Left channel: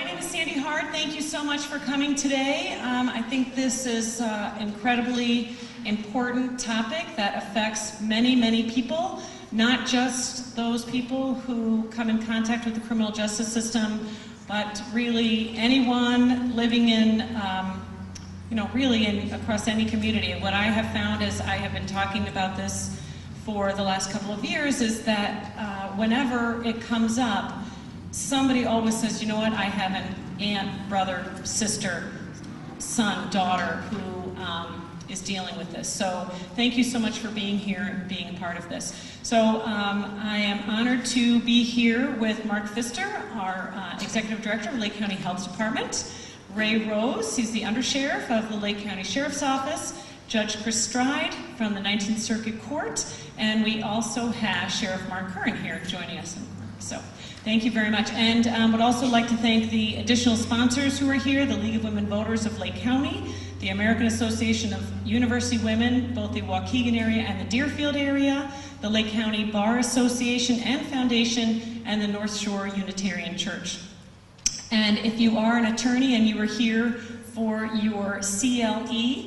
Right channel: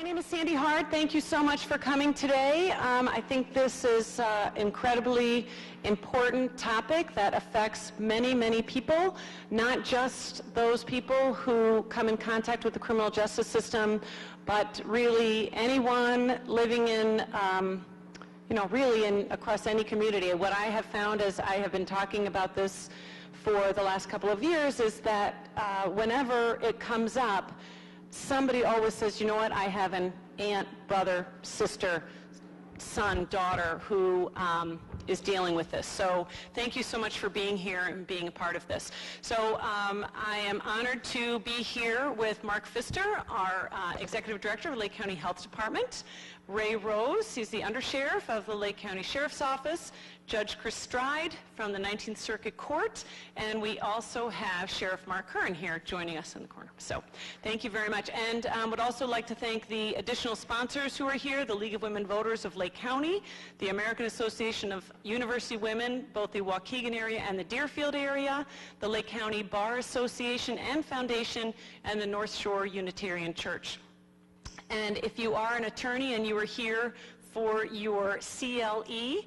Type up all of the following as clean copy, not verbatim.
My name is Sandy Hard. Thank you so much for coming today. I think this is an incredibly important topic that affects many, many people, not just those people who come in contact with the criminal justice system, but really anyone living in, across any community. What I have found is I have been talking about this for the last couple of years is that whenever it comes up, somebody always says, you know what, I have an aunt, brother, sister, son, daughter who is dealing with this. So thank you so much for being here and being a part of this. So I am honored to be here with Mark Pfister, our Executive Director of Lake County Health Department, Ray Rose, he's the Undersheriff of the Lake County Sheriff's Office, Judge Chris Stride from the 19th Circuit Court, and we also have Sheriff Mark Curran here joining us in court. So thank you very much. And would also like to thank the additional sponsors who are here, the League of Women Voters of Lake County, the American Association of University Women, both the Waukegan area and the Deerfield area, the Lake County Bar Association and Foundation, and the North Shore Unitarian Church. And if you are an attorney and you are here for your CLE,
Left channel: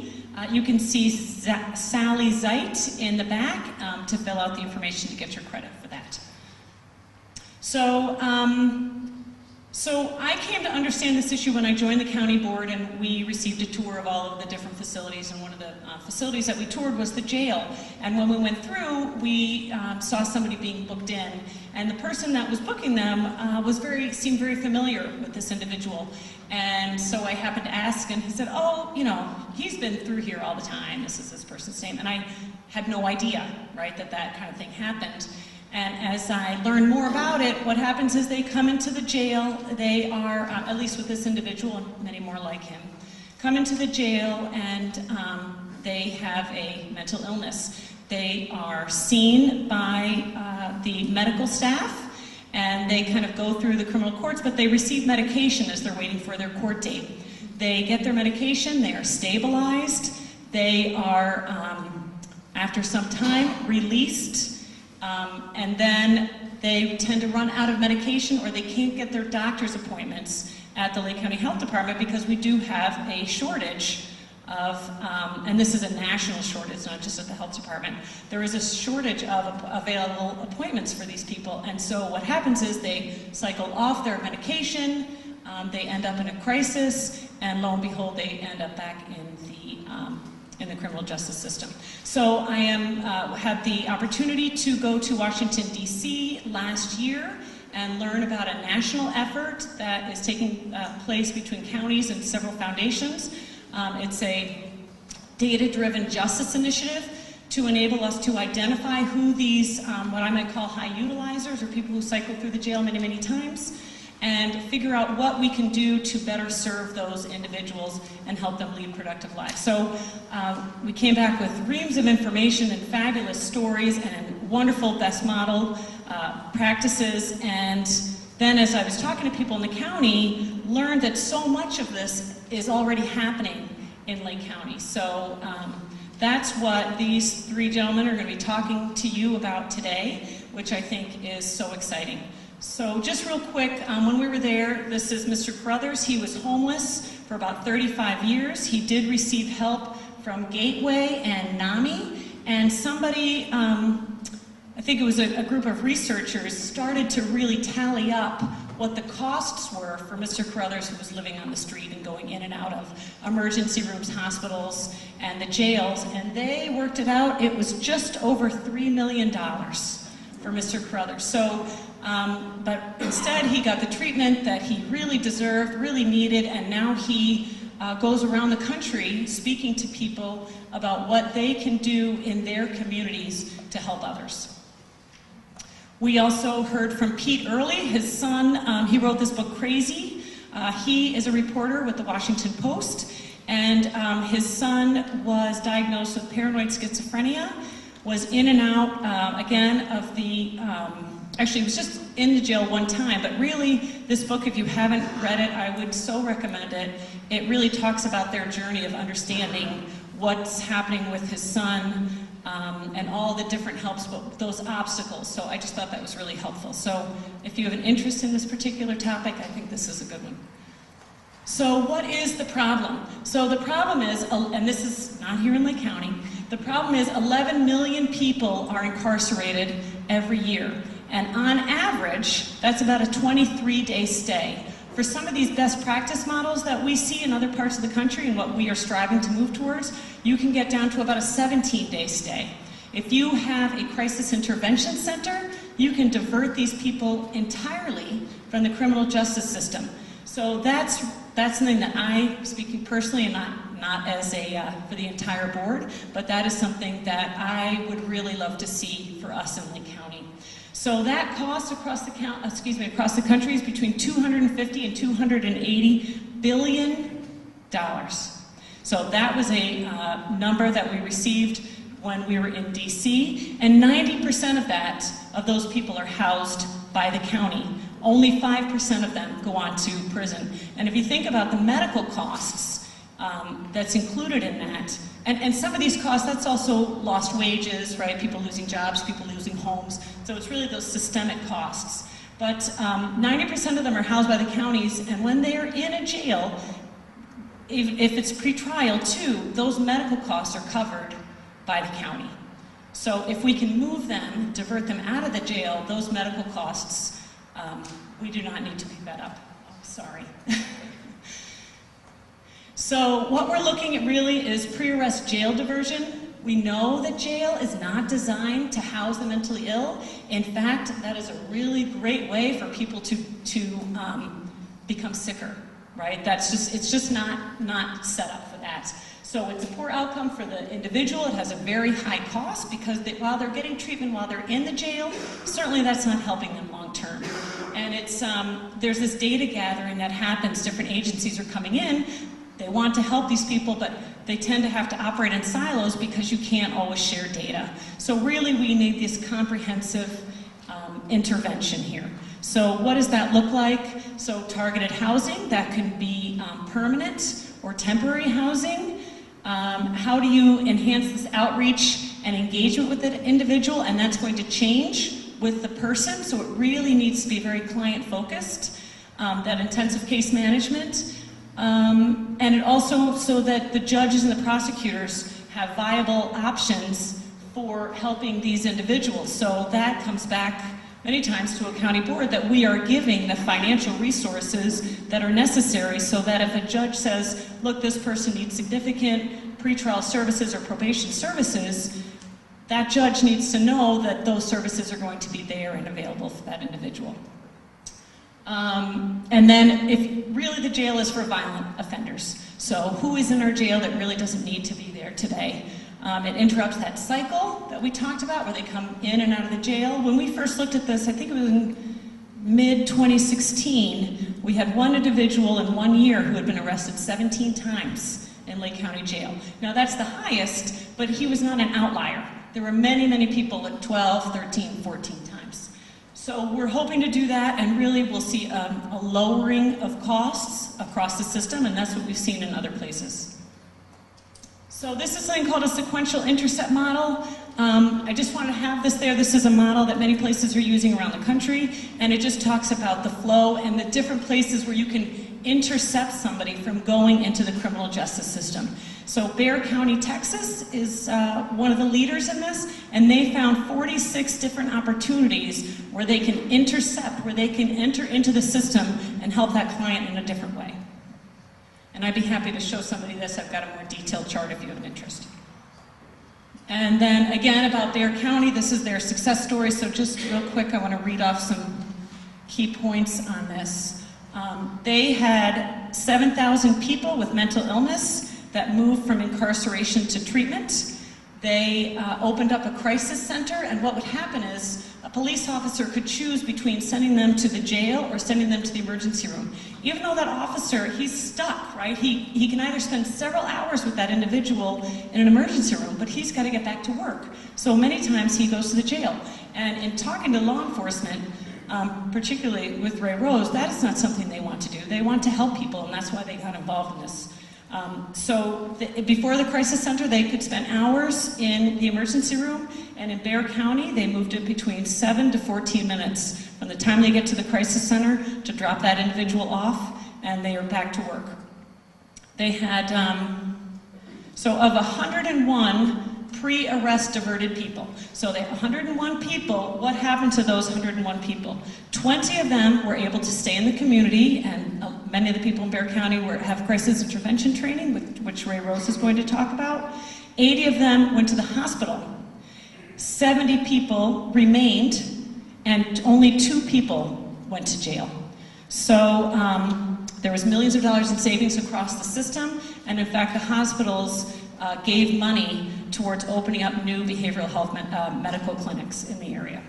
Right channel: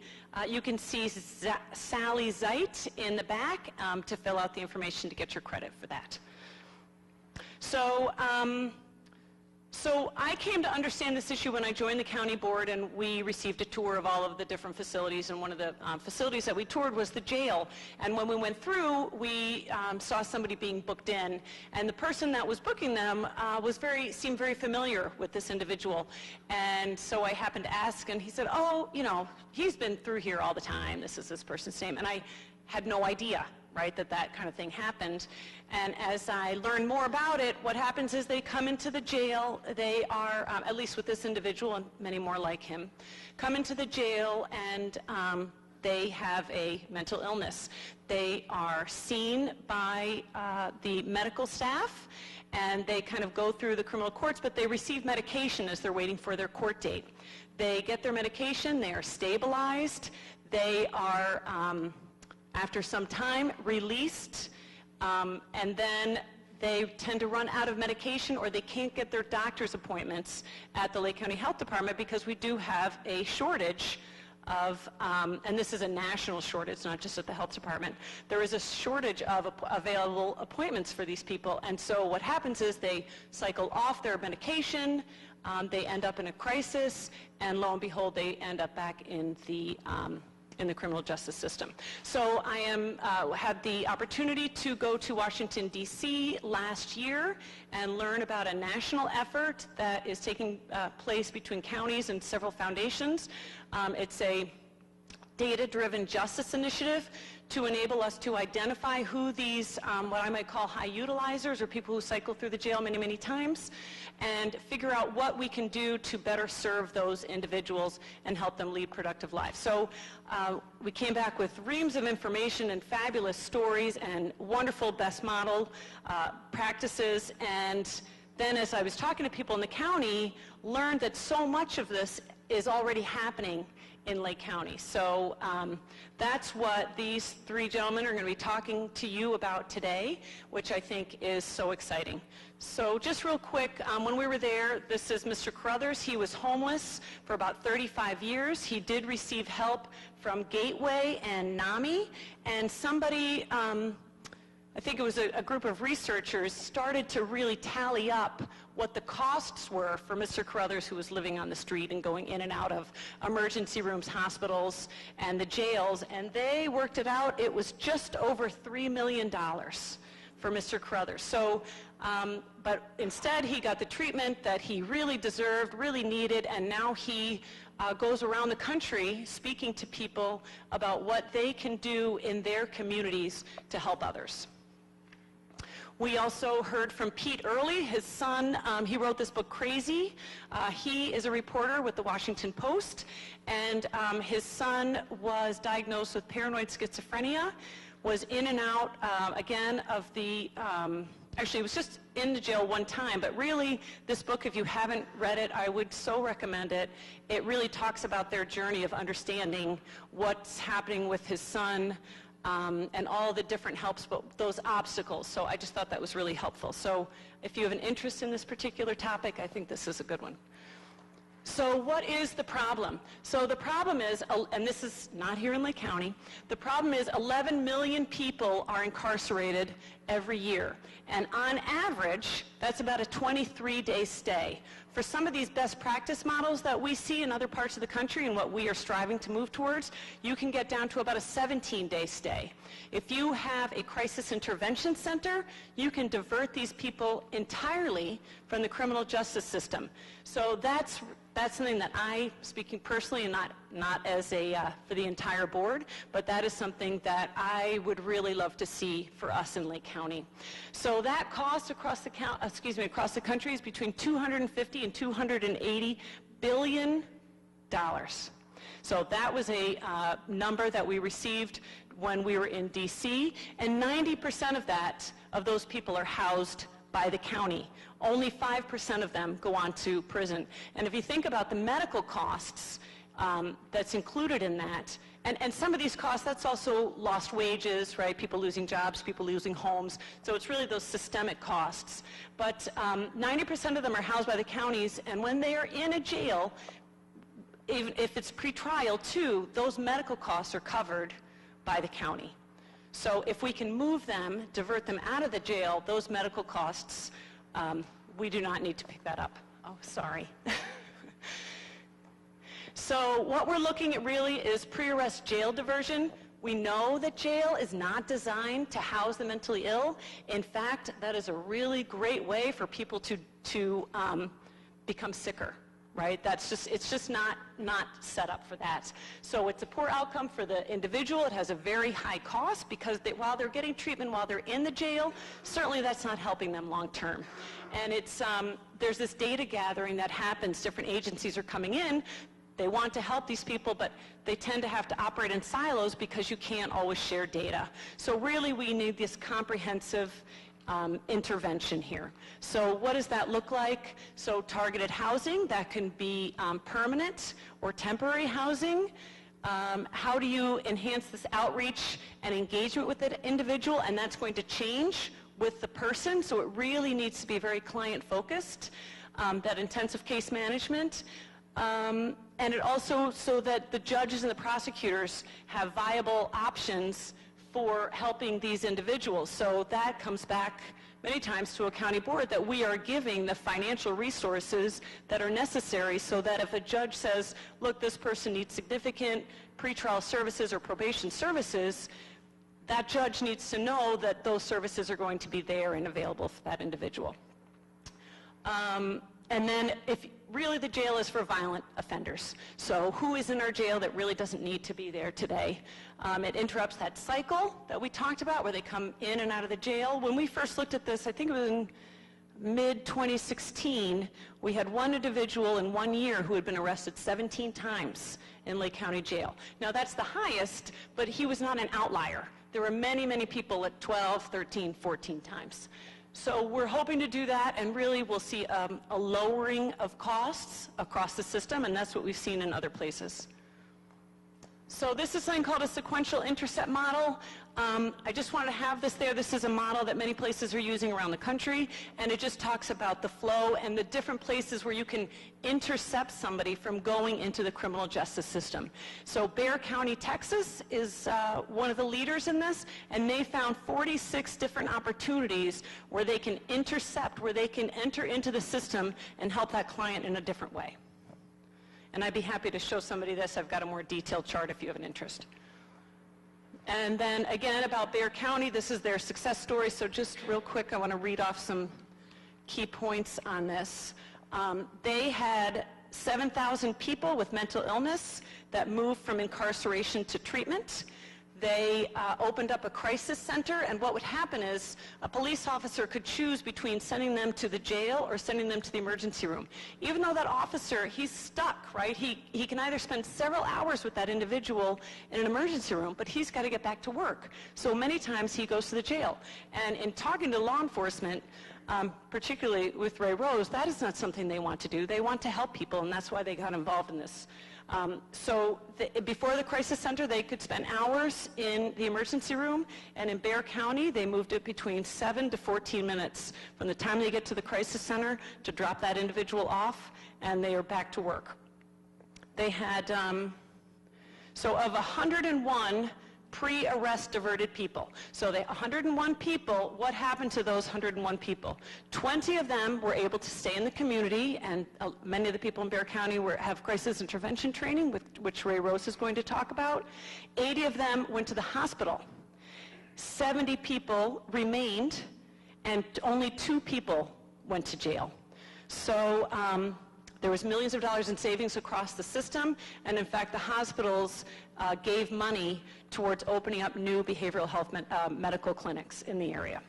you can see Sally Zeit in the back to fill out the information to get your credit for that. So I came to understand this issue when I joined the county board, and we received a tour of all of the different facilities, and one of the facilities that we toured was the jail. And when we went through, we saw somebody being booked in, and the person that was booking them seemed very familiar with this individual. And so I happened to ask, and he said, oh, you know, he's been through here all the time. This is this person's name. And I had no idea, right, that kind of thing happened. And as I learn more about it, what happens is they come into the jail. They are, at least with this individual and many more like him, come into the jail and they have a mental illness. They are seen by the medical staff, and they kind of go through the criminal courts, but they receive medication as they're waiting for their court date. They get their medication, they are stabilized, they are, after some time, released. And then they tend to run out of medication, or they can't get their doctor's appointments at the Lake County Health Department because we do have a shortage of, and this is a national shortage, not just at the health department. There is a shortage of available appointments for these people. And so what happens is they cycle off their medication, they end up in a crisis, and lo and behold, they end up back in the criminal justice system. So I had the opportunity to go to Washington, D.C. last year and learn about a national effort that is taking place between counties and several foundations. It's a data-driven justice initiative to enable us to identify who these, what I might call high utilizers, or people who cycle through the jail many, many times, and figure out what we can do to better serve those individuals and help them lead productive lives. So we came back with reams of information and fabulous stories and wonderful best model practices, and then as I was talking to people in the county, learned that so much of this is already happening in Lake County. So that's what these three gentlemen are going to be talking to you about today, which I think is so exciting. So just real quick, when we were there, this is Mr. Carruthers. He was homeless for about 35 years. He did receive help from Gateway and NAMI, and somebody, I think it was a group of researchers, started to really tally up what the costs were for Mr. Carruthers, who was living on the street and going in and out of emergency rooms, hospitals, and the jails, and they worked it out. It was just over $3 million for Mr. Carruthers. So, but instead he got the treatment that he really deserved, really needed, and now he goes around the country speaking to people about what they can do in their communities to help others. We also heard from Pete Early, his son. He wrote this book, Crazy. He is a reporter with the Washington Post, and his son was diagnosed with paranoid schizophrenia, was in and out, again, of the, actually he was just in the jail one time, but really this book, if you haven't read it, I would so recommend it. It really talks about their journey of understanding what's happening with his son, and all the different helps, but those obstacles. So I just thought that was really helpful. So if you have an interest in this particular topic, I think this is a good one. So what is the problem? So the problem is, and this is not here in Lake County, the problem is 11 million people are incarcerated every year. And on average, that's about a 23-day stay. For some of these best practice models that we see in other parts of the country and what we are striving to move towards, you can get down to about a 17-day stay. If you have a crisis intervention center, you can divert these people entirely from the criminal justice system. So that's something that I, speaking personally and not as for the entire board, but that is something that I would really love to see for us in Lake County. So that cost across the country is between $250 and $280 billion. So that was a number that we received when we were in DC, and 90% of those people are housed by the county. Only 5% of them go on to prison. And if you think about the medical costs that's included in that, and some of these costs, that's also lost wages, right? People losing jobs, people losing homes. So it's really those systemic costs. But 90% of them are housed by the counties, and when they're in a jail, if it's pretrial too, those medical costs are covered by the county. So if we can move them, divert them out of the jail, those medical costs, we do not need to pick that up. Oh, sorry. So what we're looking at really is pre-arrest jail diversion. We know that jail is not designed to house the mentally ill. In fact, that is a really great way for people to become sicker, right? It's just not set up for that. So it's a poor outcome for the individual. It has a very high cost because while they're getting treatment while they're in the jail, certainly that's not helping them long term. And there's this data gathering that happens. Different agencies are coming in. They want to help these people, but they tend to have to operate in silos because you can't always share data. So really we need this comprehensive intervention here. So what does that look like? So targeted housing, that can be permanent or temporary housing. How do you enhance this outreach and engagement with the individual? And that's going to change with the person, so it really needs to be very client-focused, that intensive case management. And it also, so that the judges and the prosecutors have viable options for helping these individuals. So that comes back many times to a county board, that we are giving the financial resources that are necessary so that if a judge says, look, this person needs significant pretrial services or probation services, that judge needs to know that those services are going to be there and available for that individual. And then if really the jail is for violent offenders. So who is in our jail that really doesn't need to be there today? It interrupts that cycle that we talked about where they come in and out of the jail. When we first looked at this, I think it was in mid-2016, we had one individual in 1 year who had been arrested 17 times in Lake County Jail. Now that's the highest, but he was not an outlier. There were many, many people at 12, 13, 14 times. So we're hoping to do that, and really we'll see a lowering of costs across the system, and that's what we've seen in other places. So this is something called a sequential intercept model. I just wanted to have this there. This is a model that many places are using around the country, and it just talks about the flow and the different places where you can intercept somebody from going into the criminal justice system. So Bexar County, Texas is one of the leaders in this, and they found 46 different opportunities where they can intercept, where they can enter into the system and help that client in a different way. And I'd be happy to show somebody this. I've got a more detailed chart if you have an interest. And then again about Bexar County, this is their success story. So just real quick, I want to read off some key points on this. They had 7,000 people with mental illness that moved from incarceration to treatment. They opened up a crisis center, and what would happen is a police officer could choose between sending them to the jail or sending them to the emergency room. Even though that officer, he's stuck, right? He can either spend several hours with that individual in an emergency room, but he's got to get back to work. So many times he goes to the jail. And in talking to law enforcement, particularly with Ray Rose, that is not something they want to do. They want to help people, and that's why they got involved in this. Before the crisis center, they could spend hours in the emergency room, and in Bexar County, they moved it between 7 to 14 minutes from the time they get to the crisis center to drop that individual off and they are back to work. They had, so of 101 pre-arrest diverted people, so they 101 people, what happened to those 101 people? 20 of them were able to stay in the community, and many of the people in Bexar County have crisis intervention training, which Ray Rose is going to talk about. 80 of them went to the hospital. 70 people remained, and only 2 people went to jail. So there was millions of dollars in savings across the system, and in fact the hospitals gave money towards opening up new behavioral health medical clinics in the area.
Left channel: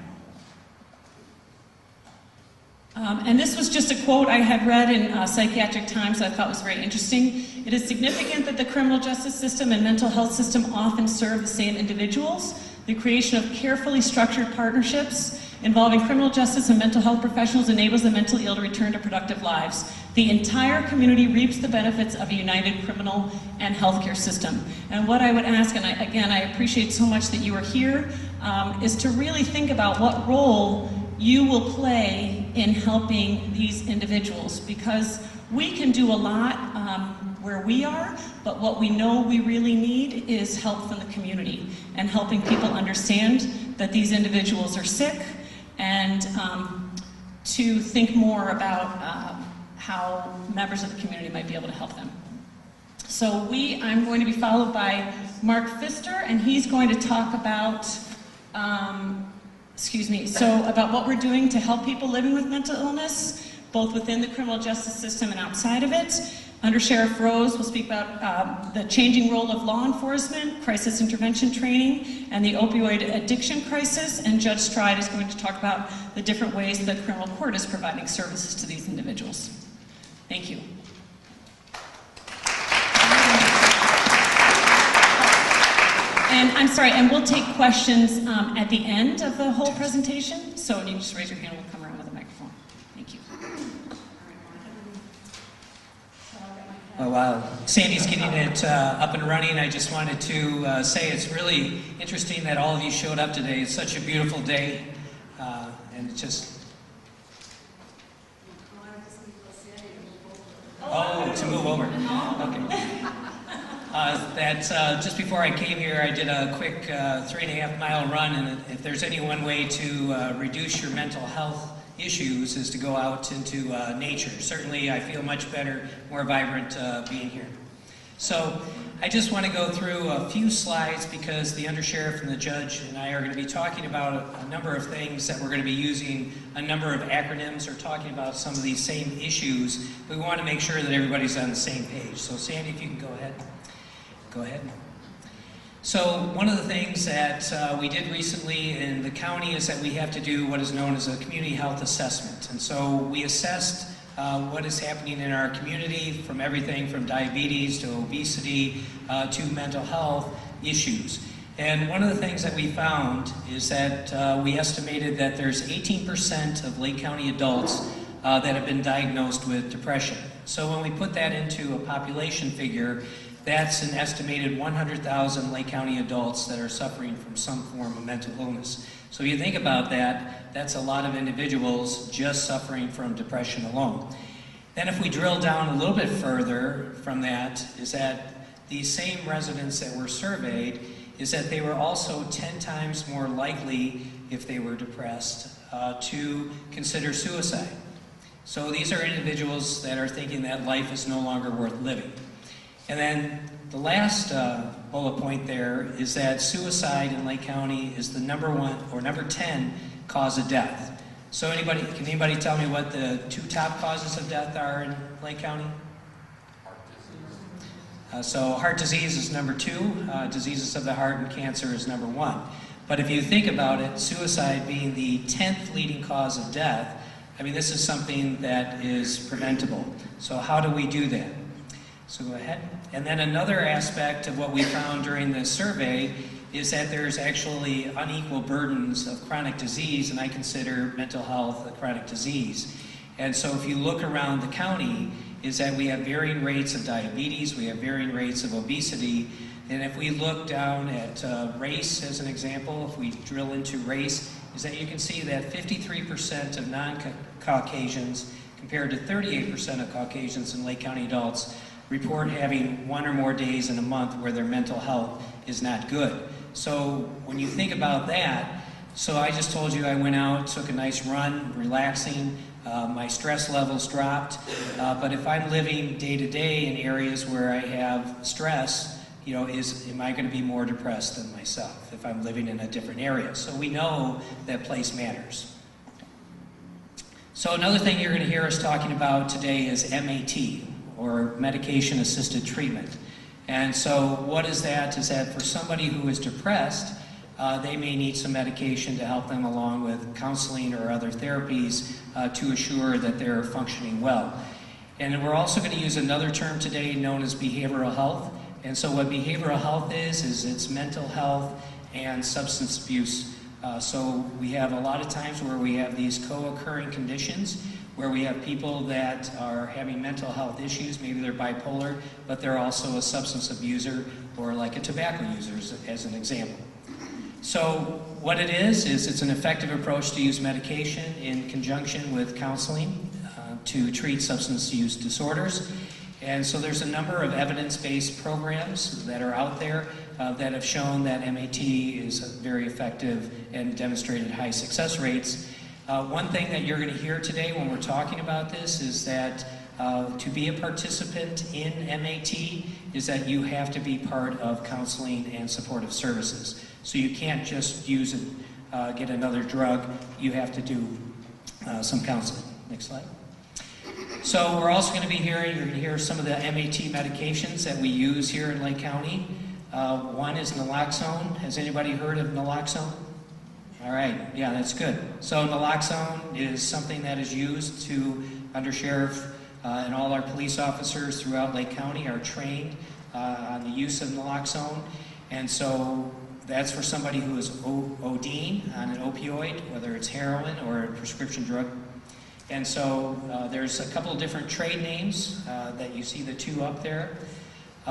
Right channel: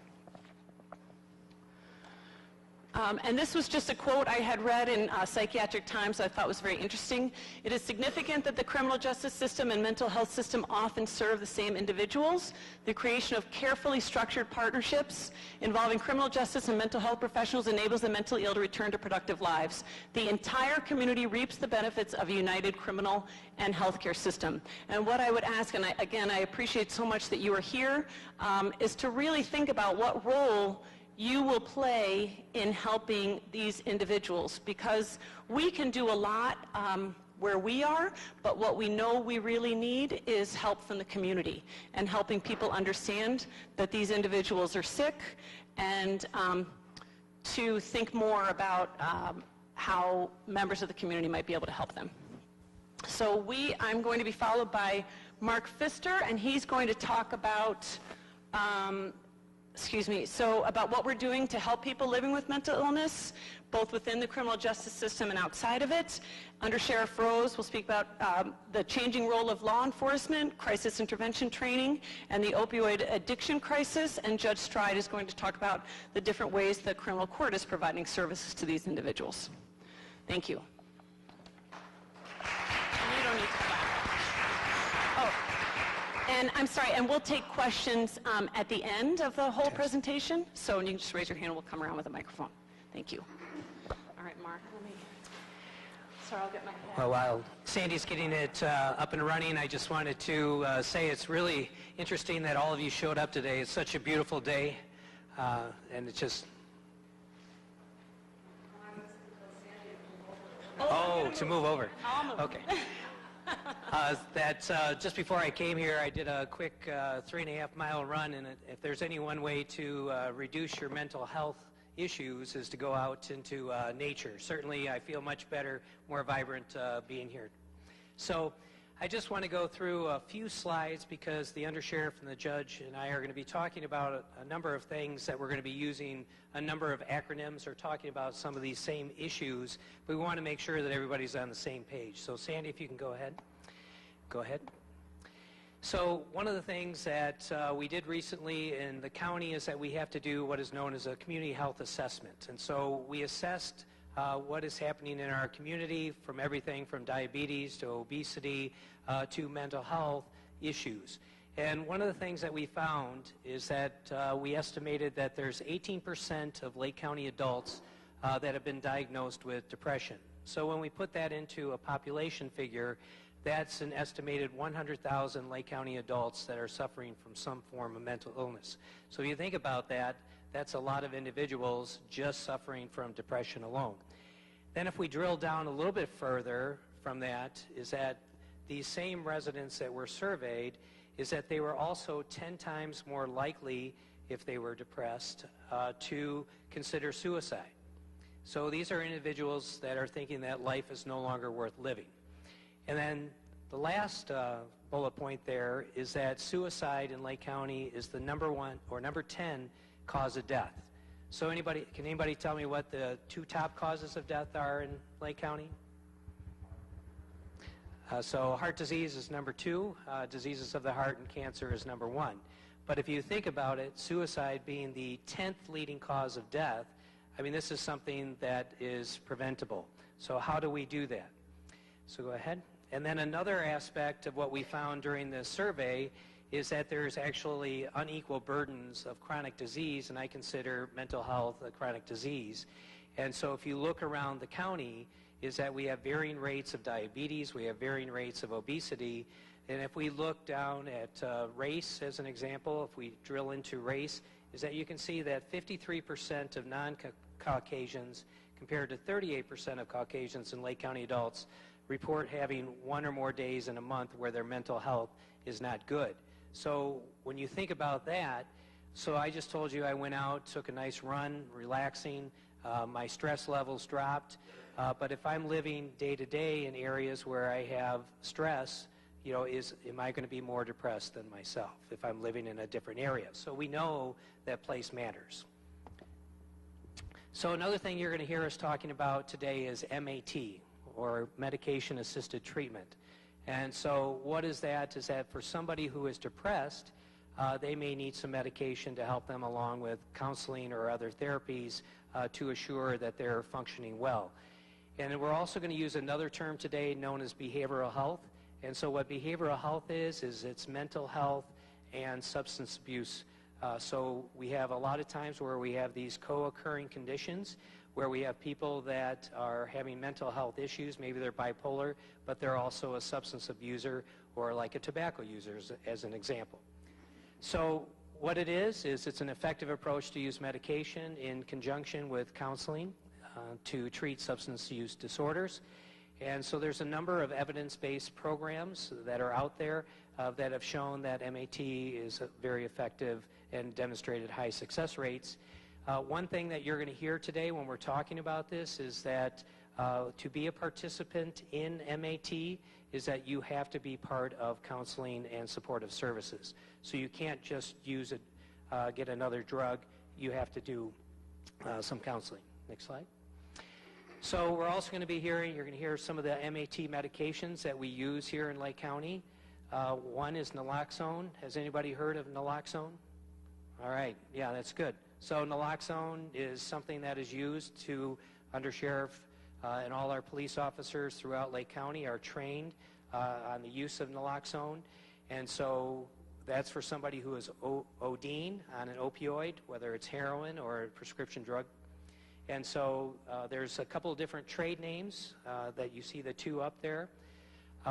And this was just a quote I had read in Psychiatric Times that I thought was very interesting. It is significant that the criminal justice system and mental health system often serve the same individuals. The creation of carefully structured partnerships involving criminal justice and mental health professionals enables the mentally ill to return to productive lives. The entire community reaps the benefits of a united criminal and healthcare system. And what I would ask, and again, I appreciate so much that you are here, is to really think about what role you will play in helping these individuals, because we can do a lot where we are, but what we know we really need is help from the community and helping people understand that these individuals are sick, and to think more about how members of the community might be able to help them. So I'm going to be followed by Mark Pfister, and he's going to talk about about what we're doing to help people living with mental illness, both within the criminal justice system and outside of it. Under Sheriff Rose will speak about the changing role of law enforcement, crisis intervention training, and the opioid addiction crisis. And Judge Stride is going to talk about the different ways the criminal court is providing services to these individuals. Thank you. And I'm sorry, and we'll take questions at the end of the whole presentation. So you just raise your hand, we'll come around with a microphone. Thank you. All right, Mark. So I'll get my Well, while Sandy's getting it up and running, I just wanted to say it's really interesting that all of you showed up today. It's such a beautiful day, and it just... Oh, to move over. Okay. Just before I came here, I did a quick 3.5-mile run, and if there's any one way to reduce your mental health issues is to go out into nature. Certainly, I feel much better, more vibrant being here. So, I just want to go through a few slides because the undersheriff and the judge and I are going to be talking about a number of things that we're going to be using a number of acronyms or talking about some of these same issues. We want to make sure that everybody's on the same page. So, Sandy, if you can go ahead. Go ahead. So one of the things that we did recently in the county is that we have to do what is known as a community health assessment. And so we assessed what is happening in our community, from everything from diabetes to obesity to mental health issues. And one of the things that we found is that we estimated that there's 18% of Lake County adults that have been diagnosed with depression. So when we put that into a population figure, that's an estimated 100,000 Lake County adults that are suffering from some form of mental illness. So if you think about that, that's a lot of individuals just suffering from depression alone. Then if we drill down a little bit further from that, is that these same residents that were surveyed, is that they were also 10 times more likely, if they were depressed, to consider suicide. So these are individuals that are thinking that life is no longer worth living. And then the last bullet point there is that suicide in Lake County is the number 10 cause of death. So can anybody tell me what the 2 top causes of death are in Lake County? So heart disease is number 2, diseases of the heart and cancer is number 1. But if you think about it, suicide being the 10th leading cause of death, I mean, this is something that is preventable. So how do we do that? So go ahead. And then another aspect of what we found during the survey is that there's actually unequal burdens of chronic disease, and I consider mental health a chronic disease. And so if you look around the county, is that we have varying rates of diabetes, we have varying rates of obesity, and if we look down at race as an example, if we drill into race, is that you can see that 53% of non-Caucasians compared to 38% of Caucasians and Lake County adults report having 1 or more days in a month where their mental health is not good. So when you think about that, so I just told you I went out, took a nice run, relaxing, my stress levels dropped, but if I'm living day to day in areas where I have stress, you know, am I going to be more depressed than myself if I'm living in a different area? So we know that place matters. So another thing you're going to hear us talking about today is MAT, or medication-assisted treatment. And so what is that? Is that for somebody who is depressed, they may need some medication to help them along with counseling or other therapies to assure that they're functioning well. And we're also going to use another term today known as behavioral health. And so what behavioral health is it's mental health and substance abuse. So we have a lot of times where we have these co-occurring conditions where we have people that are having mental health issues, maybe they're bipolar, but they're also a substance abuser or like a tobacco user as an example. So what it is it's an effective approach to use medication in conjunction with counseling to treat substance use disorders. And so there's a number of evidence-based programs that are out there that have shown that MAT is very effective and demonstrated high success rates. One thing that you're going to hear today when we're talking about this is that to be a participant in MAT is that you have to be part of counseling and supportive services. So you can't just use it, get another drug, you have to do some counseling. Next slide. So we're also going to be hearing, you're going to hear some of the MAT medications that we use here in Lake County. One is naloxone. Has anybody heard of naloxone? All right, yeah, that's good. So naloxone is something that is used to, Undersheriff and all our police officers throughout Lake County are trained on the use of naloxone. And so that's for somebody who is ODing on an opioid, whether it's heroin or a prescription drug. And so there's a couple of different trade names that you see the two up there.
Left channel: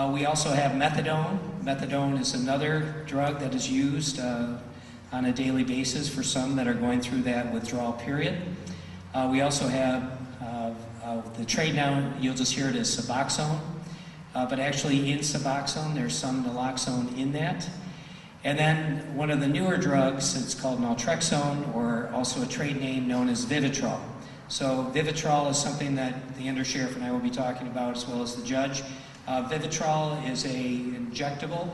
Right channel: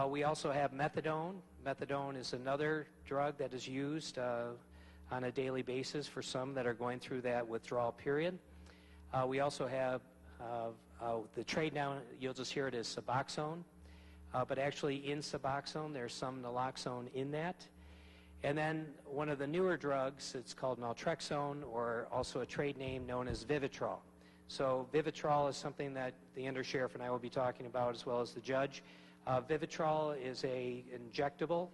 We also have methadone. Methadone is another drug that is used on a daily basis for some that are going through that withdrawal period. We also have the trade now, you'll just hear it as Suboxone, but actually in Suboxone there's some naloxone in that. And then one of the newer drugs, it's called naltrexone, or also a trade name known as Vivitrol. So Vivitrol is something that the Undersheriff and I will be talking about, as well as the judge. Vivitrol is an injectable,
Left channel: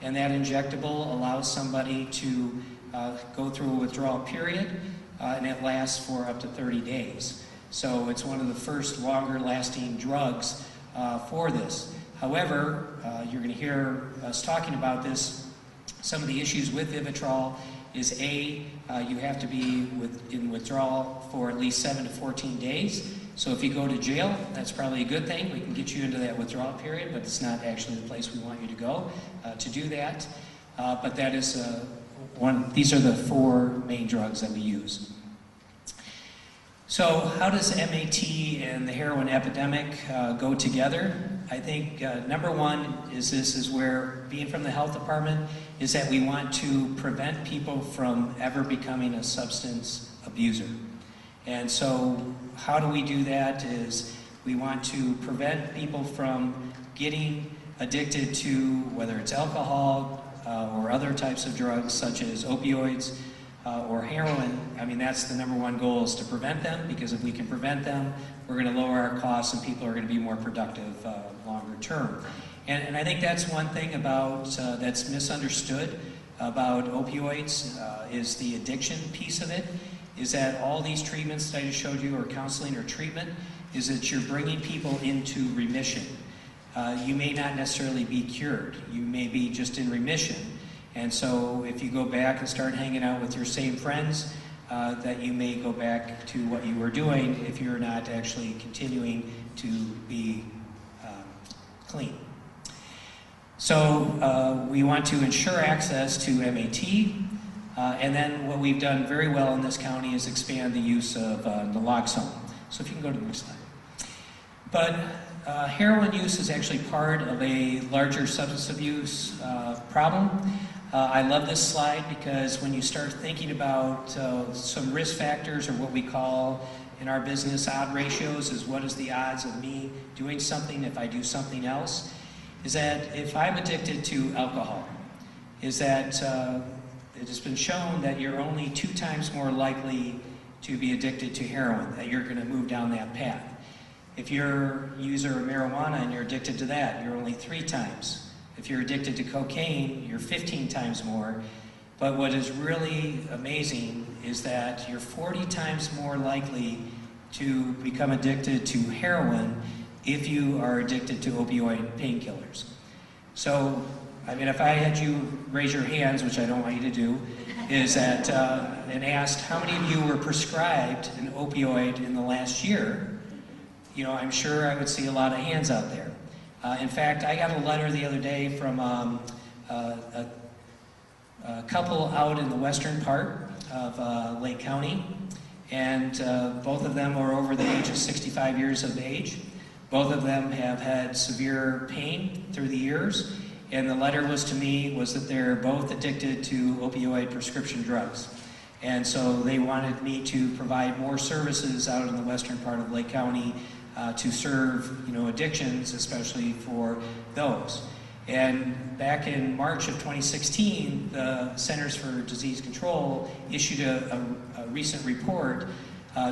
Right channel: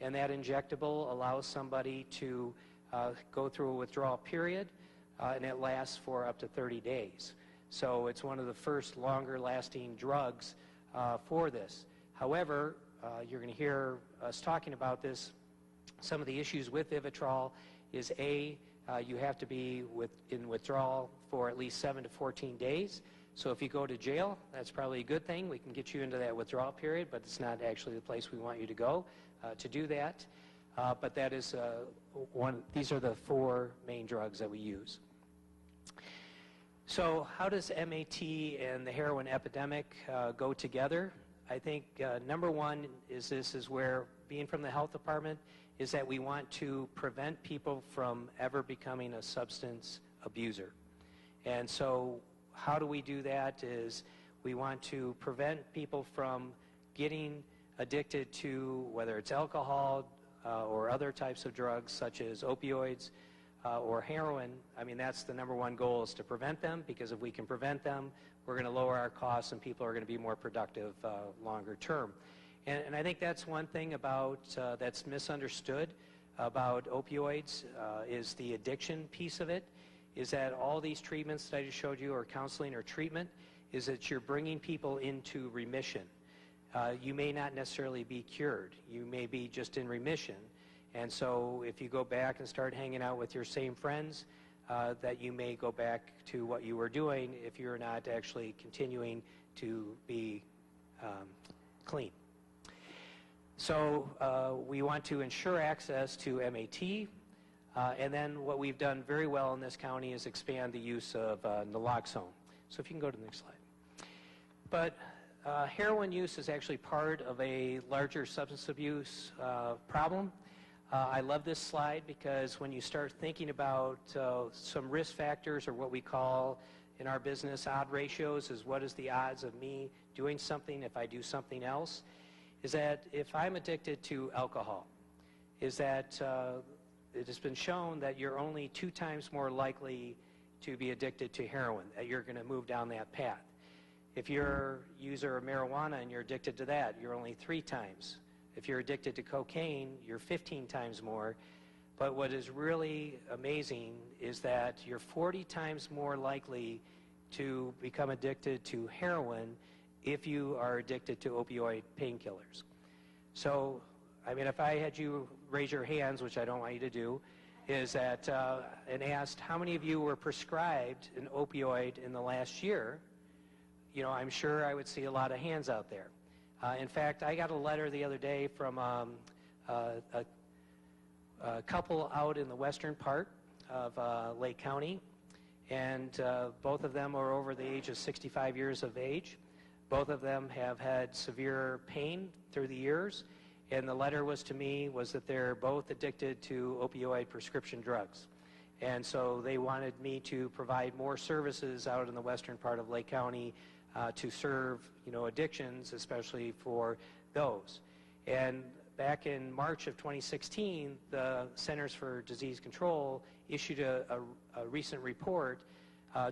and that injectable allows somebody to go through a withdrawal period, and it lasts for up to 30 days. So it's one of the first longer lasting drugs for this. However, you're going to hear us talking about this. Some of the issues with Vivitrol is you have to be in withdrawal for at least 7 to 14 days. So if you go to jail, that's probably a good thing. We can get you into that withdrawal period, but it's not actually the place we want you to go to do that. But that is these are the 4 main drugs that we use. So how does MAT and the heroin epidemic go together? I think number one is where, being from the health department, is that we want to prevent people from ever becoming a substance abuser. And so how do we do that is we want to prevent people from getting addicted to, whether it's alcohol or other types of drugs such as opioids or heroin. I mean, that's the number one goal, is to prevent them, because if we can prevent them, we're going to lower our costs and people are going to be more productive longer term. And I think that's one thing about that's misunderstood about opioids is the addiction piece of it, is that all these treatments that I just showed you, or counseling or treatment, is that you're bringing people into remission. You may not necessarily be cured. You may be just in remission. And so if you go back and start hanging out with your same friends, that you may go back to what you were doing if you're not actually continuing to be clean. So we want to ensure access to MAT, and then what we've done very well in this county is expand the use of naloxone. So if you can go to the next slide. But heroin use is actually part of a larger substance abuse problem. I love this slide because when you start thinking about some risk factors, or what we call in our business, odd ratios is what is the odds of me doing something if I do something else, is that if I'm addicted to alcohol, is that it has been shown that you're only 2 times more likely to be addicted to heroin, that you're going to move down that path. If you're a user of marijuana and you're addicted to that, you're only 3 times. If you're addicted to cocaine, you're 15 times more. But what is really amazing is that you're 40 times more likely to become addicted to heroin if you are addicted to opioid painkillers. So, I mean, if I had you raise your hands, which I don't want you to do, is that, and asked how many of you were prescribed an opioid in the last year, you know, I'm sure I would see a lot of hands out there. In fact, I got a letter the other day from a couple out in the western part of Lake County, and both of them are over the age of 65 years of age. Both of them have had severe pain through the years, and the letter was to me was that they're both addicted to opioid prescription drugs. And so they wanted me to provide more services out in the western part of Lake County to serve, you know, addictions, especially for those. And back in March of 2016, the Centers for Disease Control issued a recent report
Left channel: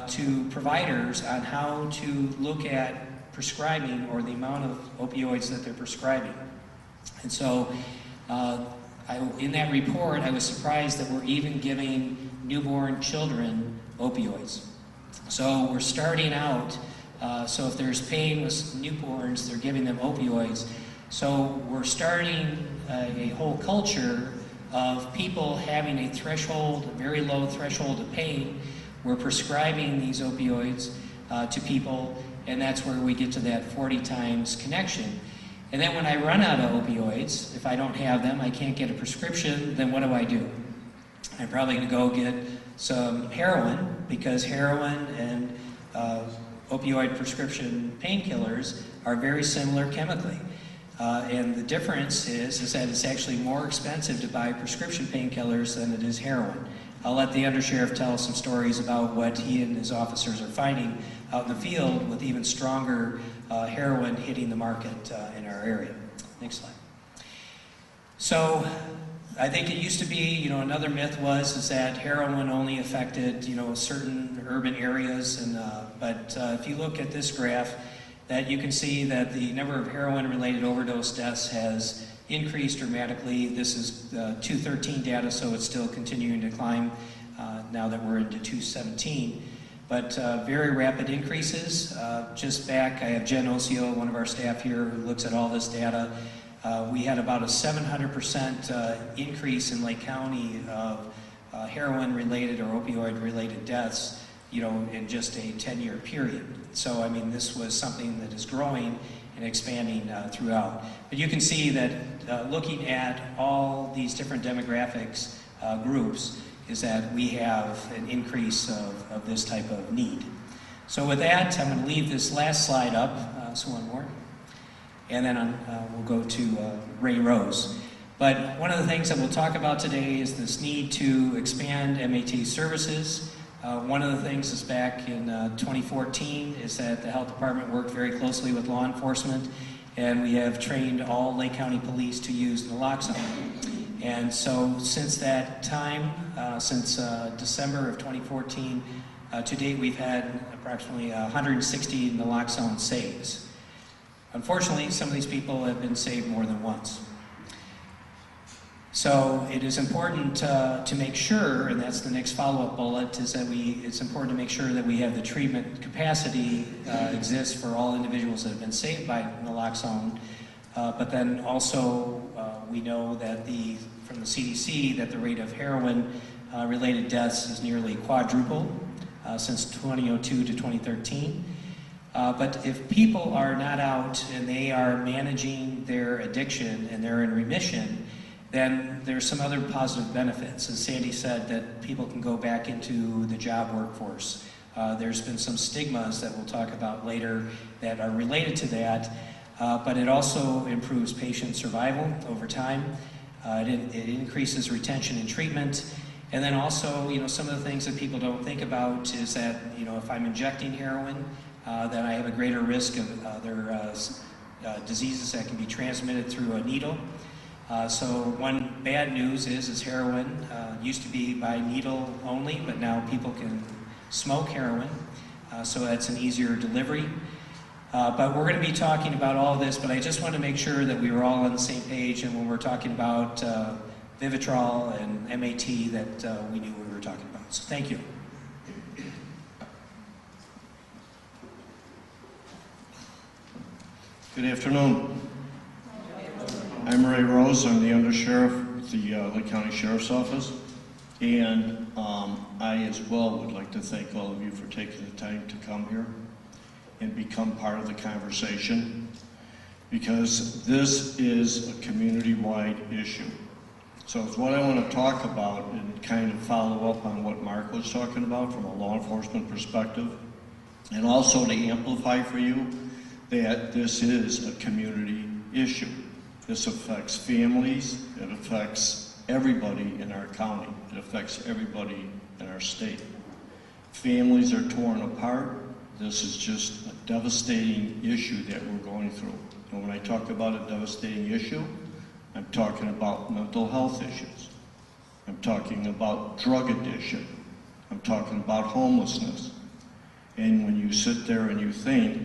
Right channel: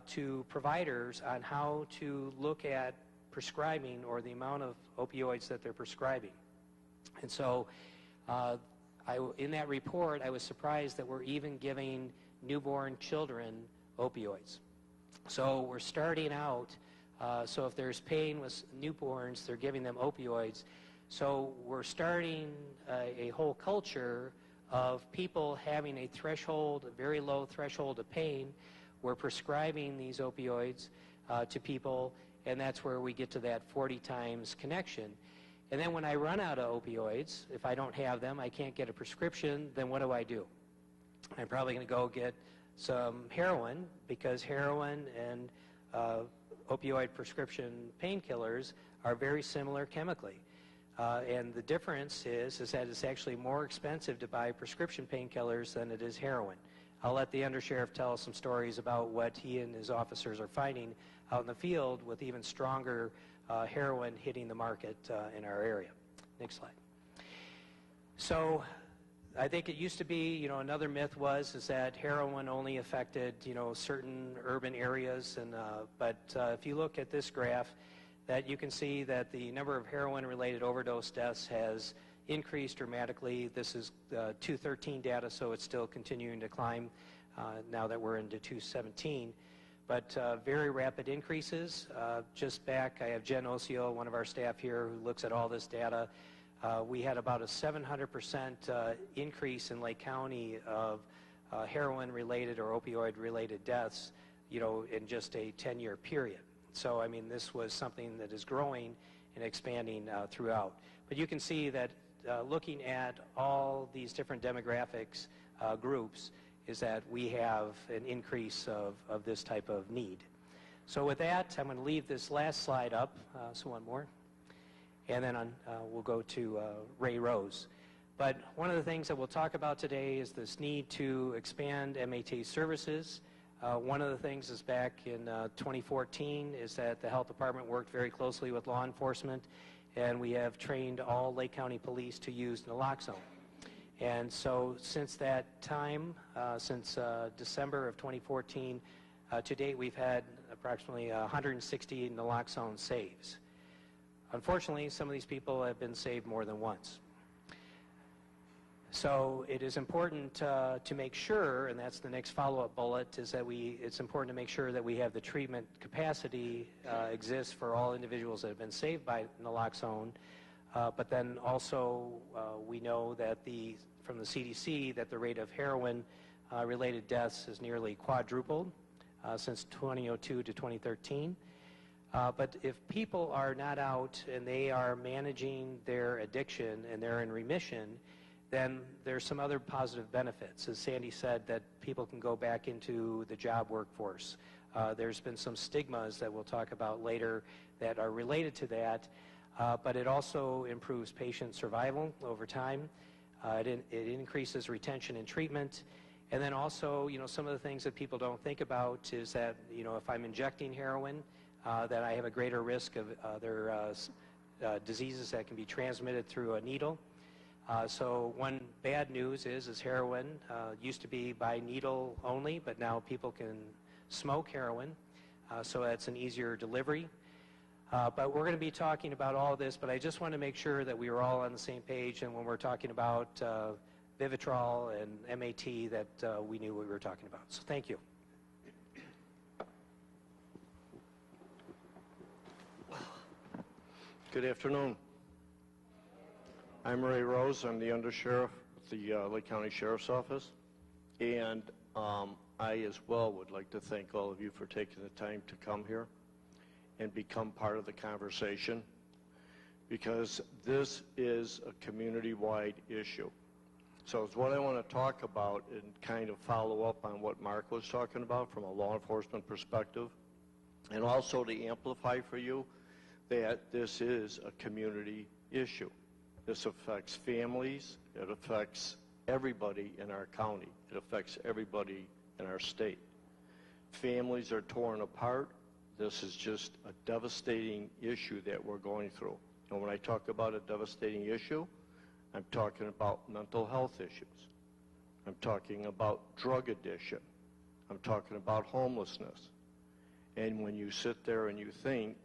to providers on how to look at prescribing or the amount of opioids that they're prescribing. And so in that report, I was surprised that we're even giving newborn children opioids. So we're starting out, so if there's pain with newborns, they're giving them opioids. So we're starting a whole culture of people having a threshold, a very low threshold of pain. We're prescribing these opioids to people, and that's where we get to that 40 times connection. And then when I run out of opioids, if I don't have them, I can't get a prescription, then what do? I'm probably going to go get some heroin, because heroin and opioid prescription painkillers are very similar chemically. And the difference is that it's actually more expensive to buy prescription painkillers than it is heroin. I'll let the undersheriff tell some stories about what he and his officers are finding out in the field with even stronger heroin hitting the market in our area. Next slide. So I think it used to be, you know, another myth is that heroin only affected, you know, certain urban areas, and but if you look at this graph, that you can see that the number of heroin-related overdose deaths has increased dramatically. This is 2013 data, so it's still continuing to climb now that we're into 2017. But very rapid increases. Just back, I have Jen Osio, one of our staff here, who looks at all this data. We had about a 700% increase in Lake County of heroin-related or opioid-related deaths, you know, in just a 10-year period. So, I mean, this was something that is growing and expanding throughout. But you can see that looking at all these different demographics groups is that we have an increase of this type of need. So with that, I'm going to leave this last slide up, so one more, and then we'll go to Ray Rose. But one of the things that we'll talk about today is this need to expand MAT services. One of the things is back in 2014 is that the health department worked very closely with law enforcement, and we have trained all Lake County police to use naloxone. And so since that time, since December of 2014, to date we've had approximately 160 naloxone saves. Unfortunately, some of these people have been saved more than once. So it is important to make sure, and that's the next follow-up bullet, is that it's important to make sure that we have the treatment capacity exists for all individuals that have been saved by naloxone. But then also we know that from the CDC that the rate of heroin-related deaths is nearly quadrupled since 2002 to 2013. But if people are not out and they are managing their addiction and they're in remission, then there's some other positive benefits. As Sandy said, that people can go back into the job workforce. There's been some stigmas that we'll talk about later that are related to that, but it also improves patient survival over time. It increases retention and treatment, And then also, some of the things that people don't think about is that, if I'm injecting heroin, that I have a greater risk of other diseases that can be transmitted through a needle. So one bad news is heroin used to be by needle only, but now people can smoke heroin, so that's an easier delivery. But we're going to be talking about all of this, but I just want to make sure that we were all on the same page, and when we're talking about Vivitrol and MAT, that we knew what we were talking about. So thank you. Good afternoon. I'm Ray Rose. I'm the Undersheriff at the Lake County Sheriff's Office. And I as well would like to thank all of you for taking the time to come here and become part of the conversation, because this is a community-wide issue. So it's what I want to talk about and kind of follow up on what Mark was talking about from a law enforcement perspective, and also to amplify for you that this is a community issue. This affects families, it affects everybody in our county, it affects everybody in our state. Families are torn apart. This is just a devastating issue that we're going through. And when I talk about a devastating issue, I'm talking about mental health issues. I'm talking about drug addiction. I'm talking about homelessness. And when you sit there and you think,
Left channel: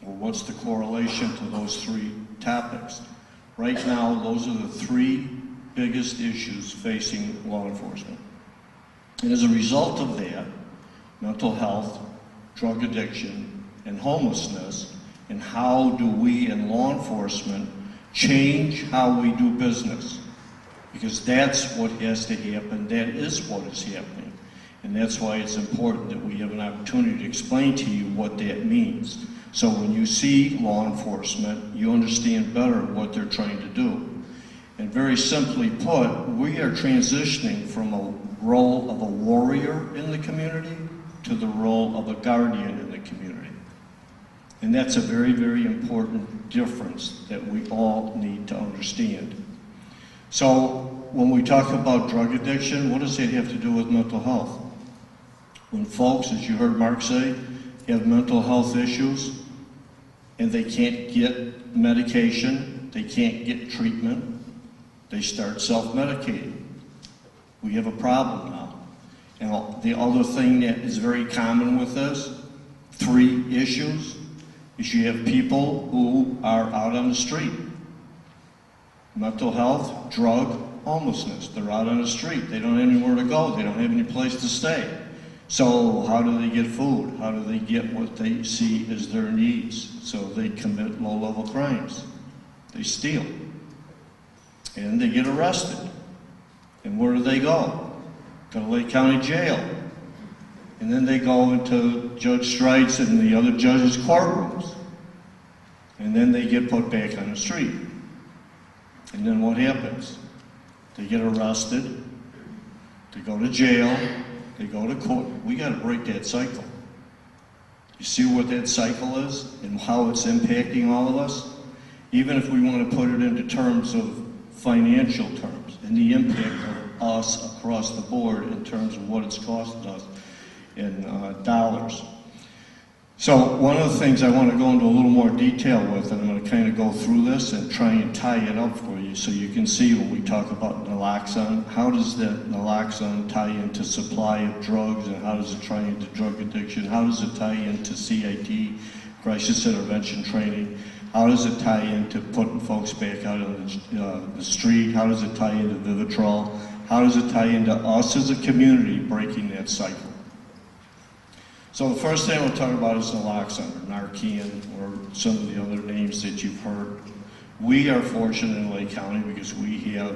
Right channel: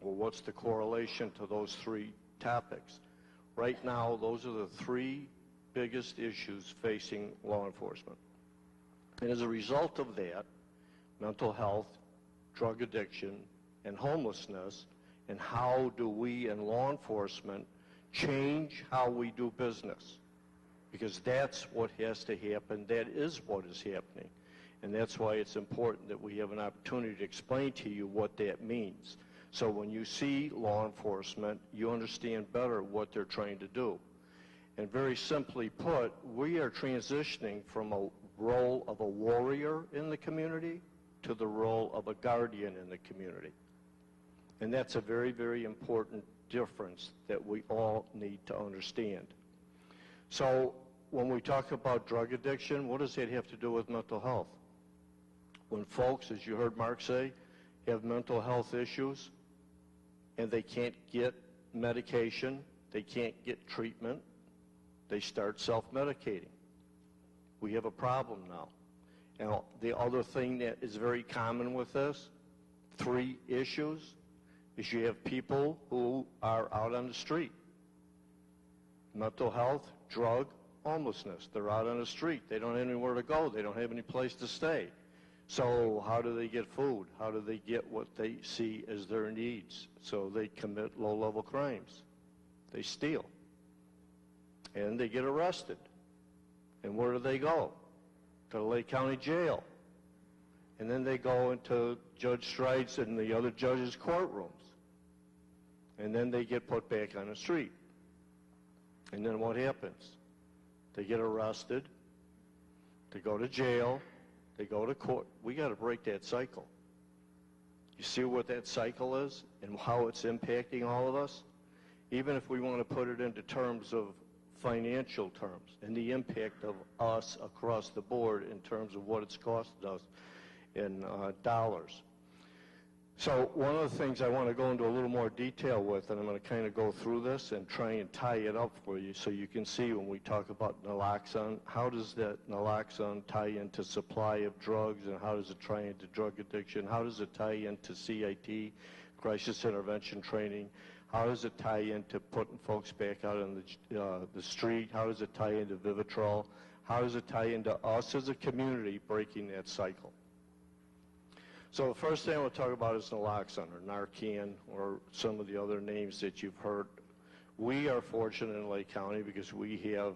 well, what's the correlation to those three topics? Right now, those are the three biggest issues facing law enforcement. And as a result of that, mental health, drug addiction, and homelessness, and how do we in law enforcement change how we do business? Because that's what has to happen, that is what is happening. And that's why it's important that we have an opportunity to explain to you what that means. So when you see law enforcement, you understand better what they're trying to do. And very simply put, we are transitioning from a role of a warrior in the community to the role of a guardian in the community. And that's a very, very important difference that we all need to understand. So when we talk about drug addiction, what does that have to do with mental health? When folks, as you heard Mark say, have mental health issues and they can't get medication, they can't get treatment, they start self-medicating. We have a problem now. Now, the other thing that is very common with this, three issues, is you have people who are out on the street. Mental health, drug, homelessness. They're out on the street. They don't have anywhere to go. They don't have any place to stay. So how do they get food? How do they get what they see as their needs? So they commit low-level crimes. They steal. And they get arrested. And where do they go? To the Lake County Jail. And then they go into Judge Stride's and the other judges' courtrooms. And then they get put back on the street. And then what happens? They get arrested, they go to jail, they go to court. We got to break that cycle. You see what that cycle is and how it's impacting all of us? Even if we want to put it into terms of financial terms and the impact of us across the board in terms of what it's costing us in dollars. So one of the things I want to go into a little more detail with, and I'm going to kind of go through this and try and tie it up for you so you can see when we talk about naloxone, how does that naloxone tie into supply of drugs, and how does it tie into drug addiction, how does it tie into CIT, crisis intervention training, how does it tie into putting folks back out on the street, how does it tie into Vivitrol, how does it tie into us as a community breaking that cycle. So the first thing I want to talk about is naloxone, or Narcan, or some of the other names that you've heard. We are fortunate in Lake County because we have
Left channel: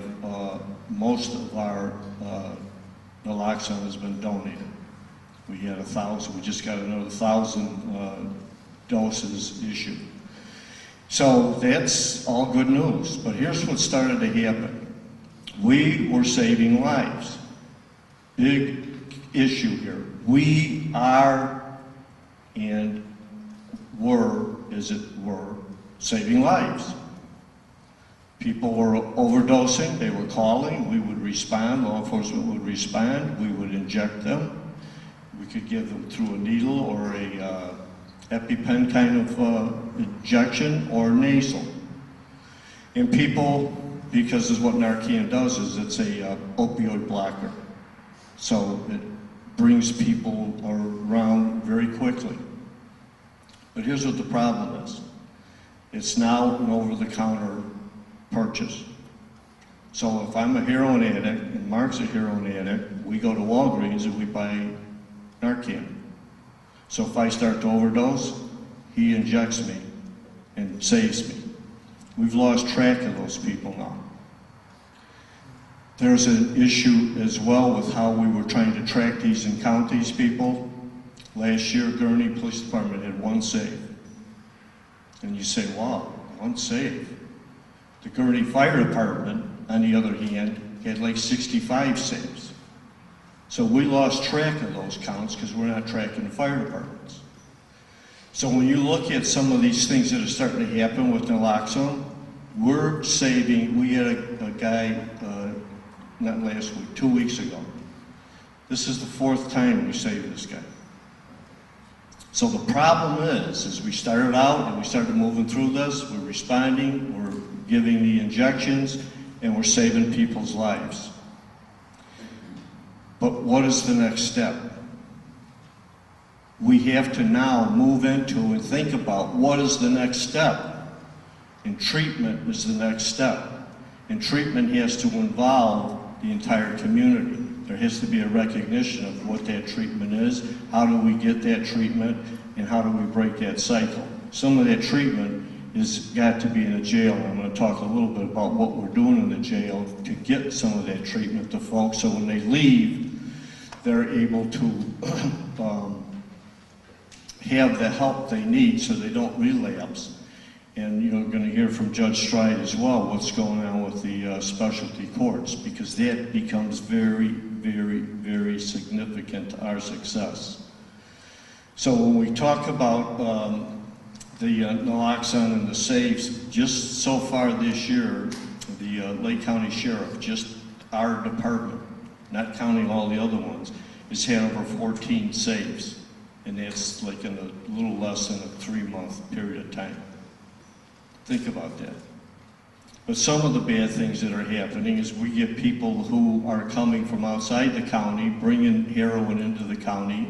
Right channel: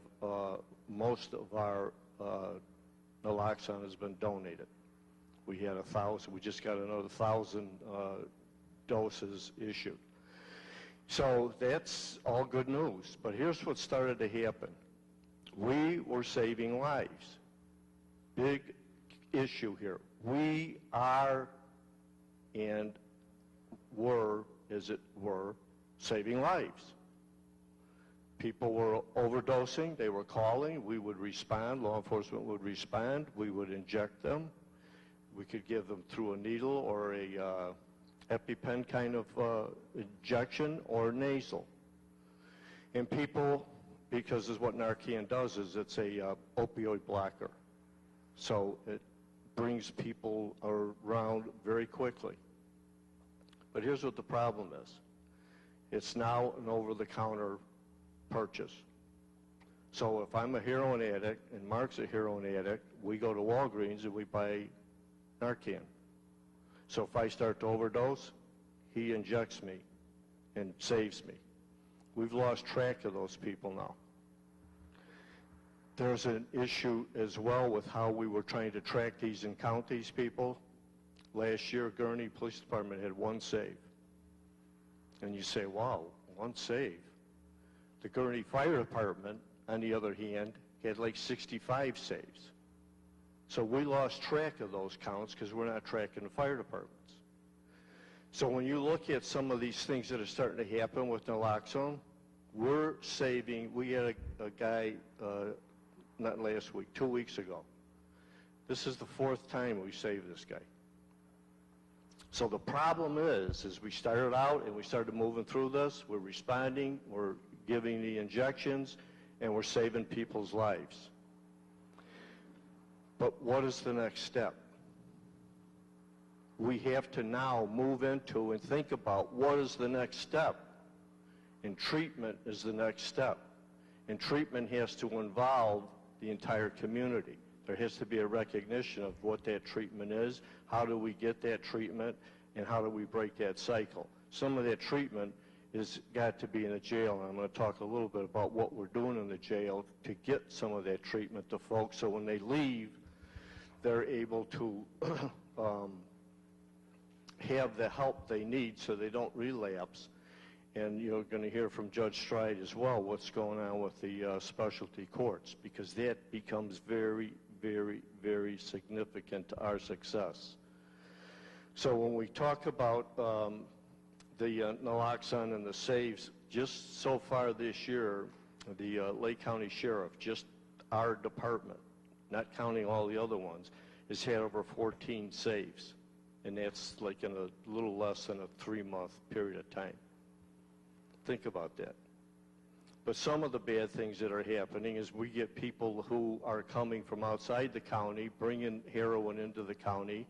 most of our naloxone has been donated. We had 1,000, we just got another 1,000 doses issued. So that's all good news, but here's what started to happen. We were saving lives. Big issue here. We are and were, as it were, saving lives. People were overdosing, they were calling, we would respond, law enforcement would respond, we would inject them. We could give them through a needle or a EpiPen kind of injection or nasal. And people, because is what Narcan does, is it's a opioid blocker. So it brings people around very quickly. But here's what the problem is. It's now an over-the-counter purchase. So if I'm a heroin addict and Mark's a heroin addict, we go to Walgreens and we buy Narcan. So if I start to overdose, he injects me and saves me. We've lost track of those people now. There's an issue as well with how we were trying to track these and count these people. Last year, Gurney Police Department had 1 save. And you say, wow, 1 save. The Gurney Fire Department, on the other hand, had like 65 saves. So we lost track of those counts because we're not tracking the fire departments. So when you look at some of these things that are starting to happen with naloxone, we're saving, we had a guy, not last week, 2 weeks ago. This is the 4th time we saved this guy. So the problem is we started out and we started moving through this, we're responding, we're giving the injections, and we're saving people's lives. But what is the next step? We have to now move into and think about what is the next step. And treatment is the next step. And treatment has to involve the entire community. There has to be a recognition of what that treatment is, how do we get that treatment, and how do we break that cycle. Some of that treatment has got to be in the jail. I'm going to talk a little bit about what we're doing in the jail to get some of that treatment to folks so when they leave, they're able to have the help they need so they don't relapse. And you're going to hear from Judge Stride as well what's going on with the specialty courts, because that becomes very, very, very significant to our success. So when we talk about the naloxone and the saves, just so far this year, the Lake County Sheriff, just our department, not counting all the other ones, has had over 14 saves. And that's like in a little less than a 3-month period of time. Think about that. But some of the bad things that are happening is we get people who are coming from outside the county, bringing heroin into the county,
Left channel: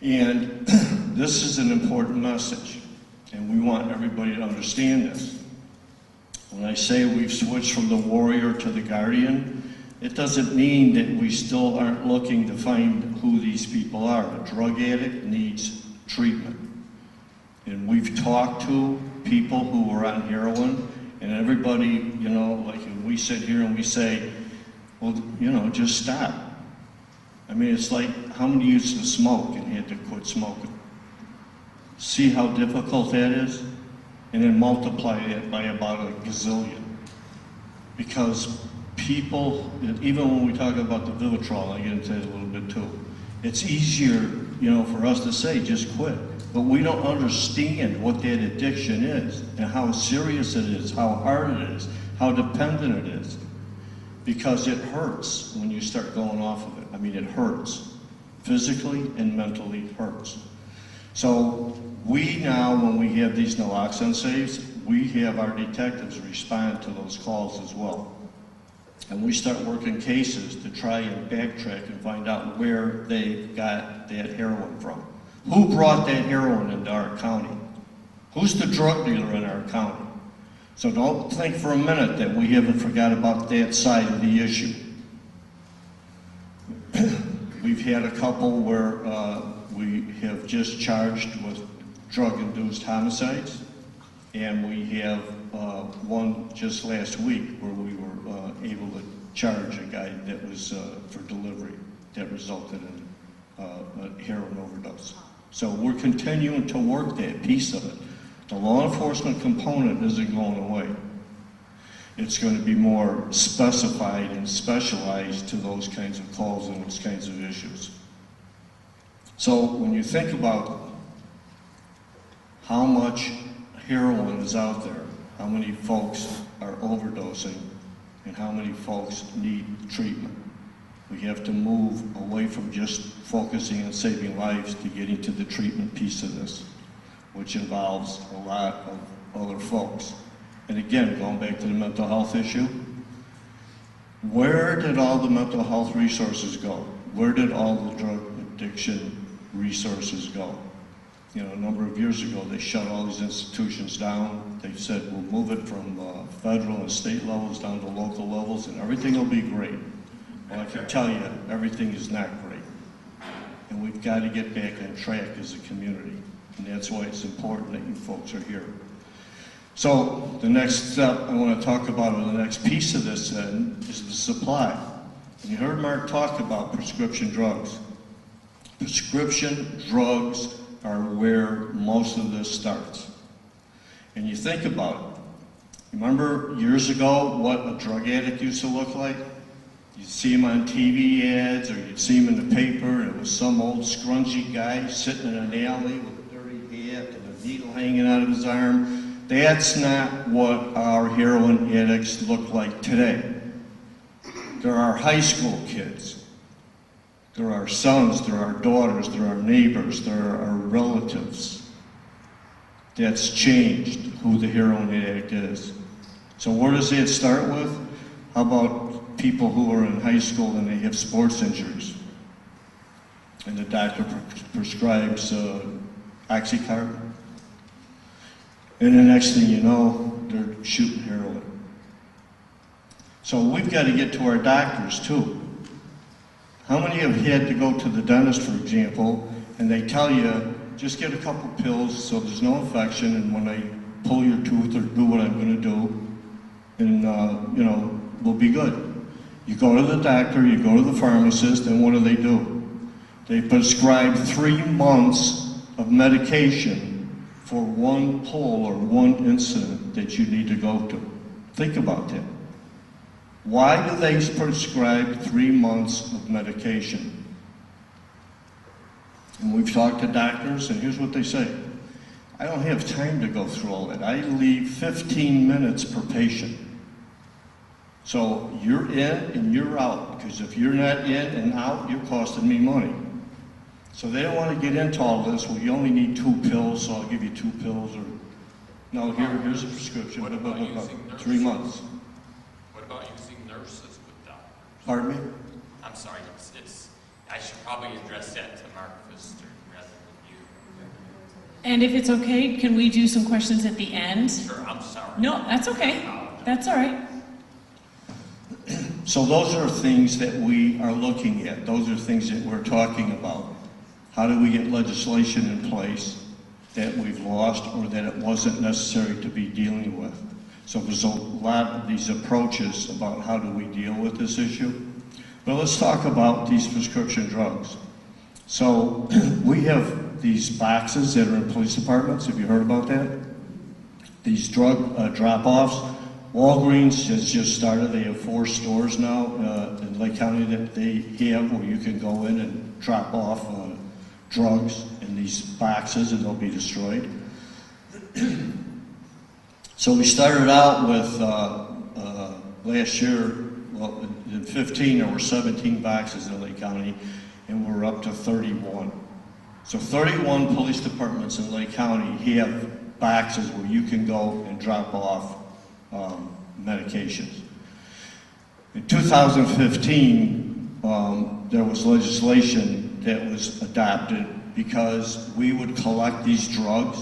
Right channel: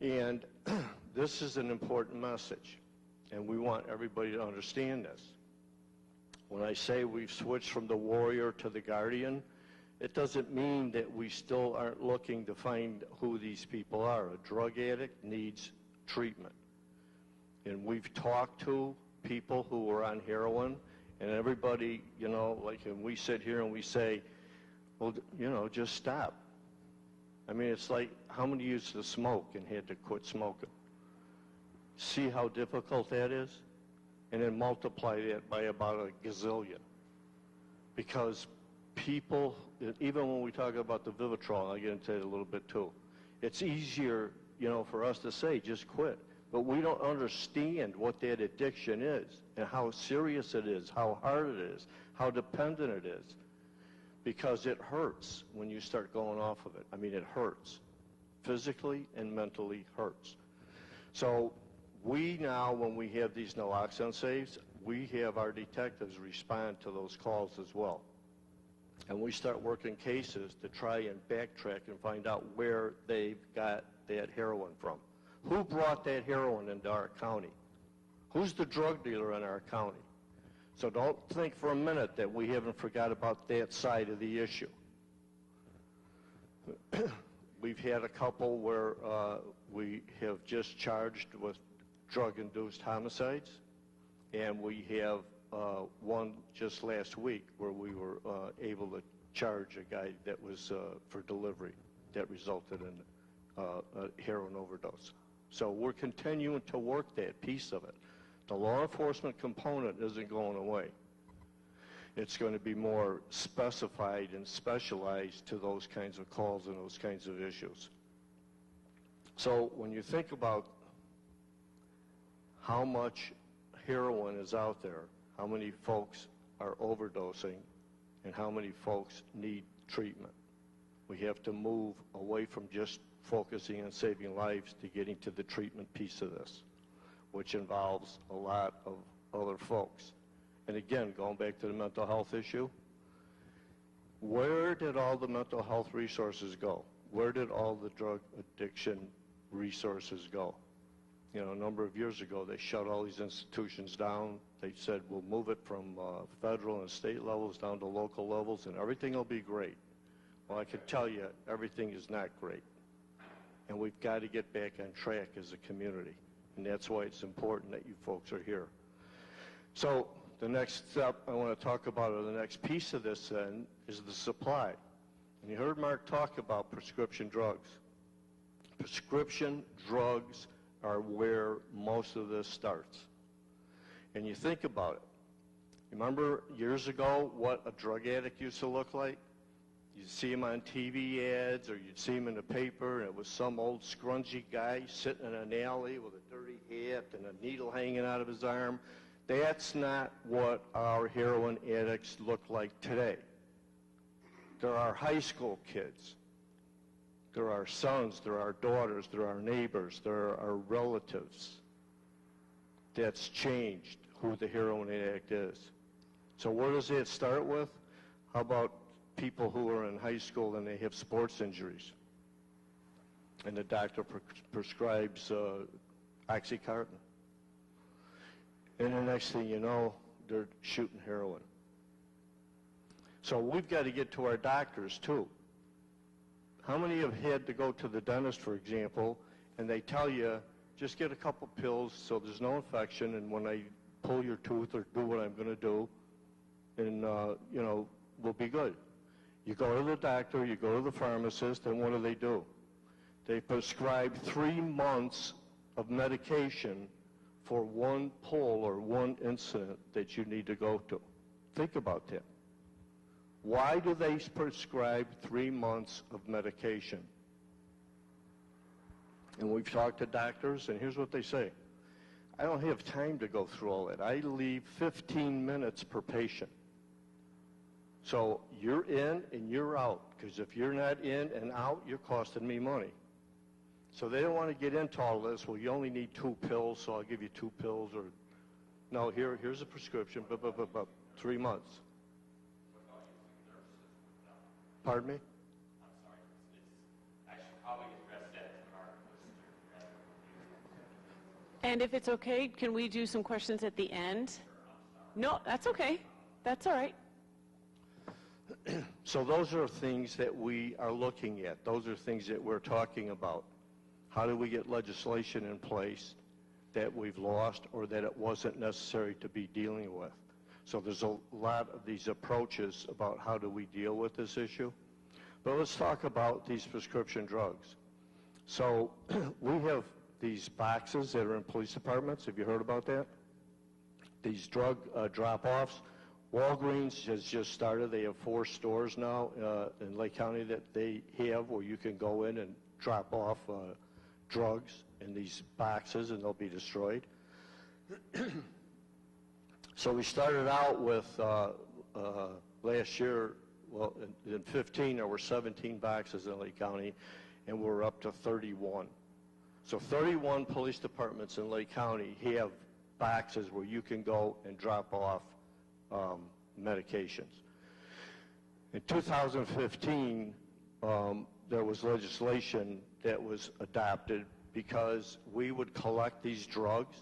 and this is an important message, and we want everybody to understand this. When I say we've switched from the warrior to the guardian, it doesn't mean that we still aren't looking to find who these people are. A drug addict needs treatment. And we've talked to people who are on heroin, and everybody, you know, like we sit here and we say, well, you know, just stop. I mean, it's like how many used to smoke and had to quit smoking? See how difficult that is? And then multiply it by about a gazillion. Because people, even when we talk about the Vivitrol, I get into it a little bit too, it's easier, you know, for us to say, just quit. But we don't understand what that addiction is and how serious it is, how hard it is, how dependent it is. Because it hurts when you start going off of it. I mean, it hurts. Physically and mentally hurts. So we now, when we have these naloxone saves, we have our detectives respond to those calls as well. And we start working cases to try and backtrack and find out where they got that heroin from. Who brought that heroin into our county? Who's the drug dealer in our county? So don't think for a minute that we haven't forgot about that side of the issue. We've had a couple where we have just charged with drug-induced homicides, and we have one just last week where we were able to charge a guy that was for delivery that resulted in a heroin overdose. So we're continuing to work that piece of it. The law enforcement component isn't going away. It's going to be more specified and specialized to those kinds of calls and those kinds of issues. So when you think about how much heroin is out there, how many folks are overdosing, and how many folks need treatment. We have to move away from just focusing on saving lives to getting to the treatment piece of this, which involves a lot of other folks. And again, going back to the mental health issue, where did all the mental health resources go? Where did all the drug addiction resources go? You know, a number of years ago, they shut all these institutions down. They said, we'll move it from federal and state levels down to local levels, and everything will be great. Well, I can tell you, everything is not great. And we've got to get back on track as a community. And that's why it's important that you folks are here. So the next step I want to talk about, or the next piece of this then, is the supply. And you heard Mark talk about prescription drugs. Prescription drugs are where most of this starts. And you think about it. Remember years ago what a drug addict used to look like? You'd see him on TV ads, or you'd see him in the paper, and it was some old scrunchy guy sitting in an alley with a dirty hat and a needle hanging out of his arm. That's not what our heroin addicts look like today. There are high school kids. There are sons, there are daughters, there are neighbors, there are relatives. That's changed who the heroin addict is. So where does it start with? How about people who are in high school and they have sports injuries? And the doctor prescribes Oxycontin. And the next thing you know, they're shooting heroin. So we've got to get to our doctors too. How many have had to go to the dentist, for example, and they tell you, just get a couple pills so there's no infection, and when I pull your tooth or do what I'm going to do, and you know, we'll be good. You go to the doctor, you go to the pharmacist, and what do? They prescribe 3 months of medication for one pull or one incident that you need to go to. Think about that. Why do they prescribe 3 months of medication? And we've talked to doctors, and here's what they say. I don't have time to go through all that. I leave 15 minutes per patient. So you're in and you're out, because if you're not in and out, you're costing me money. So they don't want to get into all this. Well, you only need 2 pills, so I'll give you 2 pills, or no, here's a prescription, What about using 3 months. What about using nurses with doctors? Pardon me? I'm sorry, I should probably address that to Mark Pfister rather than you. And if it's okay, can we do some questions at the end? Sure, I'm sorry. No, that's okay. That's all right. So those are things that we are looking at. Those are things that we're talking about. How do we get legislation in place that we've lost or that it wasn't necessary to be dealing with? So there's a lot of these approaches about how do we deal with this issue. But let's talk about these prescription drugs. So we have these boxes that are in police departments. Have you heard about that? These drug drop-offs. Walgreens has just started. They have 4 stores now in Lake County that they have where you can go in and drop off drugs in these boxes and they'll be destroyed. So we started out with last year, well, in 15 there were 17 boxes in Lake County, and we're up to 31. So 31 police departments in Lake County have boxes where you can go and drop off medications. In 2015, there was legislation that was adopted because we would collect these drugs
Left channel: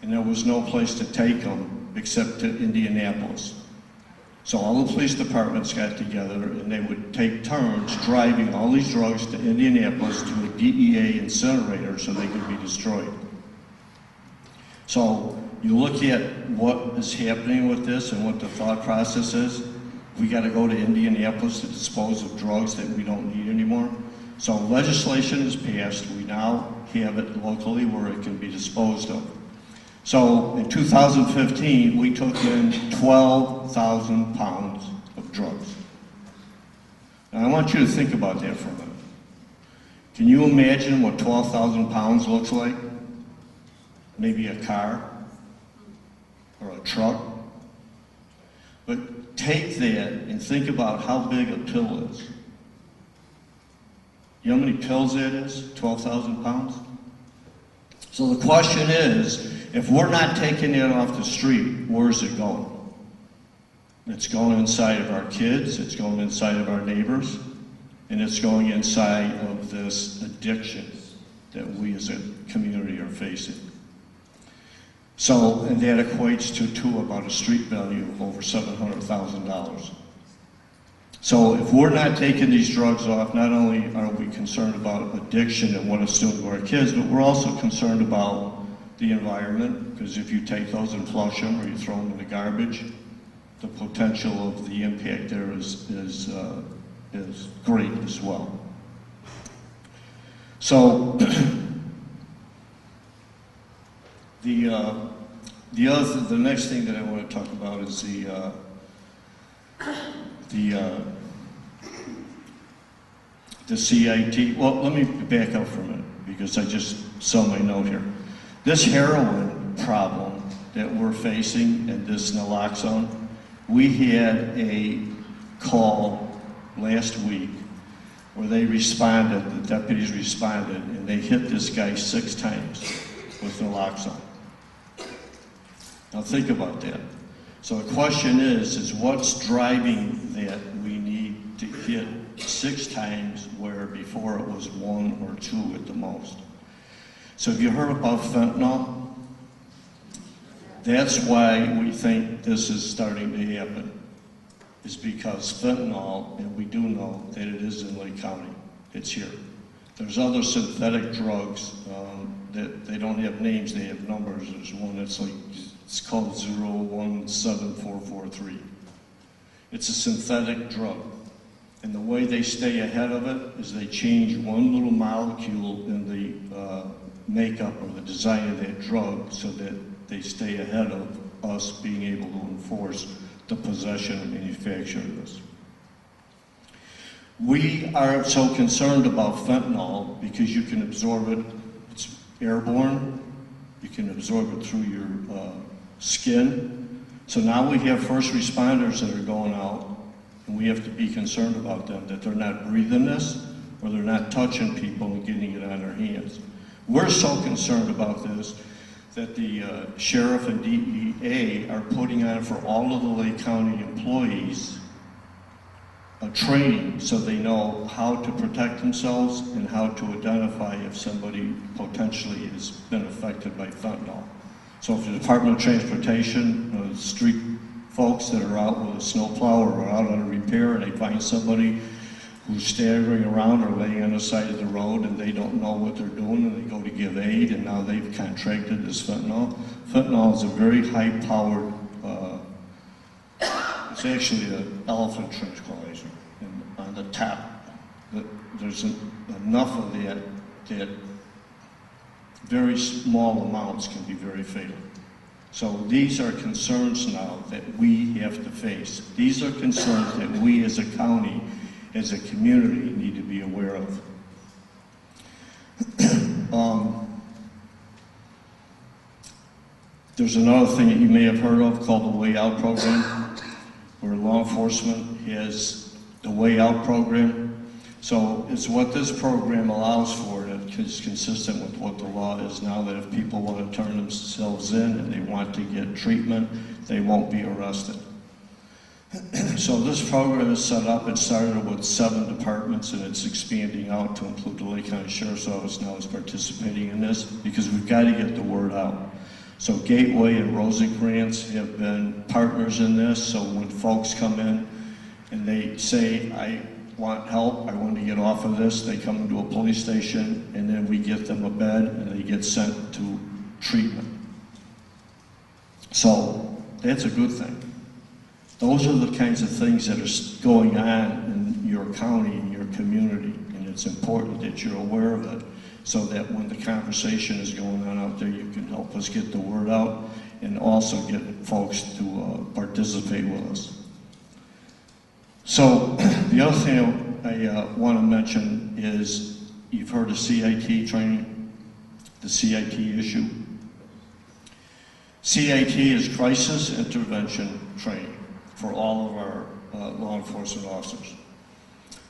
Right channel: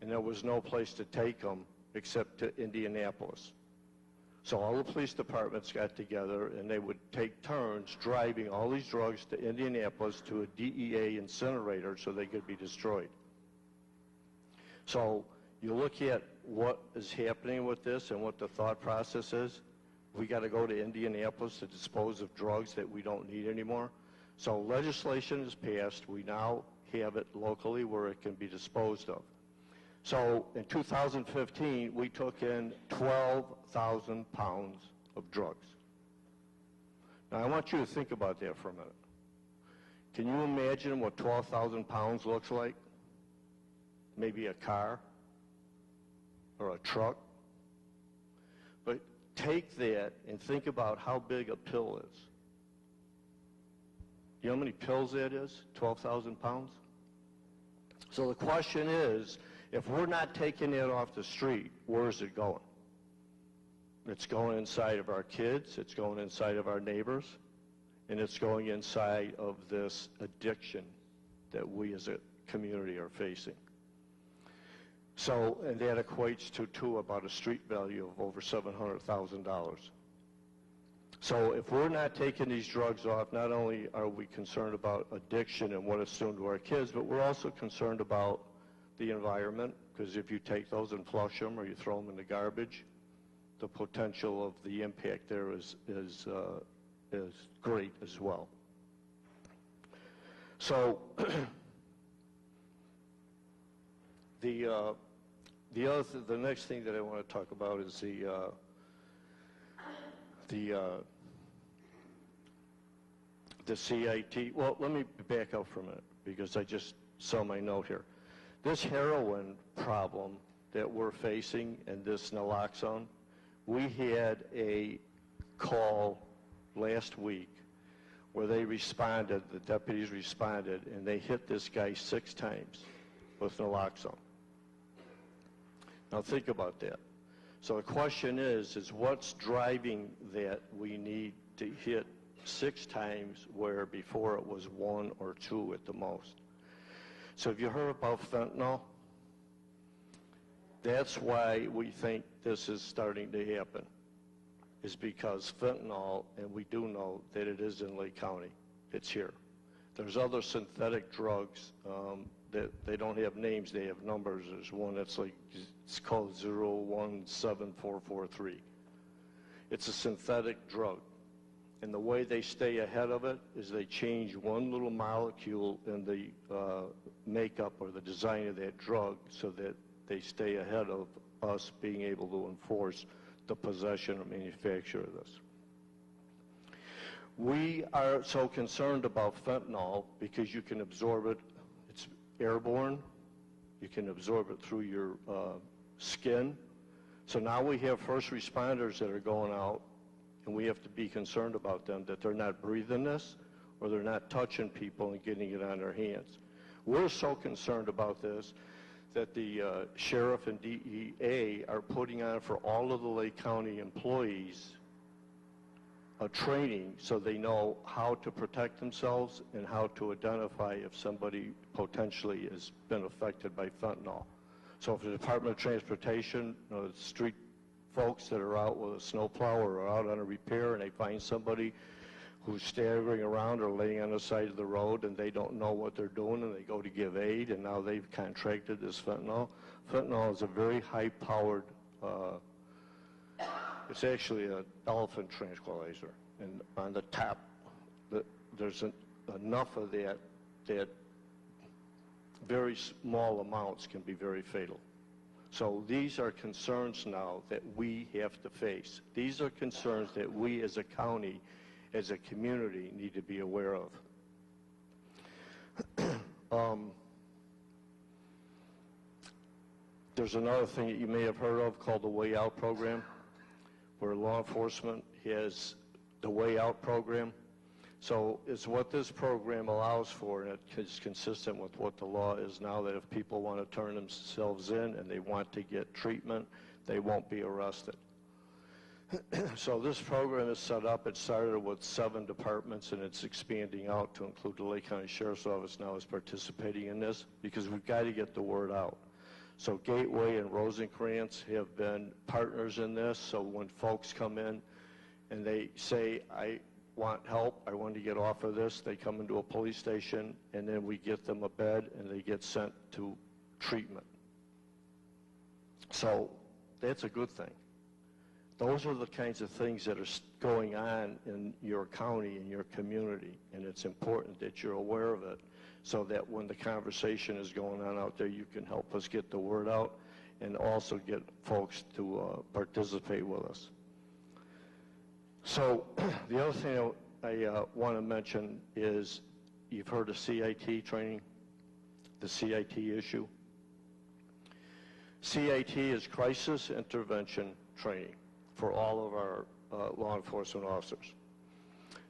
and there was no place to take them except to Indianapolis. So all the police departments got together and they would take turns driving all these drugs to Indianapolis to a DEA incinerator so they could be destroyed. So you look at what is happening with this and what the thought process is. We got to go to Indianapolis to dispose of drugs that we don't need anymore. So legislation is passed. We now have it locally where it can be disposed of. So in 2015, we took in 12,000 pounds of drugs. And I want you to think about that for a minute. Can you imagine what 12,000 pounds looks like? Maybe a car or a truck. But take that and think about how big a pill is. You know how many pills that is? 12,000 pounds? So the question is, if we're not taking it off the street, where's it going? It's going inside of our kids, it's going inside of our neighbors, and it's going inside of this addiction that we as a community are facing. So, and that equates to about a street value of over $700,000. So if we're not taking these drugs off, not only are we concerned about addiction and what it's doing to our kids, but we're also concerned about the environment, because if you take those and flush them or you throw them in the garbage, the potential of the impact there is great as well. So the next thing that I want to talk about is the CIT. Well, let me back up for a minute because I just saw my note here. This heroin problem that we're facing and this naloxone, we had a call last week where they responded, the deputies responded, and they hit this guy 6 times with naloxone. Now think about that. So the question is what's driving that we need to hit 6 times where before it was 1 or 2 at the most? So have you heard about fentanyl? That's why we think this is starting to happen, is because fentanyl, and we do know that it is in Lake County, it's here. There's other synthetic drugs that they don't have names, they have numbers. There's one that's like, it's called 017443. It's a synthetic drug. And the way they stay ahead of it is they change one little molecule in the makeup or the design of that drug so that they stay ahead of us being able to enforce the possession and manufacture of this. We are so concerned about fentanyl because you can absorb it, it's airborne, you can absorb it through your skin. So now we have first responders that are going out and we have to be concerned about them, that they're not breathing this or they're not touching people and getting it on their hands. We're so concerned about this that the sheriff and DEA are putting on for all of the Lake County employees a training so they know how to protect themselves and how to identify if somebody potentially has been affected by fentanyl. So if the Department of Transportation, street folks that are out with a snowplow or are out on a repair and they find somebody who's staggering around or laying on the side of the road and they don't know what they're doing and they go to give aid and now they've contracted this fentanyl. Fentanyl is a very high-powered, it's actually an elephant tranquilizer. And on the top, there's enough of that that very small amounts can be very fatal. So these are concerns now that we have to face. These are concerns that we as a county, as a community, need to be aware of. There's another thing that you may have heard of called the Way Out program, where law enforcement has the Way Out program. So it's what this program allows for, and it's consistent with what the law is now, that if people want to turn themselves in and they want to get treatment, they won't be arrested. So this program is set up, it started with 7 departments and it's expanding out to include the Lake County Sheriff's Office now is participating in this because we've got to get the word out. So Gateway and Rosencrantz have been partners in this, so when folks come in and they say, I want help, I want to get off of this, they come into a police station and then we get them a bed and they get sent to treatment. So that's a good thing. Those are the kinds of things that are going on in your county, in your community, and it's important that you're aware of it so that when the conversation is going on out there, you can help us get the word out and also get folks to participate with us. So the other thing I want to mention is you've heard of CIT training, the CIT issue. CIT is Crisis Intervention Training. for all of our law enforcement officers.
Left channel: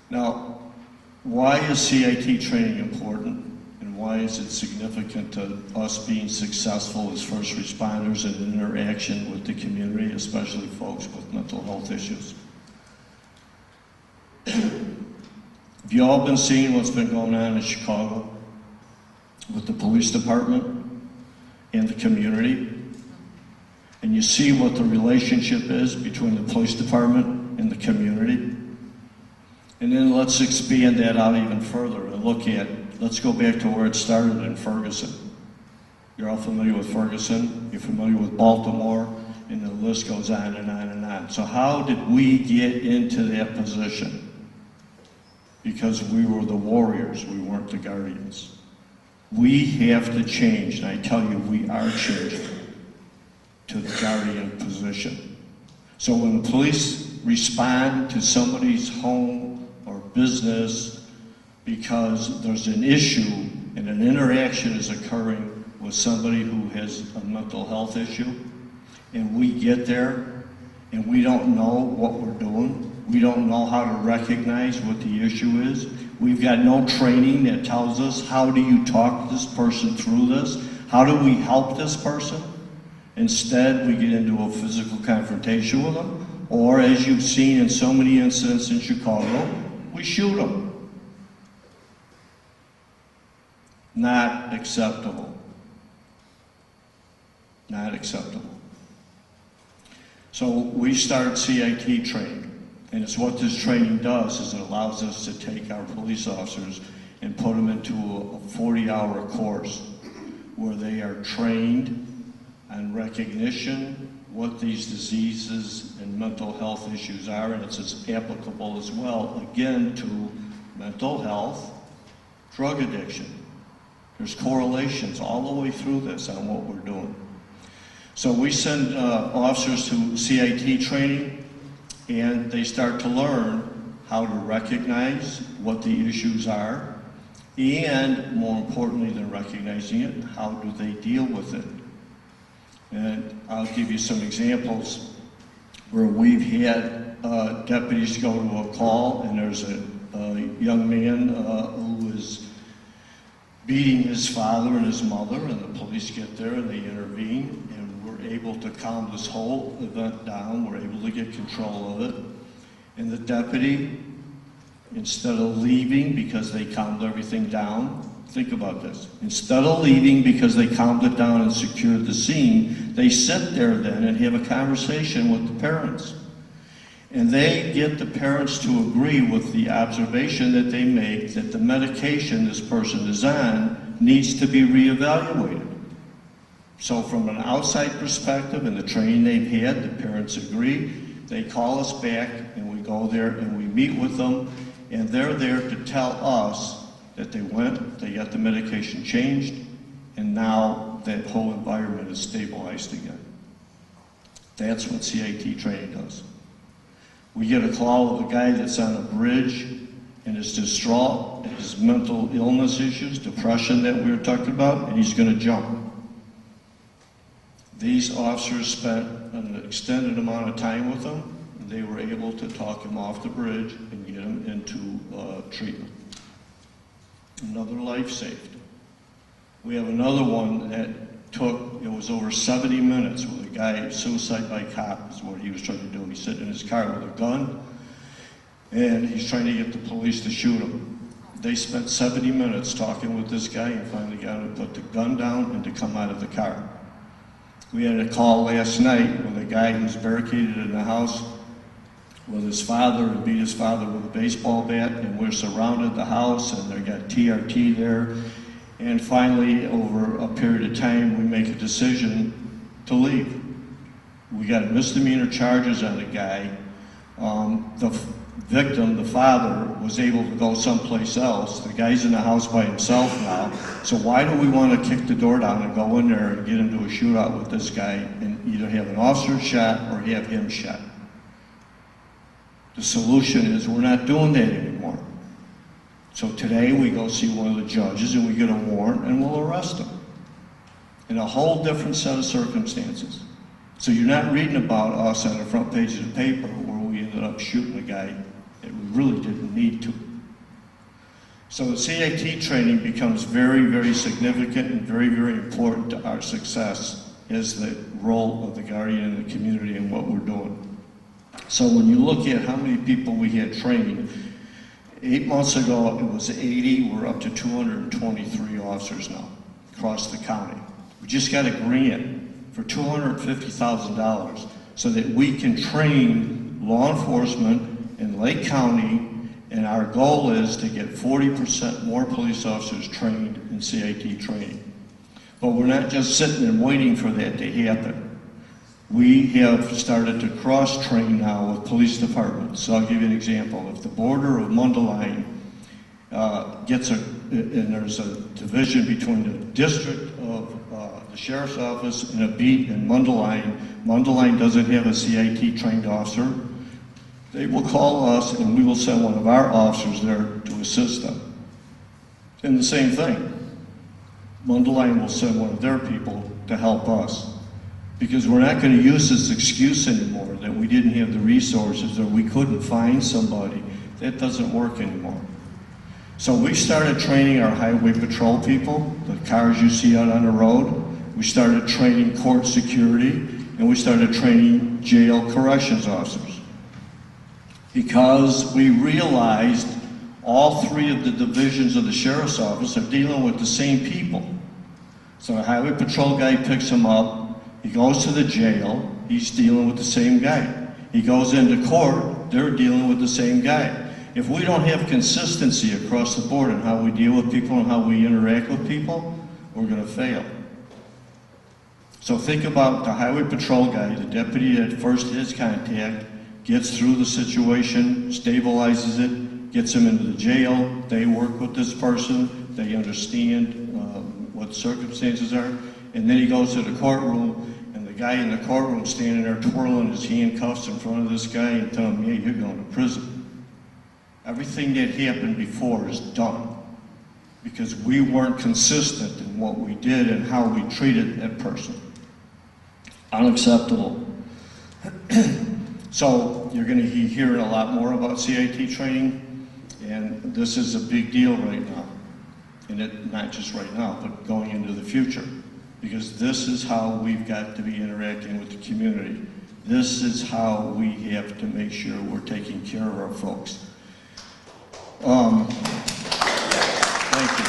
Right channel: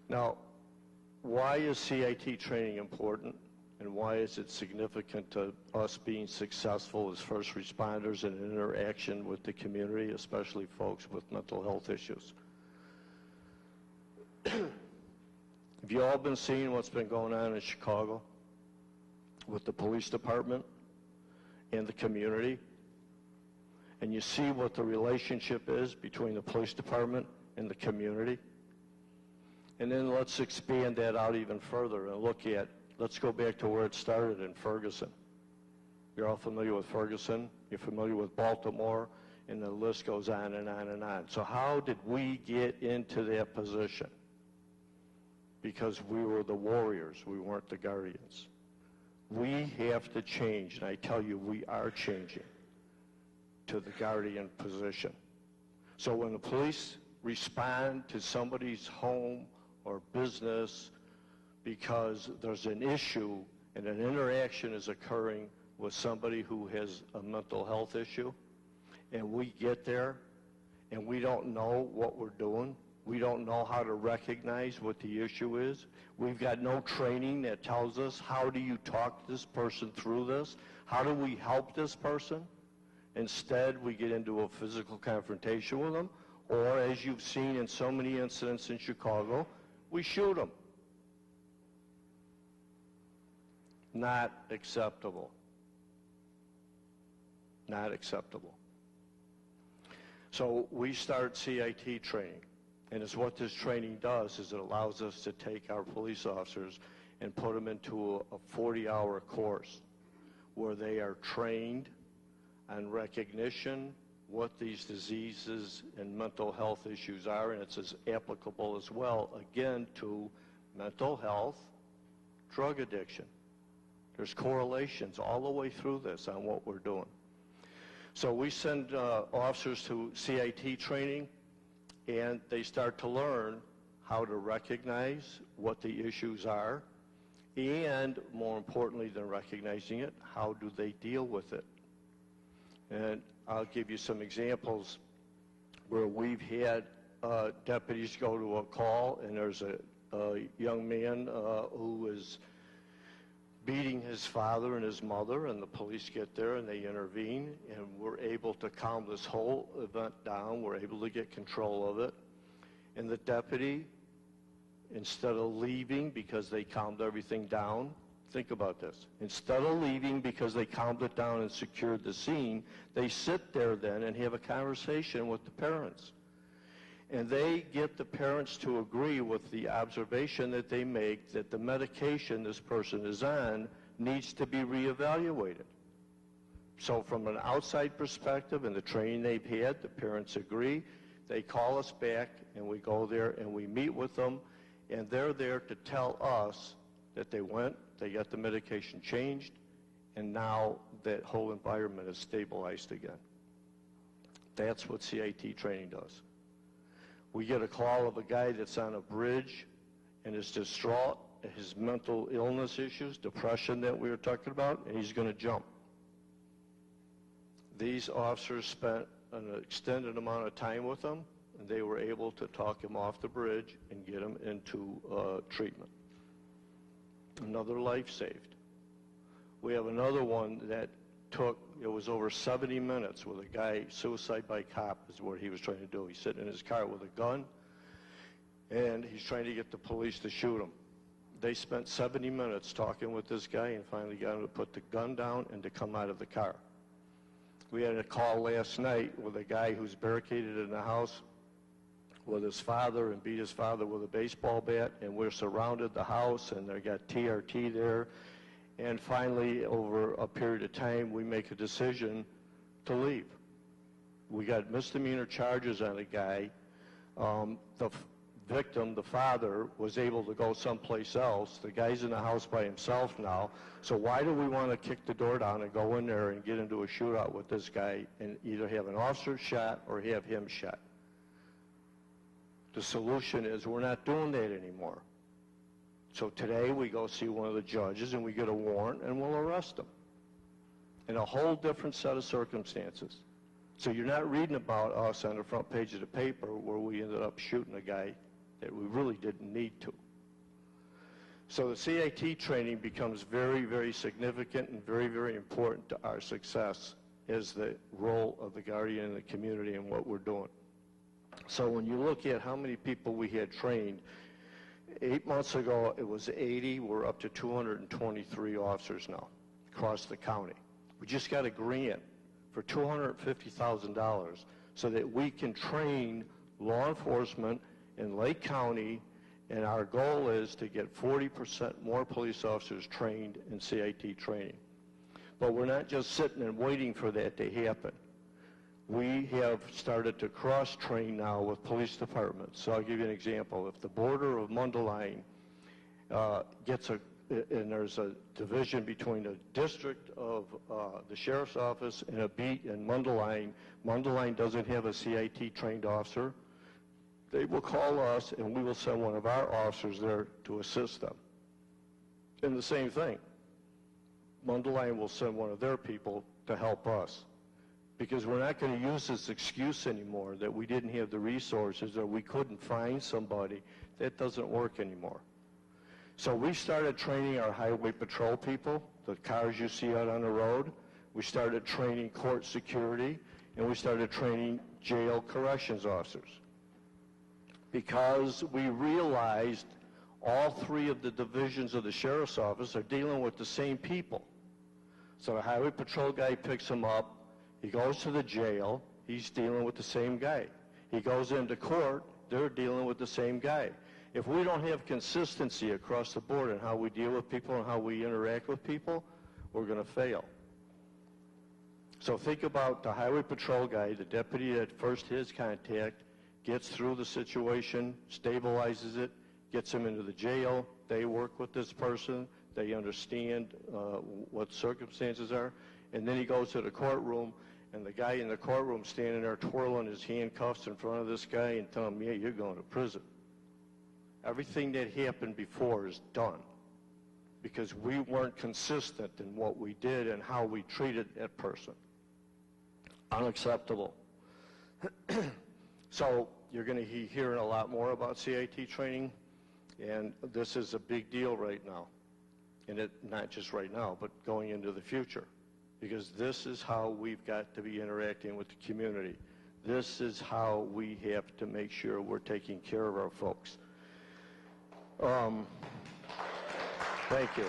Now, why is CIT training important, and why is it significant to us being successful as first responders in interaction with the community, especially folks with mental health issues? Have you all been seeing what's been going on in Chicago with the police department and the community? And you see what the relationship is between the police department and the community? And then let's expand that out even further and look at, let's go back to where it started in Ferguson. You're all familiar with Ferguson, you're familiar with Baltimore, and the list goes on and on and on. So how did we get into that position? Because we were the warriors, we weren't the guardians. We have to change, and I tell you, we are changing to the guardian position. So when the police respond to somebody's home or business because there's an issue and an interaction is occurring with somebody who has a mental health issue, and we get there and we don't know what we're doing, we don't know how to recognize what the issue is, we've got no training that tells us how do you talk this person through this, how do we help this person? Instead, we get into a physical confrontation with them, or as you've seen in so many incidents in Chicago, we shoot them. Not acceptable. Not acceptable. So we start CIT training. And it's what this training does is it allows us to take our police officers and put them into a 40-hour course where they are trained on recognition, what these diseases and mental health issues are, and it's as applicable as well, again, to mental health, drug addiction. There's correlations all the way through this on what we're doing. So we send officers to CIT training, and they start to learn how to recognize what the issues are, and more importantly than recognizing it, how do they deal with it. And I'll give you some examples where we've had deputies go to a call, and there's a young man who was beating his father and his mother, and the police get there and they intervene, and we're able to calm this whole event down. We're able to get control of it. And the deputy, instead of leaving because they calmed everything down, think about this. Instead of leaving because they calmed it down and secured the scene, they sit there then and have a conversation with the parents. And they get the parents to agree with the observation that they make that the medication this person is on needs to be reevaluated. So from an outside perspective and the training they've had, the parents agree. They call us back and we go there and we meet with them, and they're there to tell us that they went, they got the medication changed, and now that whole environment is stabilized again. That's what CIT training does. We get a call of a guy that's on a bridge and is distraught, his mental illness issues, depression that we were talking about, and he's going to jump. These officers spent an extended amount of time with him, and they were able to talk him off the bridge and get him into treatment. Another life saved. We have another one that it was over 70 minutes with a guy, suicide by cop is what he was trying to do. He's sitting in his car with a gun, and he's trying to get the police to shoot him. They spent 70 minutes talking with this guy and finally got him to put the gun down and to come out of the car. We had a call last night with a guy who's barricaded in the house with his father and beat his father with a baseball bat, and we're surrounded the house and they got TRT there. And finally, over a period of time, we make a decision to leave. We got misdemeanor charges on the guy. The victim, the father, was able to go someplace else. The guy's in the house by himself now. So why do we want to kick the door down and go in there and get into a shootout with this guy and either have an officer shot or have him shot? The solution is we're not doing that anymore. So today we go see one of the judges and we get a warrant and we'll arrest him in a whole different set of circumstances. So you're not reading about us on the front page of the paper where we ended up shooting a guy that we really didn't need to. So the CAT training becomes very, very significant and very, very important to our success as the role of the guardian in the community and what we're doing. So when you look at how many people we had trained, 8 months ago it was 80, we're up to 223 officers now across the county. We just got a grant for $250,000 so that we can train law enforcement in Lake County, and our goal is to get 40% more police officers trained in CAT training. But we're not just sitting and waiting for that to happen. We have started to cross-train now with police departments. So I'll give you an example. If the border of Mundelein and there's a division between the district of the sheriff's office and a beat in Mundelein, Mundelein doesn't have a CIT trained officer, they will call us and we will send one of our officers there to assist them. And the same thing, Mundelein will send one of their people to help us. Because we're not going to use this excuse anymore that we didn't have the resources or we couldn't find somebody. That doesn't work anymore. So we started training our highway patrol people, the cars you see out on the road. We started training court security, and we started training jail corrections officers. Because we realized all three of the divisions of the sheriff's office are dealing with the same people. So the highway patrol guy picks them up, he goes to the jail, he's dealing with the same guy. He goes into court, they're dealing with the same guy. If we don't have consistency across the board in how we deal with people and how we interact with people, we're going to fail. So think about the highway patrol guy, the deputy that first has contact, gets through the situation, stabilizes it, gets him into the jail, they work with this person, they understand what circumstances are, and then he goes to the courtroom, and the guy in the courtroom standing there twirling his handcuffs in front of this guy and telling him, yeah, you're going to prison. Everything that happened before is done because we weren't consistent in what we did and how we treated that person. Unacceptable. So you're going to be hearing a lot more about CIT training, and this is a big deal right now. And not just right now, but going into the future. Because this is how we've got to be interacting with the community. This is how we have to make sure we're taking care of our folks. Thank you.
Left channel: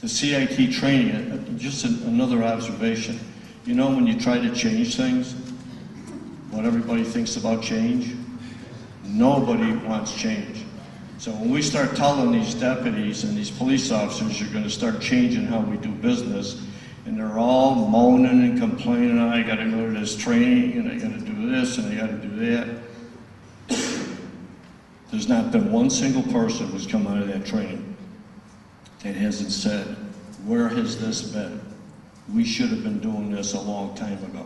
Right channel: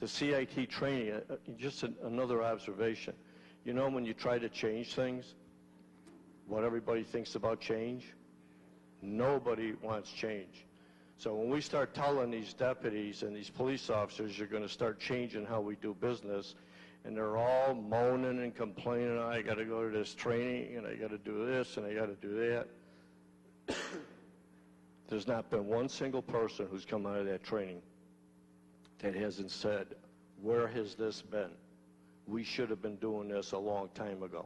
The CIT training, just another observation. You know when you try to change things, what everybody thinks about change? Nobody wants change. So when we start telling these deputies and these police officers you're going to start changing how we do business, and they're all moaning and complaining, I got to go to this training, and I got to do this, and I got to do that. There's not been one single person who's come out of that training that hasn't said, where has this been? We should have been doing this a long time ago.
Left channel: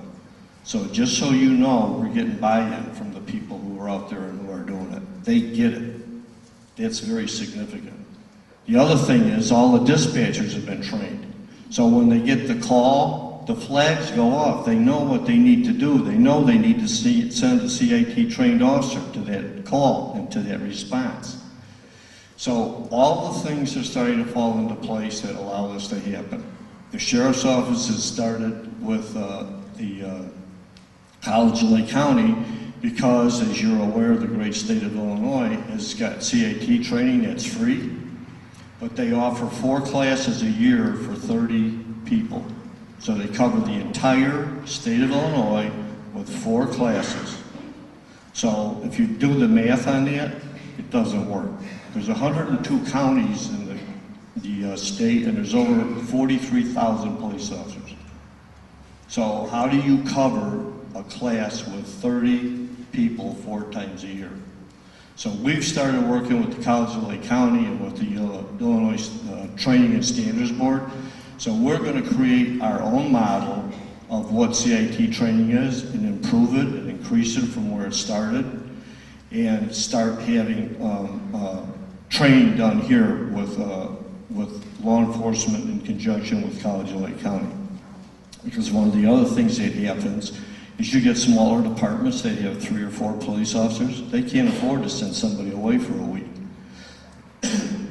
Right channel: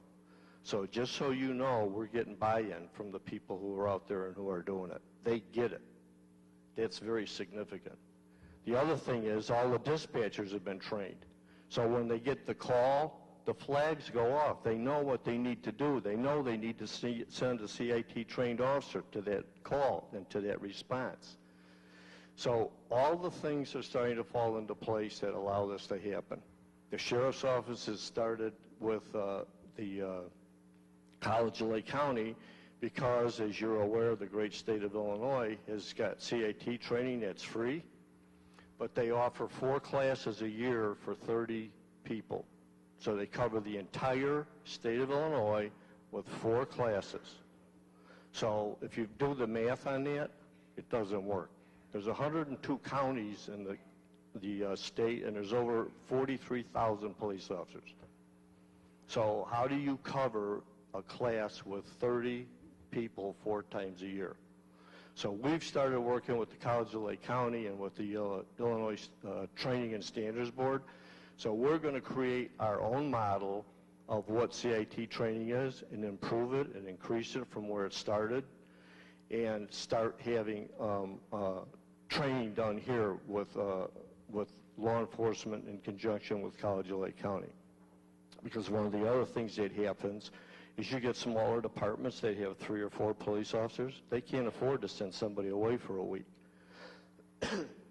So just so you know, we're getting buy-in from the people who are out there and who are doing it. They get it. That's very significant. The other thing is all the dispatchers have been trained. So when they get the call, the flags go off. They know what they need to do. They know they need to send a CIT trained officer to that call and to that response. So all the things are starting to fall into place that allow this to happen. The sheriff's office has started with the College of Lake County because, as you're aware, the great state of Illinois has got CIT training that's free, but they offer 4 classes a year for 30 people. So they cover the entire state of Illinois with 4 classes. So if you do the math on that, it doesn't work. There's 102 counties in the state, and there's over 43,000 police officers. So how do you cover a class with 30 people 4 times a year? So we've started working with the College of Lake County and with the Illinois Training and Standards Board. So we're going to create our own model of what CIT training is and improve it and increase it from where it started, and start having training done here with with law enforcement in conjunction with College of Lake County. Because one of the other things that happens is you get smaller departments that have 3 or 4 police officers. They can't afford to send somebody away for a week.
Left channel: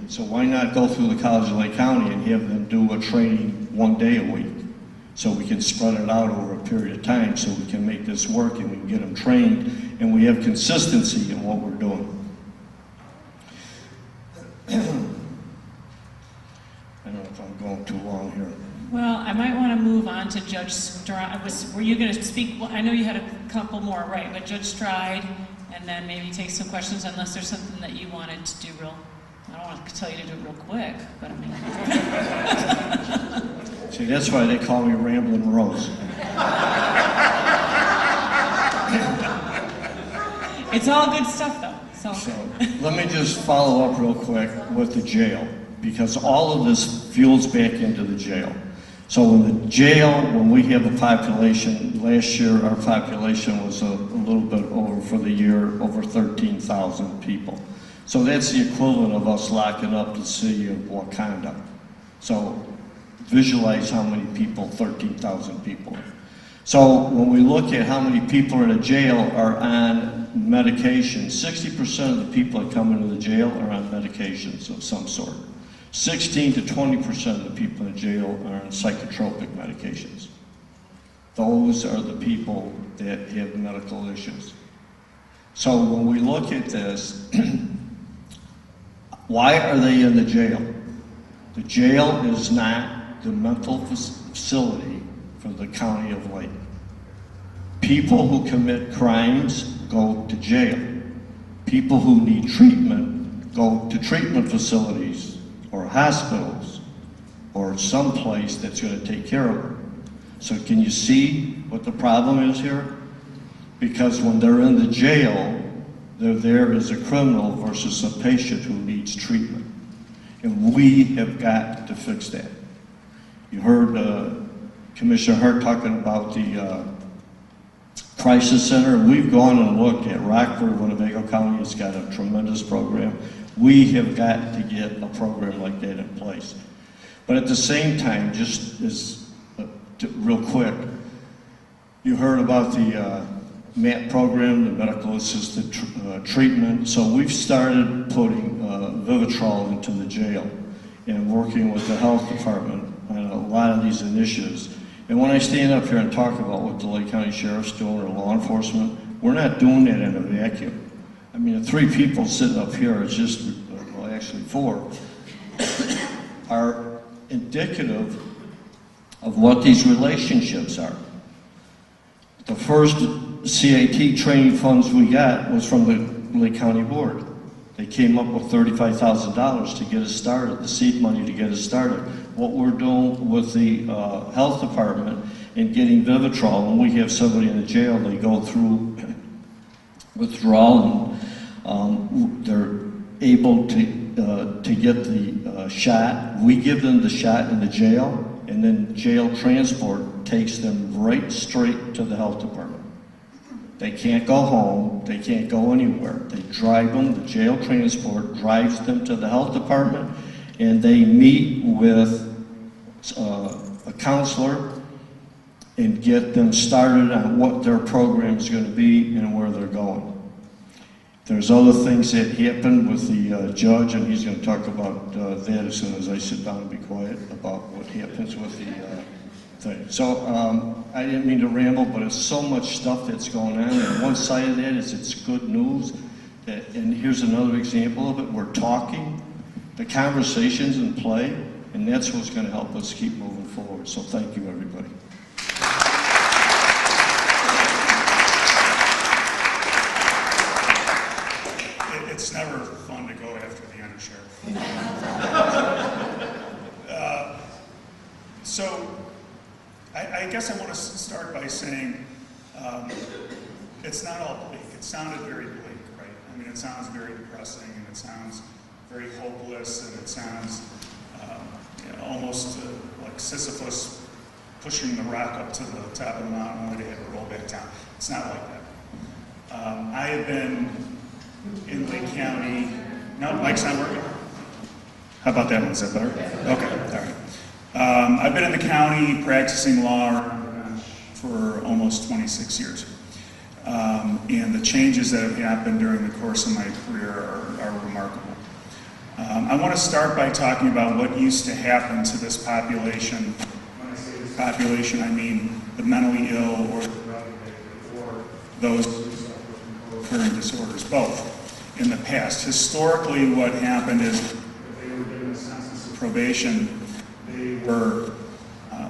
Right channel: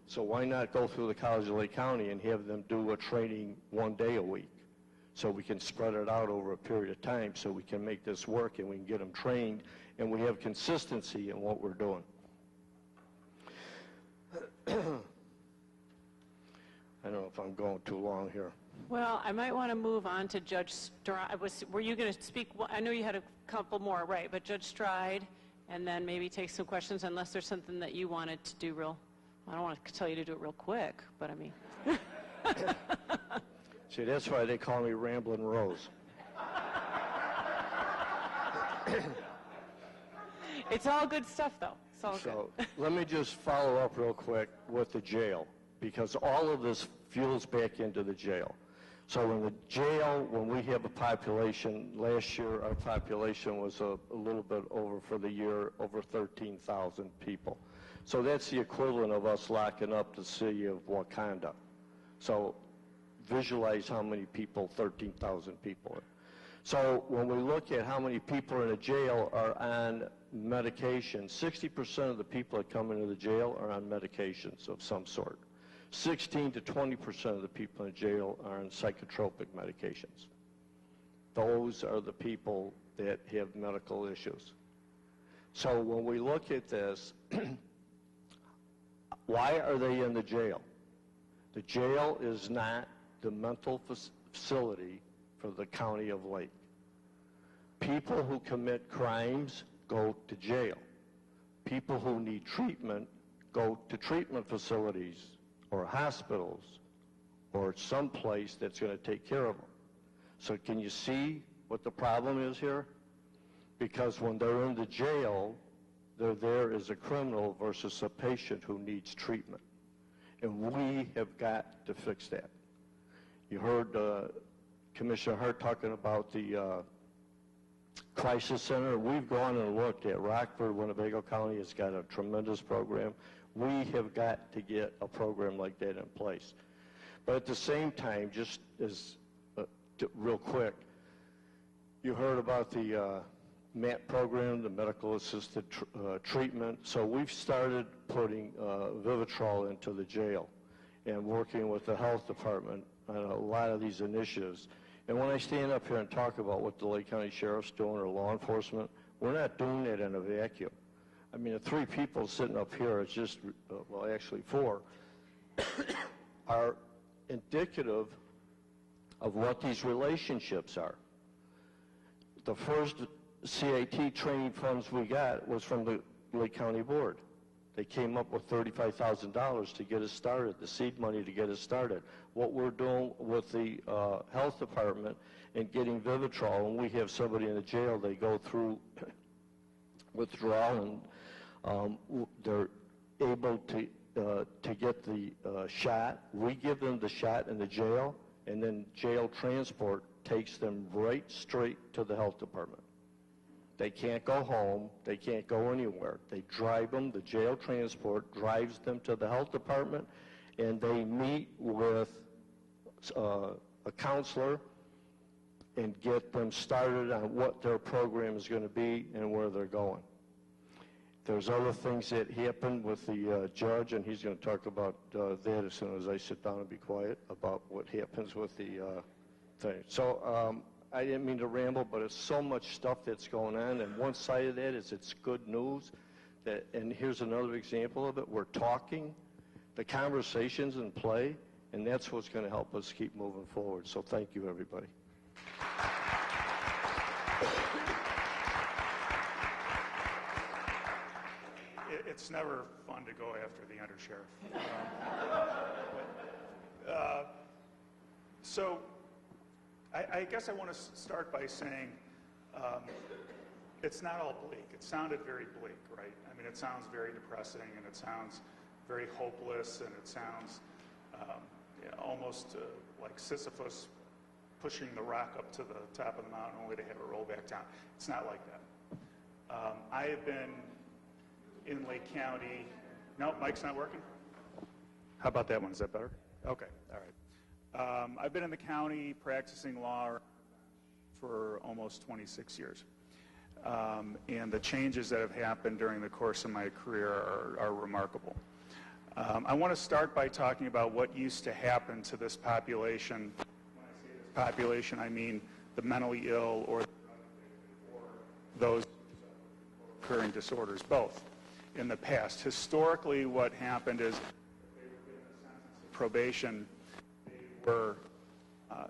So why not go through the College of Lake County and have them do a training 1 day a week? So we can spread it out over a period of time so we can make this work and we can get them trained and we have consistency in what we're doing. I don't know if I'm going too long here. Well, I might want to move on to Judge Stride. Were you going to speak? Well, I know you had a couple more, right? But Judge Stride, and then maybe take some questions unless there's something that you wanted to do real. I don't want to tell you to do it real quick, but I mean. See, that's why they call me Ramblin' Rose. It's all good stuff, though. It's all So good. let me just follow up real quick with the jail, because all of this fuels back into the jail. So in the jail, when we have a population, last year our population was a little bit over, for the year, over 13,000 people. So that's the equivalent of us locking up the city of Wakanda. So visualize how many people, 13,000 people. So when we look at how many people in a jail are on medication, 60% of the people that come into the jail are on medications of some sort. 16 to 20% of the people in jail are on psychotropic medications. Those are the people that have medical issues. So when we look at this, why are they in the jail? The jail is not the mental facility for the County of Lake. People who commit crimes go to jail. People who need treatment go to treatment facilities or hospitals or someplace that's going to take care of them. So can you see what the problem is here? Because when they're in the jail, they're there as a criminal versus a patient who needs treatment. And we have got to fix that. You heard Commissioner Hart talking about the crisis center. We've gone and looked at Rockford, Winnebago County has got a tremendous program. We have got to get a program like that in place. But at the same time, just as real quick, you heard about the MAT program, the medical assisted treatment. So we've started putting Vivitrol into the jail and working with the health department on a lot of these initiatives. And when I stand up here and talk about what the Lake County Sheriff's doing or law enforcement, we're not doing that in a vacuum. I mean, the 3 people sitting up here, it's just, well, actually 4, are indicative of what these relationships are. The first CAT training funds we got was from the Lake County Board. They came up with $35,000 to get us started, the seed money to get us started. What we're doing with the health department and getting Vivitrol, when we have somebody in the jail, they go through withdrawal and they're able to get the shot. We give them the shot in the jail, and then jail transport takes them right straight to the health department. They can't go home, they can't go anywhere. They drive them, the jail transport drives them to the health department, and they meet with a counselor and get them started on what their program is going to be and where they're going. There's other things that happened with the judge, and he's going to talk about that as soon as I sit down and be quiet about what happens with the thing. So I didn't mean to ramble, but it's so much stuff that's going on. And one side of that is it's good news. And here's another example of it. We're talking, the conversation's in play, and that's what's going to help us keep moving forward. So thank you, everybody. It's never fun to go after the undersheriff. So I guess I want to start by saying it's not all bleak. It sounded very bleak, right? I mean, it sounds very depressing, and it sounds very hopeless, and it sounds almost like Sisyphus pushing the rock up to the top of the mountain only to have it roll back down. It's not like that. I have been in Lake County. No, mic's not working. How about that one? Is that better? Okay, all right. I've been in the county practicing law for almost 26 years. And the changes that have happened during the course of my career are remarkable. I want to start by talking about what used to happen to this population. When I say this population, I mean the mentally ill or those who suffer from co-occurring disorders, both. In the past, historically, what happened is if they were given a sentence of probation, they were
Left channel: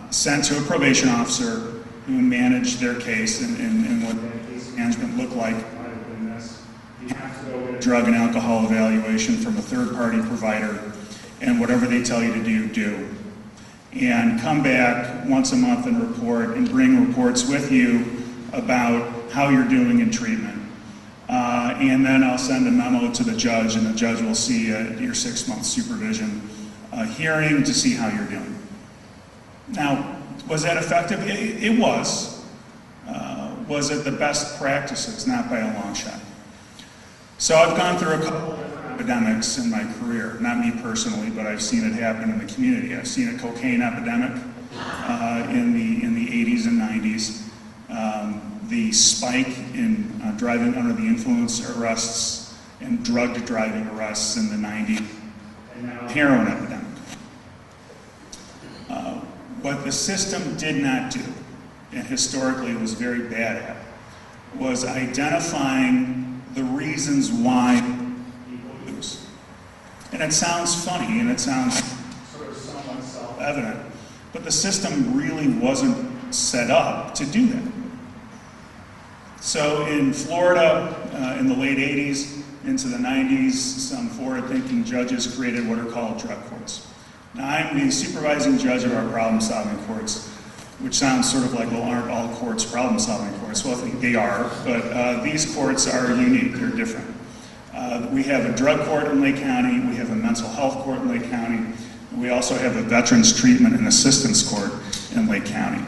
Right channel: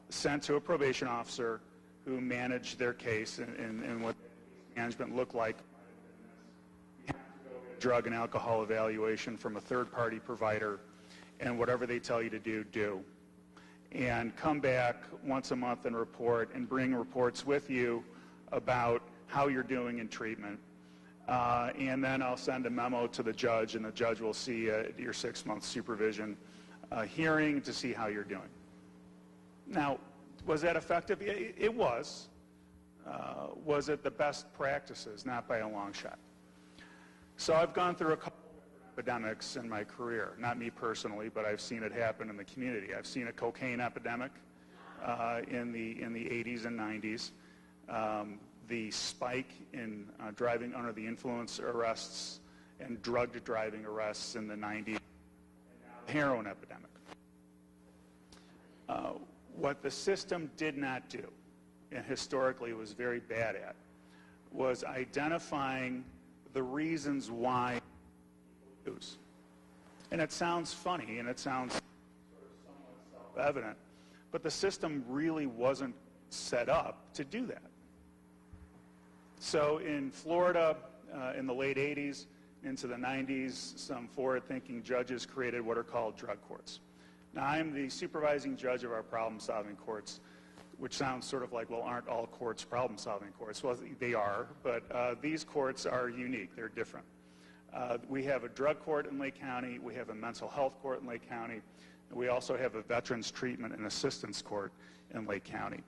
sent to a probation officer who managed their case, and what that case management looked like might have been this. You have to go get a drug and alcohol evaluation from a third-party provider, and whatever they tell you to do, do. And come back once a month and report, and bring reports with you about how you're doing in treatment. And then I'll send a memo to the judge, and the judge will see your 6-month supervision hearing to see how you're doing. Now, was that effective? It was. Was it the best practices? Not by a long shot. So I've gone through a couple of different epidemics in my career. Not me personally, but I've seen it happen in the community. I've seen a cocaine epidemic in the 80s and 90s. The spike in driving under the influence arrests and drugged driving arrests in the 90s, and now heroin epidemic. What the system did not do, and historically was very bad at, was identifying the reasons why people use. And it sounds funny, and it sounds sort of somewhat self-evident, but the system really wasn't set up to do that. So in Florida, in the late 80s into the 90s, some forward-thinking judges created what are called drug courts. Now, I'm the supervising judge of our problem-solving courts, which sounds sort of like, well, aren't all courts problem-solving courts? Well, I think they are, but these courts are unique, they're different. We have a drug court in Lake County, we have a mental health court in Lake County, we also have a veterans treatment and assistance court in Lake County.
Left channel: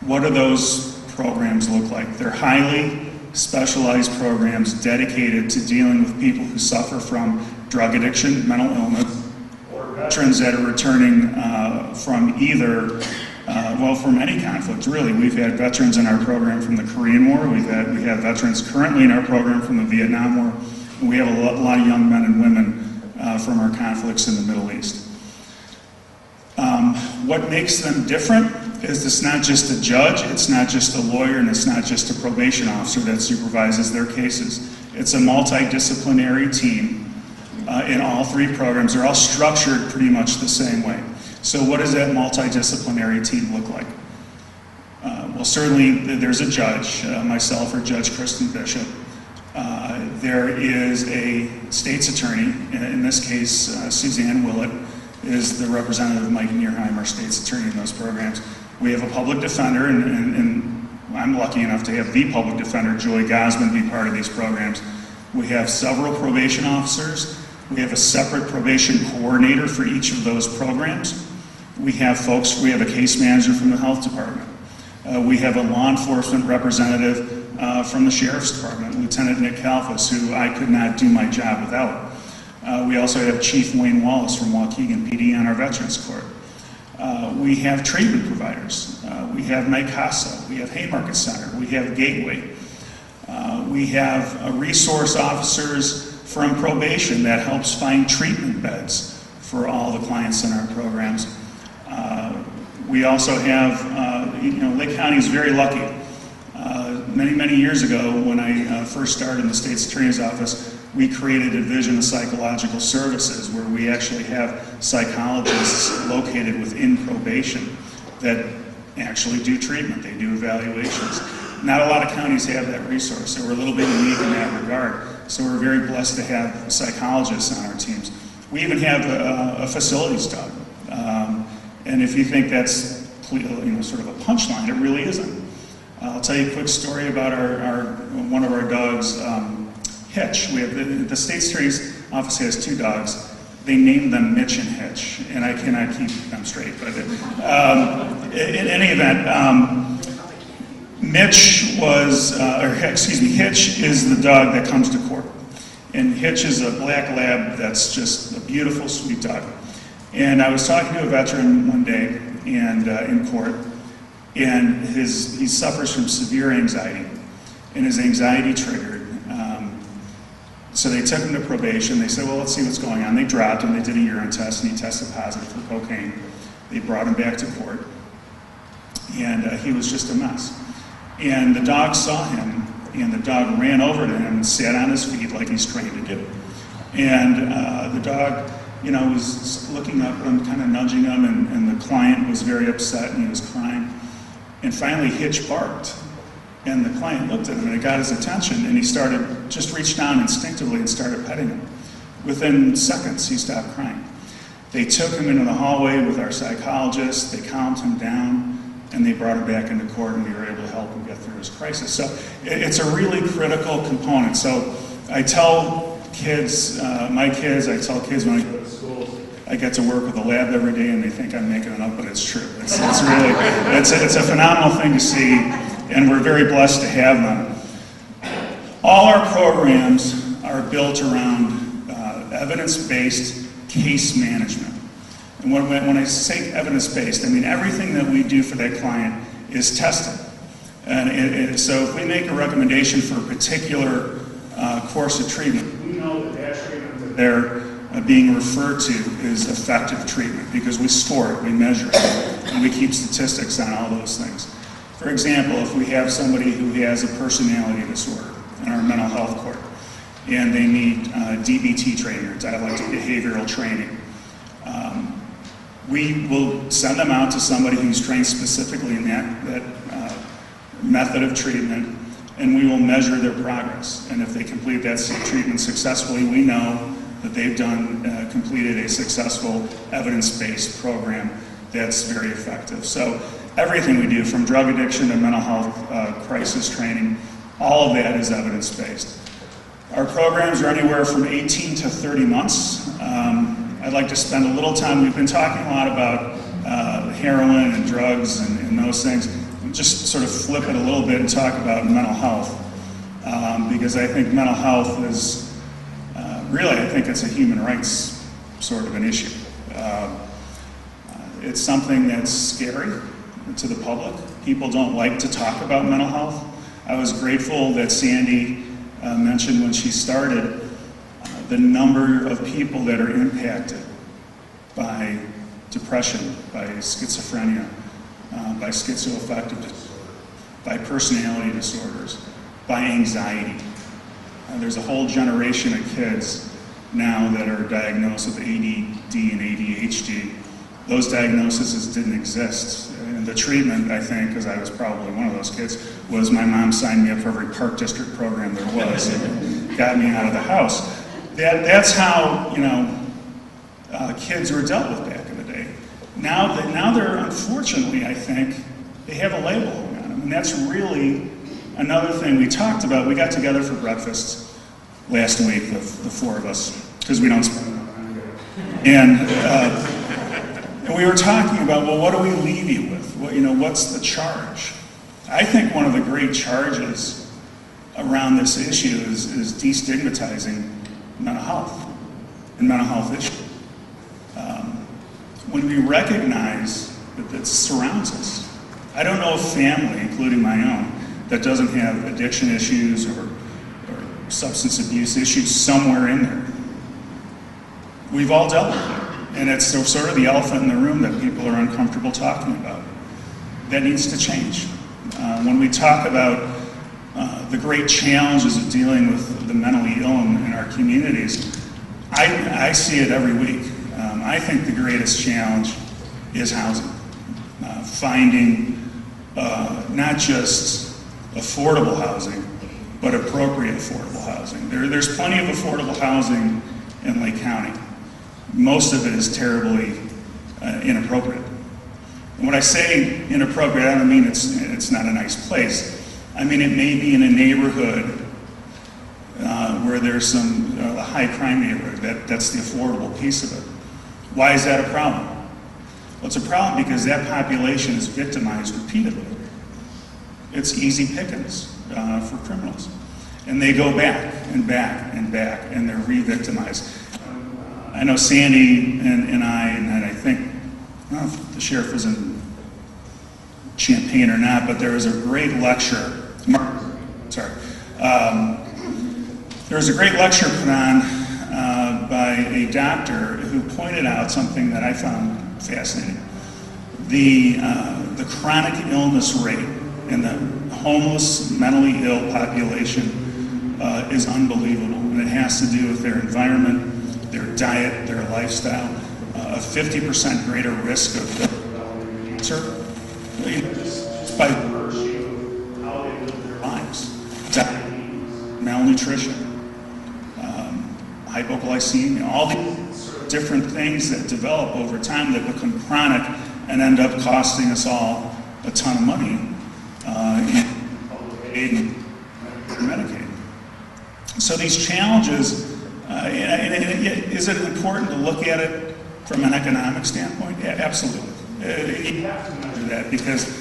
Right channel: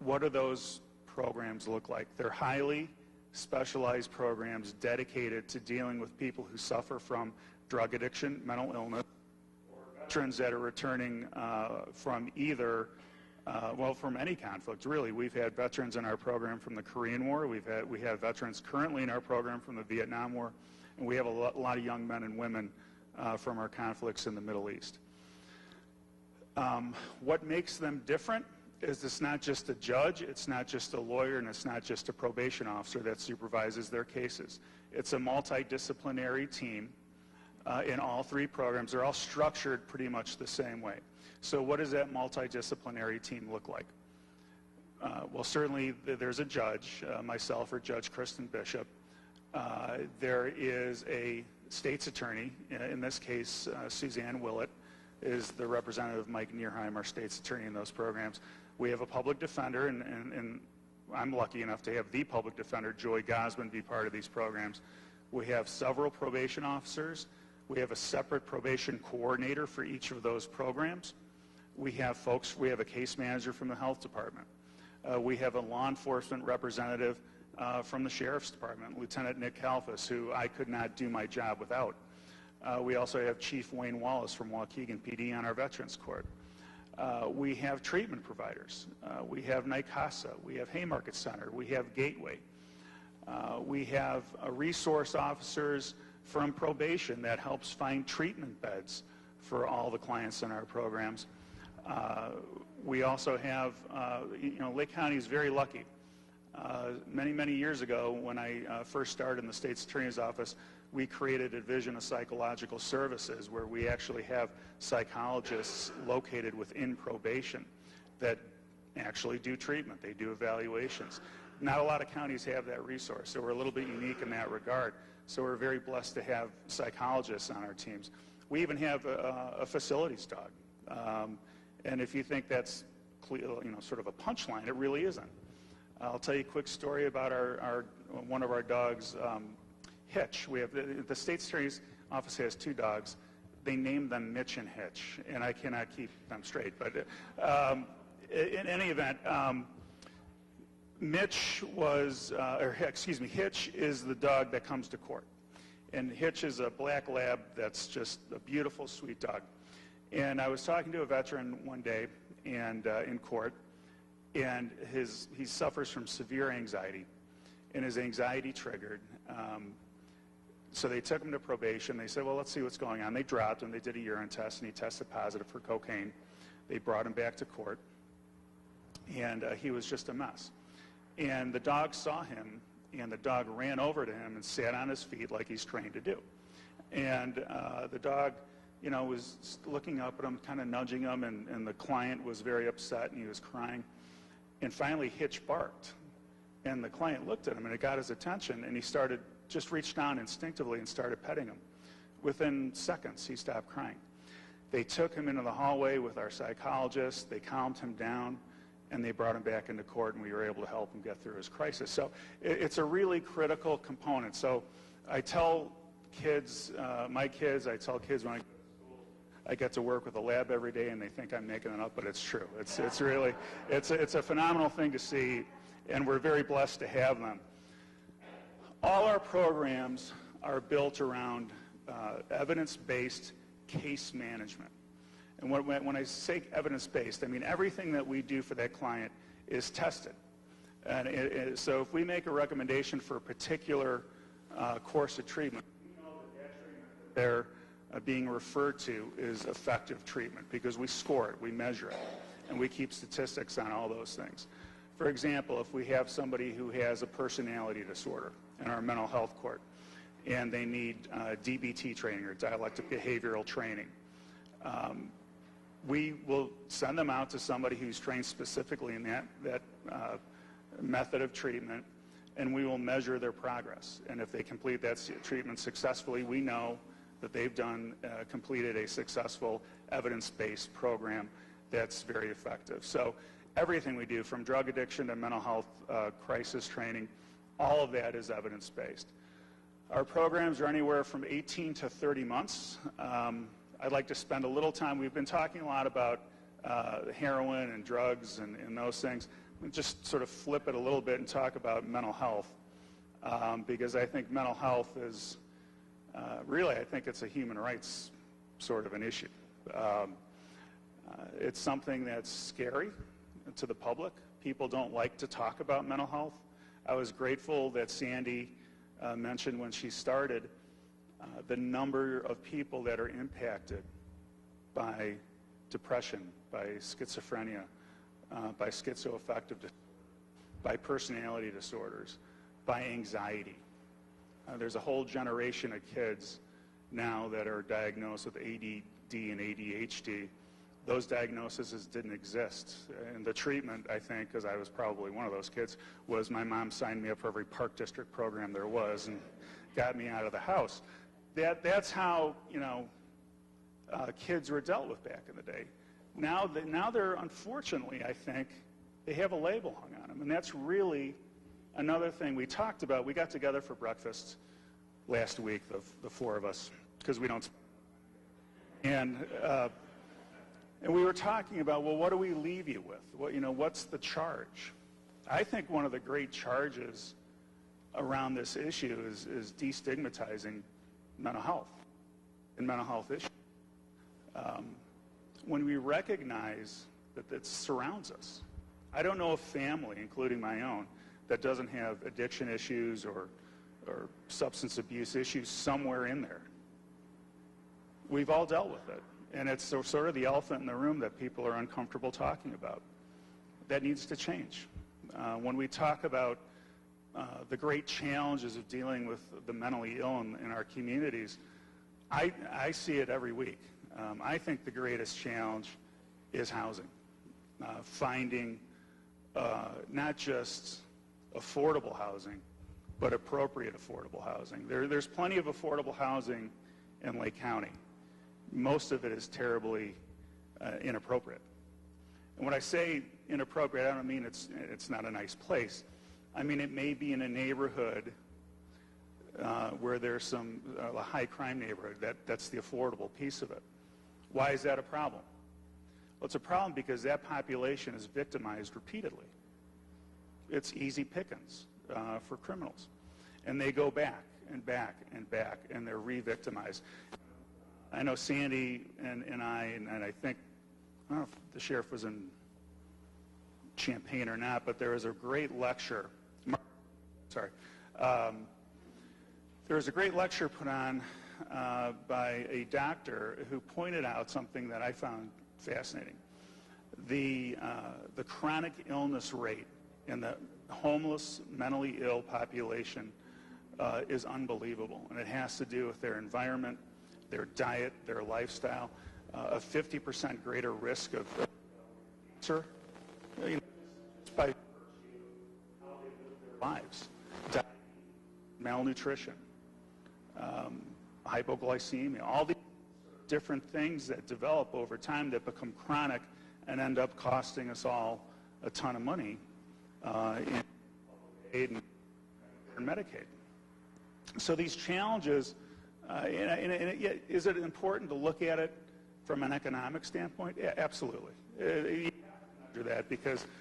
What do those programs look like? They're highly specialized programs dedicated to dealing with people who suffer from drug addiction, mental illness, or veterans that are returning from either, well, from any conflict, really. We've had veterans in our program from the Korean War, we have veterans currently in our program from the Vietnam War, and we have a lot of young men and women from our conflicts in the Middle East. What makes them different is it's not just a judge, it's not just a lawyer, and it's not just a probation officer that supervises their cases. It's a multidisciplinary team in all three programs. They're all structured pretty much the same way. So what does that multidisciplinary team look like? Well, certainly there's a judge, myself or Judge Kristen Bishop. There is a state's attorney, in this case, Suzanne Willett is the representative of Mike Nierheim, our state's attorney in those programs. We have a public defender, and I'm lucky enough to have the public defender, Joy Gosman, be part of these programs. We have several probation officers. We have a separate probation coordinator for each of those programs. We have a case manager from the health department. We have a law enforcement representative from the sheriff's department, Lieutenant Nick Kalfas, who I could not do my job without. We also have Chief Wayne Wallace from Waukegan PD on our Veterans Court. We have treatment providers. We have NICASA. We have Haymarket Center. We have Gateway. We have resource officers from probation that helps find treatment beds for all the clients in our programs. We also have, Lake County is very lucky. Many years ago, when I first started in the state's attorney's office, we created a division of psychological services where we actually have psychologists located within probation that actually do treatment. They do evaluations. Not a lot of counties have that resource, so we're a little bit unique in that regard. So we're very blessed to have psychologists on our teams. We even have a facilities dog. And if you think that's sort of a punchline, it really isn't. I'll tell you a quick story about one of our dogs, Hitch. We have the state's attorney's office has two dogs. They named them Mitch and Hitch, and I cannot keep them straight. But in any event, Hitch is the dog that comes to court. And Hitch is a black lab that's just a beautiful, sweet dog. And I was talking to a veteran one day and in court, and he suffers from severe anxiety, and his anxiety triggered. So they took him to probation. They said, well, let's see what's going on. They dropped him. They did a urine test, and he tested positive for cocaine. They brought him back to court, and he was just a mess. And the dog saw him, and the dog ran over to him and sat on his feet like he's trained to do. And the dog, you know, was looking up at him, kind of nudging him, and the client was very upset, and he was crying. And finally, Hitch barked. And the client looked at him, and it got his attention, and he just reached down instinctively and started petting him. Within seconds, he stopped crying. They took him into the hallway with our psychologist, they calmed him down, and they brought him back into court, and we were able to help him get through his crisis. So it's a really critical component. So I tell kids, my kids, I tell kids when I go to school, I get to work with a lab every day, and they think I'm making it up, but it's true. It's really, it's a phenomenal thing to see, and we're very blessed to have them. All our programs are built around evidence-based case management. And when I say evidence-based, I mean everything that we do for that client is tested. And so if we make a recommendation for a particular course of treatment, we know that that treatment that they're being referred to is effective treatment because we score it, we measure it, and we keep statistics on all those things. For example, if we have somebody who has a personality disorder in our mental health court, and they need DBT training, or dialectic behavioral training, we will send them out to somebody who's trained specifically in that method of treatment, and we will measure their progress. And if they complete that treatment successfully, we know that they've completed a successful evidence-based program that's very effective. So everything we do, from drug addiction to mental health crisis training, all of that is evidence-based. Our programs are anywhere from 18 to 30 months. I'd like to spend a little time, we've been talking a lot about heroin and drugs and those things. Just sort of flip it a little bit and talk about mental health. Because I think mental health is, really, I think it's a human rights sort of an issue. It's something that's scary to the public. People don't like to talk about mental health. I was grateful that Sandy mentioned when she started the number of people that are impacted by depression, by schizophrenia, by schizoaffective disorder, by personality disorders, by anxiety. There's a whole generation of kids now that are diagnosed with ADD and ADHD. Those diagnoses didn't exist. And the treatment, I think, because I was probably one of those kids, was my mom signed me up for every Park District program there was and got me out of the house. That's how, you know, kids were dealt with back in the day. Now they're, unfortunately, I think, they have a label on them. And that's really another thing we talked about. We got together for breakfast last week, the four of us, because we don't spend enough time together. And we were talking about, well, what do we leave you with? What's the charge? I think one of the great charges around this issue is destigmatizing mental health and mental health issues. When we recognize that surrounds us, I don't know a family, including my own, that doesn't have addiction issues or substance abuse issues somewhere in there. We've all dealt with it. And it's sort of the elephant in the room that people are uncomfortable talking about. That needs to change. When we talk about the great challenges of dealing with the mentally ill in our communities, I see it every week. I think the greatest challenge is housing. Finding not just affordable housing, but appropriate affordable housing. There's plenty of affordable housing in Lake County. Most of it is terribly inappropriate. And when I say inappropriate, I don't mean it's not a nice place. I mean it may be in a neighborhood where there's a high crime neighborhood. That's the affordable piece of it. Why is that a problem? Well, it's a problem because that population is victimized repeatedly. It's easy pickings for criminals. And they go back and back and back, and they're re-victimized. I know Sandy and I think, I don't know if the sheriff was in Champaign or not, but there was a great lecture, there was a great lecture put on by a doctor who pointed out something that I found fascinating. The chronic illness rate in the homeless, mentally ill population is unbelievable. And it has to do with their environment, their diet, their lifestyle, a 50% greater risk of cancer, just by virtue of how they live their lives. Diabetes, malnutrition, hypoglycemia, all these different things that develop over time that become chronic and end up costing us all a ton of money in aid and Medicaid. So these challenges, is it important to look at it from an economic standpoint? Yeah, absolutely. You have to measure that because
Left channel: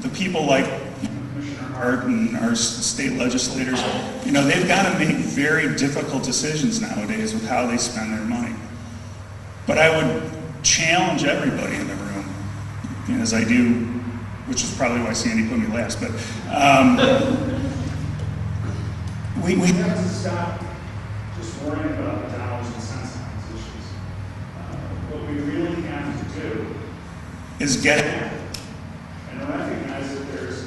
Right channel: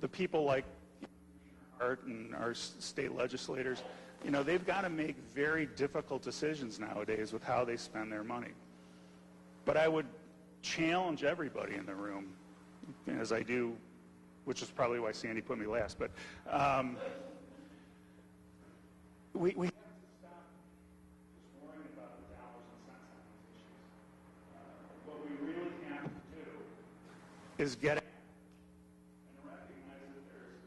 the people like Commissioner Hart and our state legislators, they've got to make very difficult decisions nowadays with how they spend their money. But I would challenge everybody in the room, as I do, which is probably why Sandy put me last, but we have to stop just worrying about the dollars and cents on these issues. What we really have to do is get at it and recognize that there's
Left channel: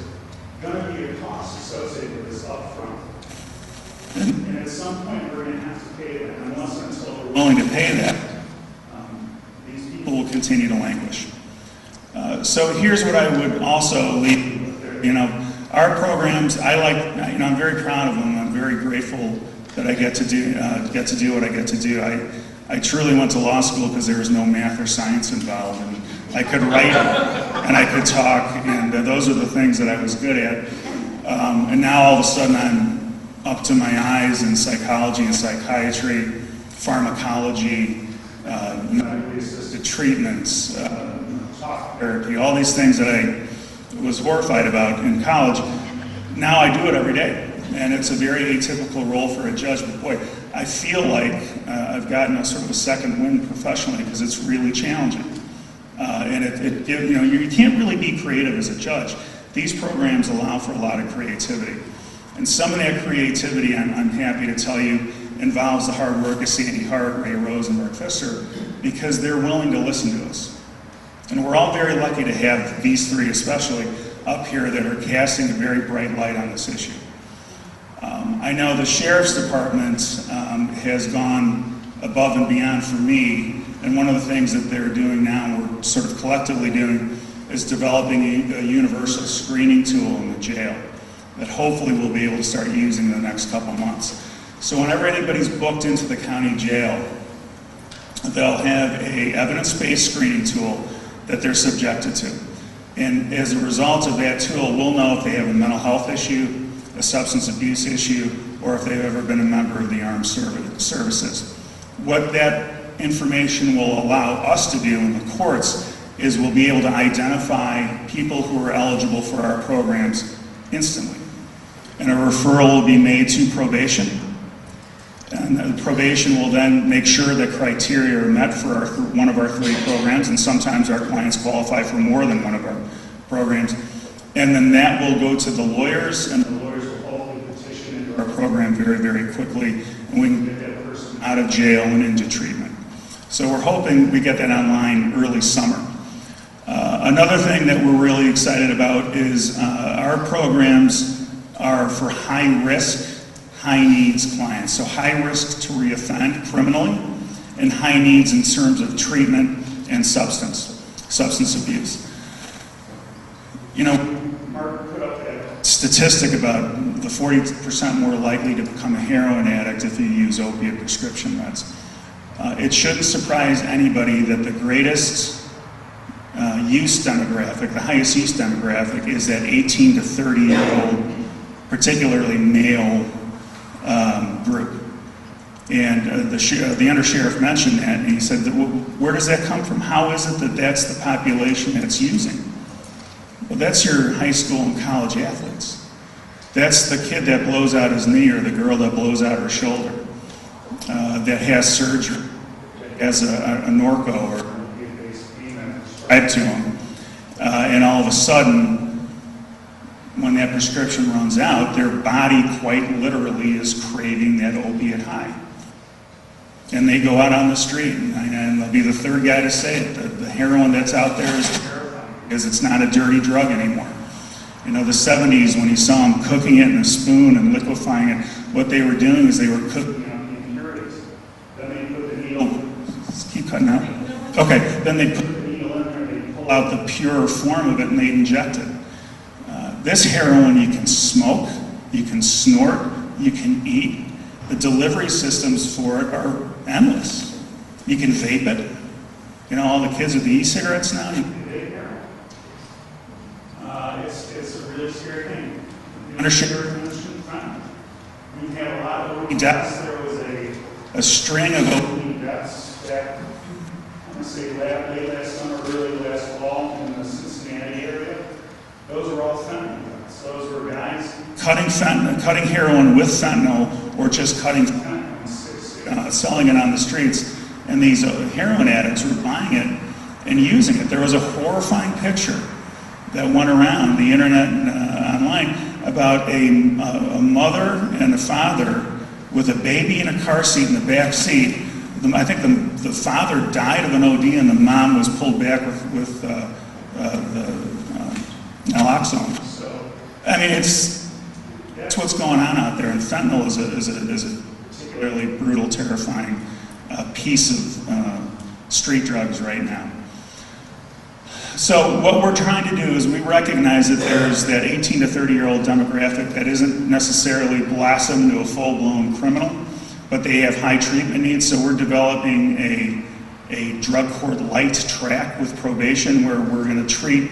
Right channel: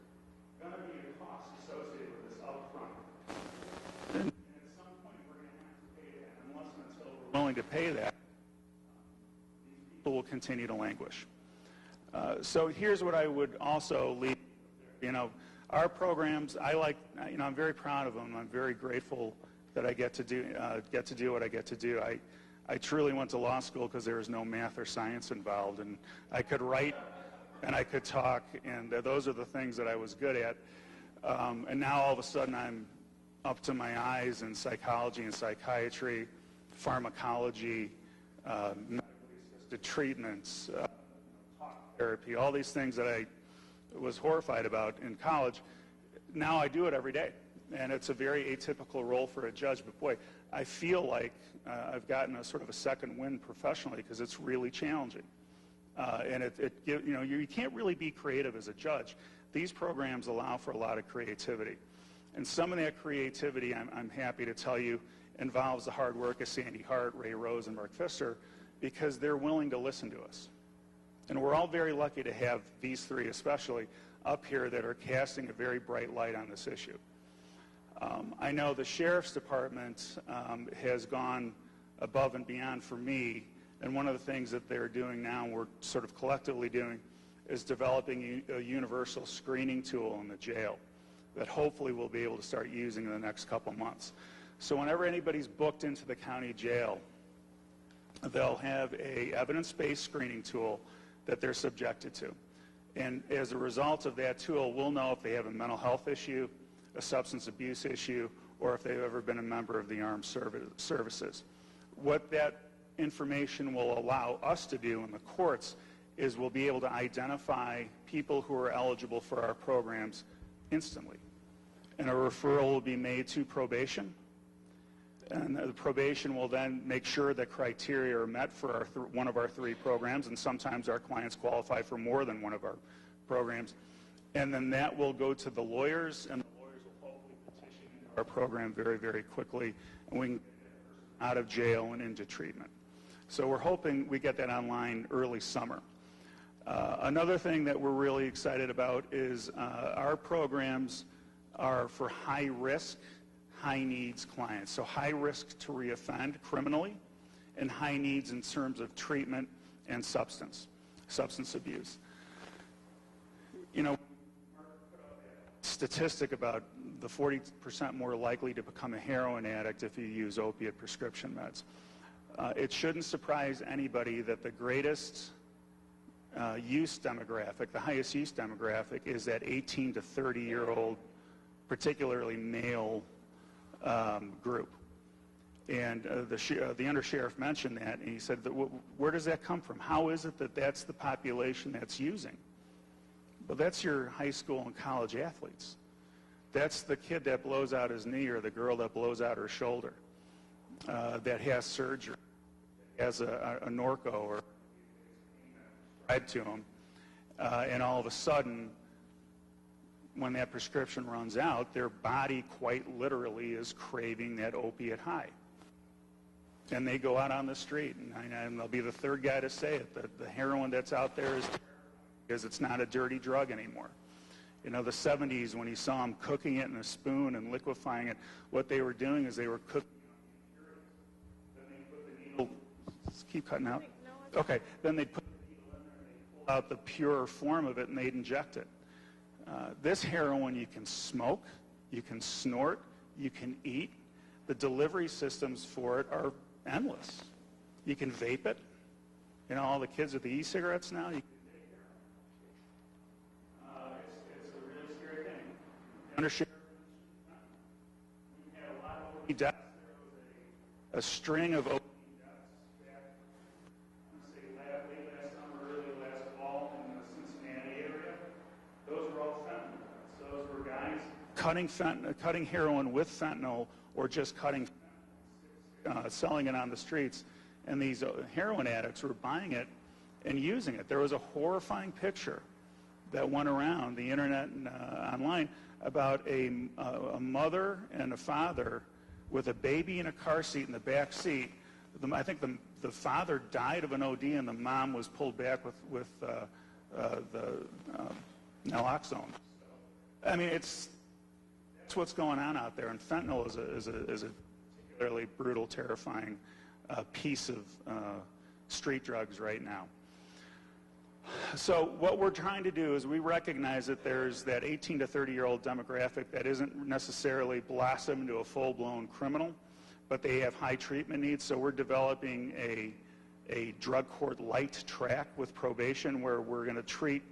going to be a cost associated with this up front. And at some point we're going to have to pay that. Unless and until we're willing to pay that, these people will continue to languish. So here's what I would also leave with there. Our programs, I'm very proud of them. I'm very grateful that I get to do what I get to do. I truly went to law school because there was no math or science involved, and I could write and I could talk, and those are the things that I was good at. And now all of a sudden I'm up to my eyes in psychology and psychiatry, pharmacology, medically assisted treatments, talk therapy, all these things that I was horrified about in college. Now I do it every day, and it's a very atypical role for a judge, but boy, I feel like I've gotten a sort of a second wind professionally because it's really challenging. And you can't really be creative as a judge. These programs allow for a lot of creativity. And some of that creativity, I'm happy to tell you, involves the hard work of Sandy Hart, Ray Rose, and Mark Pfister, because they're willing to listen to us. And we're all very lucky to have these three especially up here that are casting a very bright light on this issue. I know the Sheriff's Department has gone above and beyond for me, and one of the things that they're doing now, and we're sort of collectively doing, is developing a universal screening tool in the jail that hopefully we'll be able to start using in the next couple months. So whenever anybody's booked into the county jail, they'll have a evidence-based screening tool that they're subjected to. And as a result of that tool, we'll know if they have a mental health issue, a substance abuse issue, or if they've ever been a member of the armed services. What that information will allow us to do in the courts is we'll be able to identify people who are eligible for our programs instantly. And a referral will be made to probation. And the probation will then make sure that criteria are met for one of our three programs, and sometimes our clients qualify for more than one of our programs. And then that will go to the lawyers, and the lawyers will hopefully petition into our program very, very quickly, and we can get that person out of jail and into treatment. So we're hoping we get that online early summer. Another thing that we're really excited about is our programs are for high-risk, high-needs clients. So high risk to reoffend criminally, and high needs in terms of treatment and substance abuse. Mark put up that statistic about the 40% more likely to become a heroin addict if you use opiate prescription meds. It shouldn't surprise anybody that the greatest use demographic, the highest use demographic, is that 18 to 30-year-old, particularly male group. And the undersheriff mentioned that, and he said, where does that come from? How is it that that's the population that's using? Well, that's your high school and college athletes. That's the kid that blows out his knee or the girl that blows out her shoulder, that has surgery, has a Norco or tied to them. And all of a sudden, when that prescription runs out, their body quite literally is craving that opiate high. And they go out on the street, and they'll be the third guy to say it. The heroin that's out there is terrifying because it's not a dirty drug anymore. You know, the 70s, when you saw them cooking it in a spoon and liquefying it, what they were doing is they were cooking out the impurities. Then they put the needle, keep cutting out. Okay, then they put the needle in there, they pull out the pure form of it, and they inject it. This heroin you can smoke, you can snort, you can eat. The delivery systems for it are endless. You can vape it. You know, all the kids with the e-cigarettes now, you can vape heroin. It's a really scary thing. Undersugar, we have a lot of OD deaths. There was a string of OD deaths back, I'm going to say late last summer, early last fall in the Cincinnati area. Those were all fentanyl deaths. Those were guys cutting heroin with fentanyl, or just cutting fentanyl, selling it on the streets. And these heroin addicts were buying it and using it. There was a horrifying picture that went around the internet and online about a mother and a father with a baby in a car seat in the back seat. I think the father died of an OD and the mom was pulled back with the naloxone. So, I mean, that's what's going on out there, and fentanyl is a particularly brutal, terrifying piece of street drugs right now. So what we're trying to do is we recognize that there's that 18 to 30-year-old demographic that isn't necessarily blossomed to a full-blown criminal, but they have high treatment needs, so we're developing a drug court light track with probation where we're going to treat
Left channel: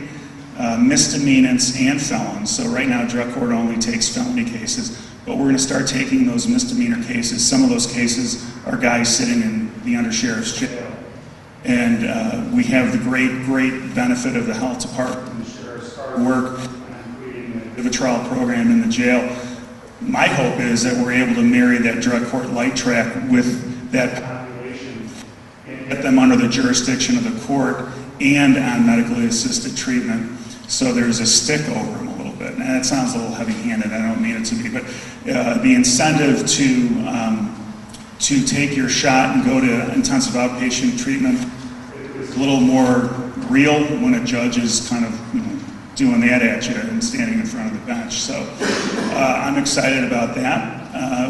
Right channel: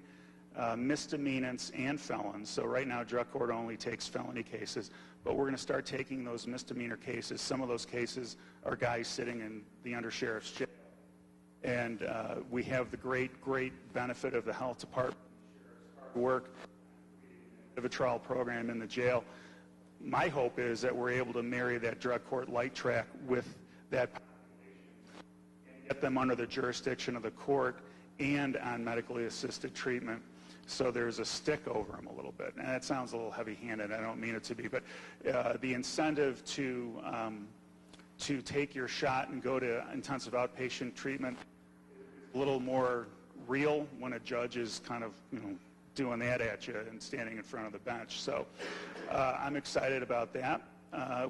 misdemeanants and felons. So right now, drug court only takes felony cases, but we're going to start taking those misdemeanor cases. Some of those cases are guys sitting in the undersheriff's jail. And we have the great benefit of the health department and the sheriff's hard work on creating a trial program in the jail. My hope is that we're able to marry that drug court light track with that population and get them under the jurisdiction of the court and on medically assisted treatment. So there's a stick over them a little bit. And that sounds a little heavy-handed, I don't mean it to be, but the incentive to take your shot and go to intensive outpatient treatment is a little more real when a judge is kind of doing that at you and standing in front of the bench. So I'm excited about that.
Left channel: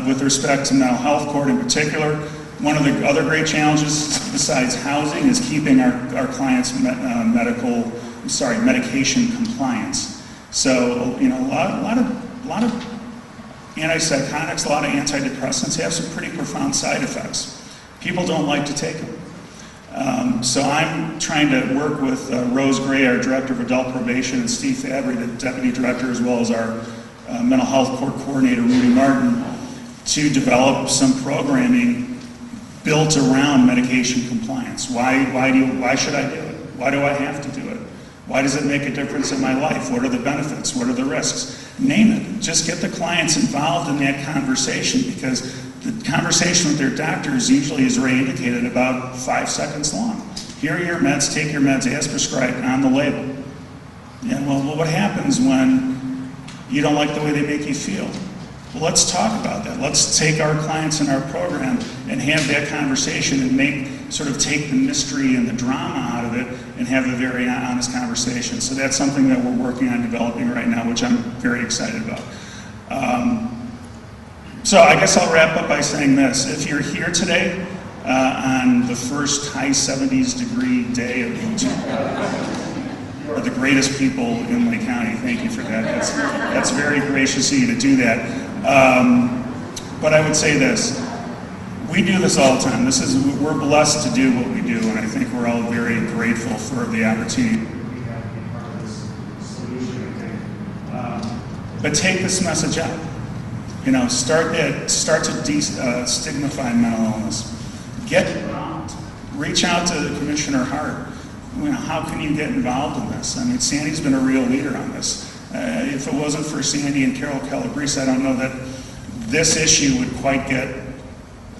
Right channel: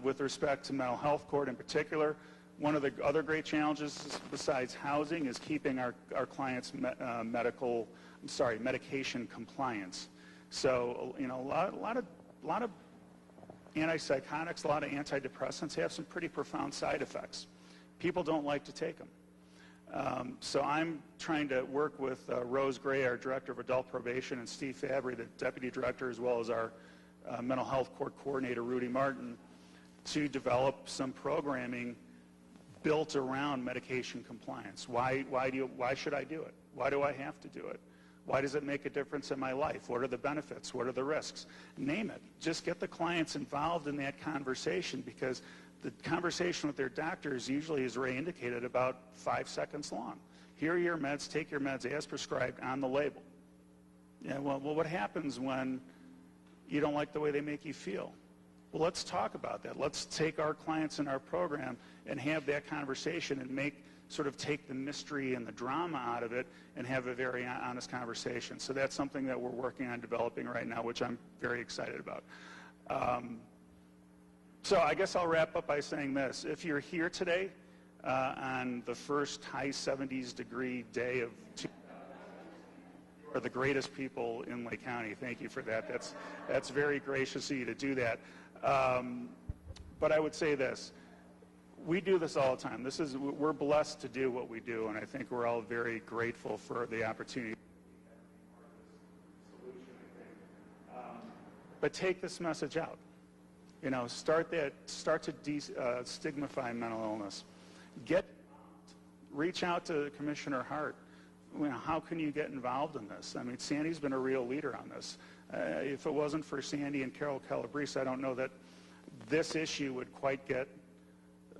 With respect to mental health court in particular, one of the other great challenges besides housing is keeping our clients' medication compliance. So, you know, a lot of antipsychotics, a lot of antidepressants have some pretty profound side effects. People don't like to take them. So I'm trying to work with Rose Gray, our Director of Adult Probation, and Steve Fabry, the Deputy Director, as well as our Mental Health Court Coordinator, Rudy Martin, to develop some programming built around medication compliance. Why should I do it? Why do I have to do it? Why does it make a difference in my life? What are the benefits? What are the risks? Name it. Just get the clients involved in that conversation, because the conversation with their doctors usually, as Ray indicated, about 5 seconds long. Here are your meds, take your meds as prescribed on the label. And well, what happens when you don't like the way they make you feel? Well, let's talk about that. Let's take our clients in our program and have that conversation and take the mystery and the drama out of it and have a very honest conversation. So that's something that we're working on developing right now, which I'm very excited about. So I guess I'll wrap up by saying this. If you're here today on the first high 70s degree day of the you are the greatest people in Lake County. Thank you for that. That's very gracious of you to do that. But I would say this. We do this all the time. We're blessed to do what we do, and I think we're all very grateful for the opportunity we have to be part of this solution, I think. But take this message out. You know, start to stigmatizing mental illness. Get involved. Reach out to Commissioner Hart. You know, how can you get involved in this? I mean, Sandy's been a real leader on this. If it wasn't for Sandy and Carol Calabrese, I don't know that this issue would quite get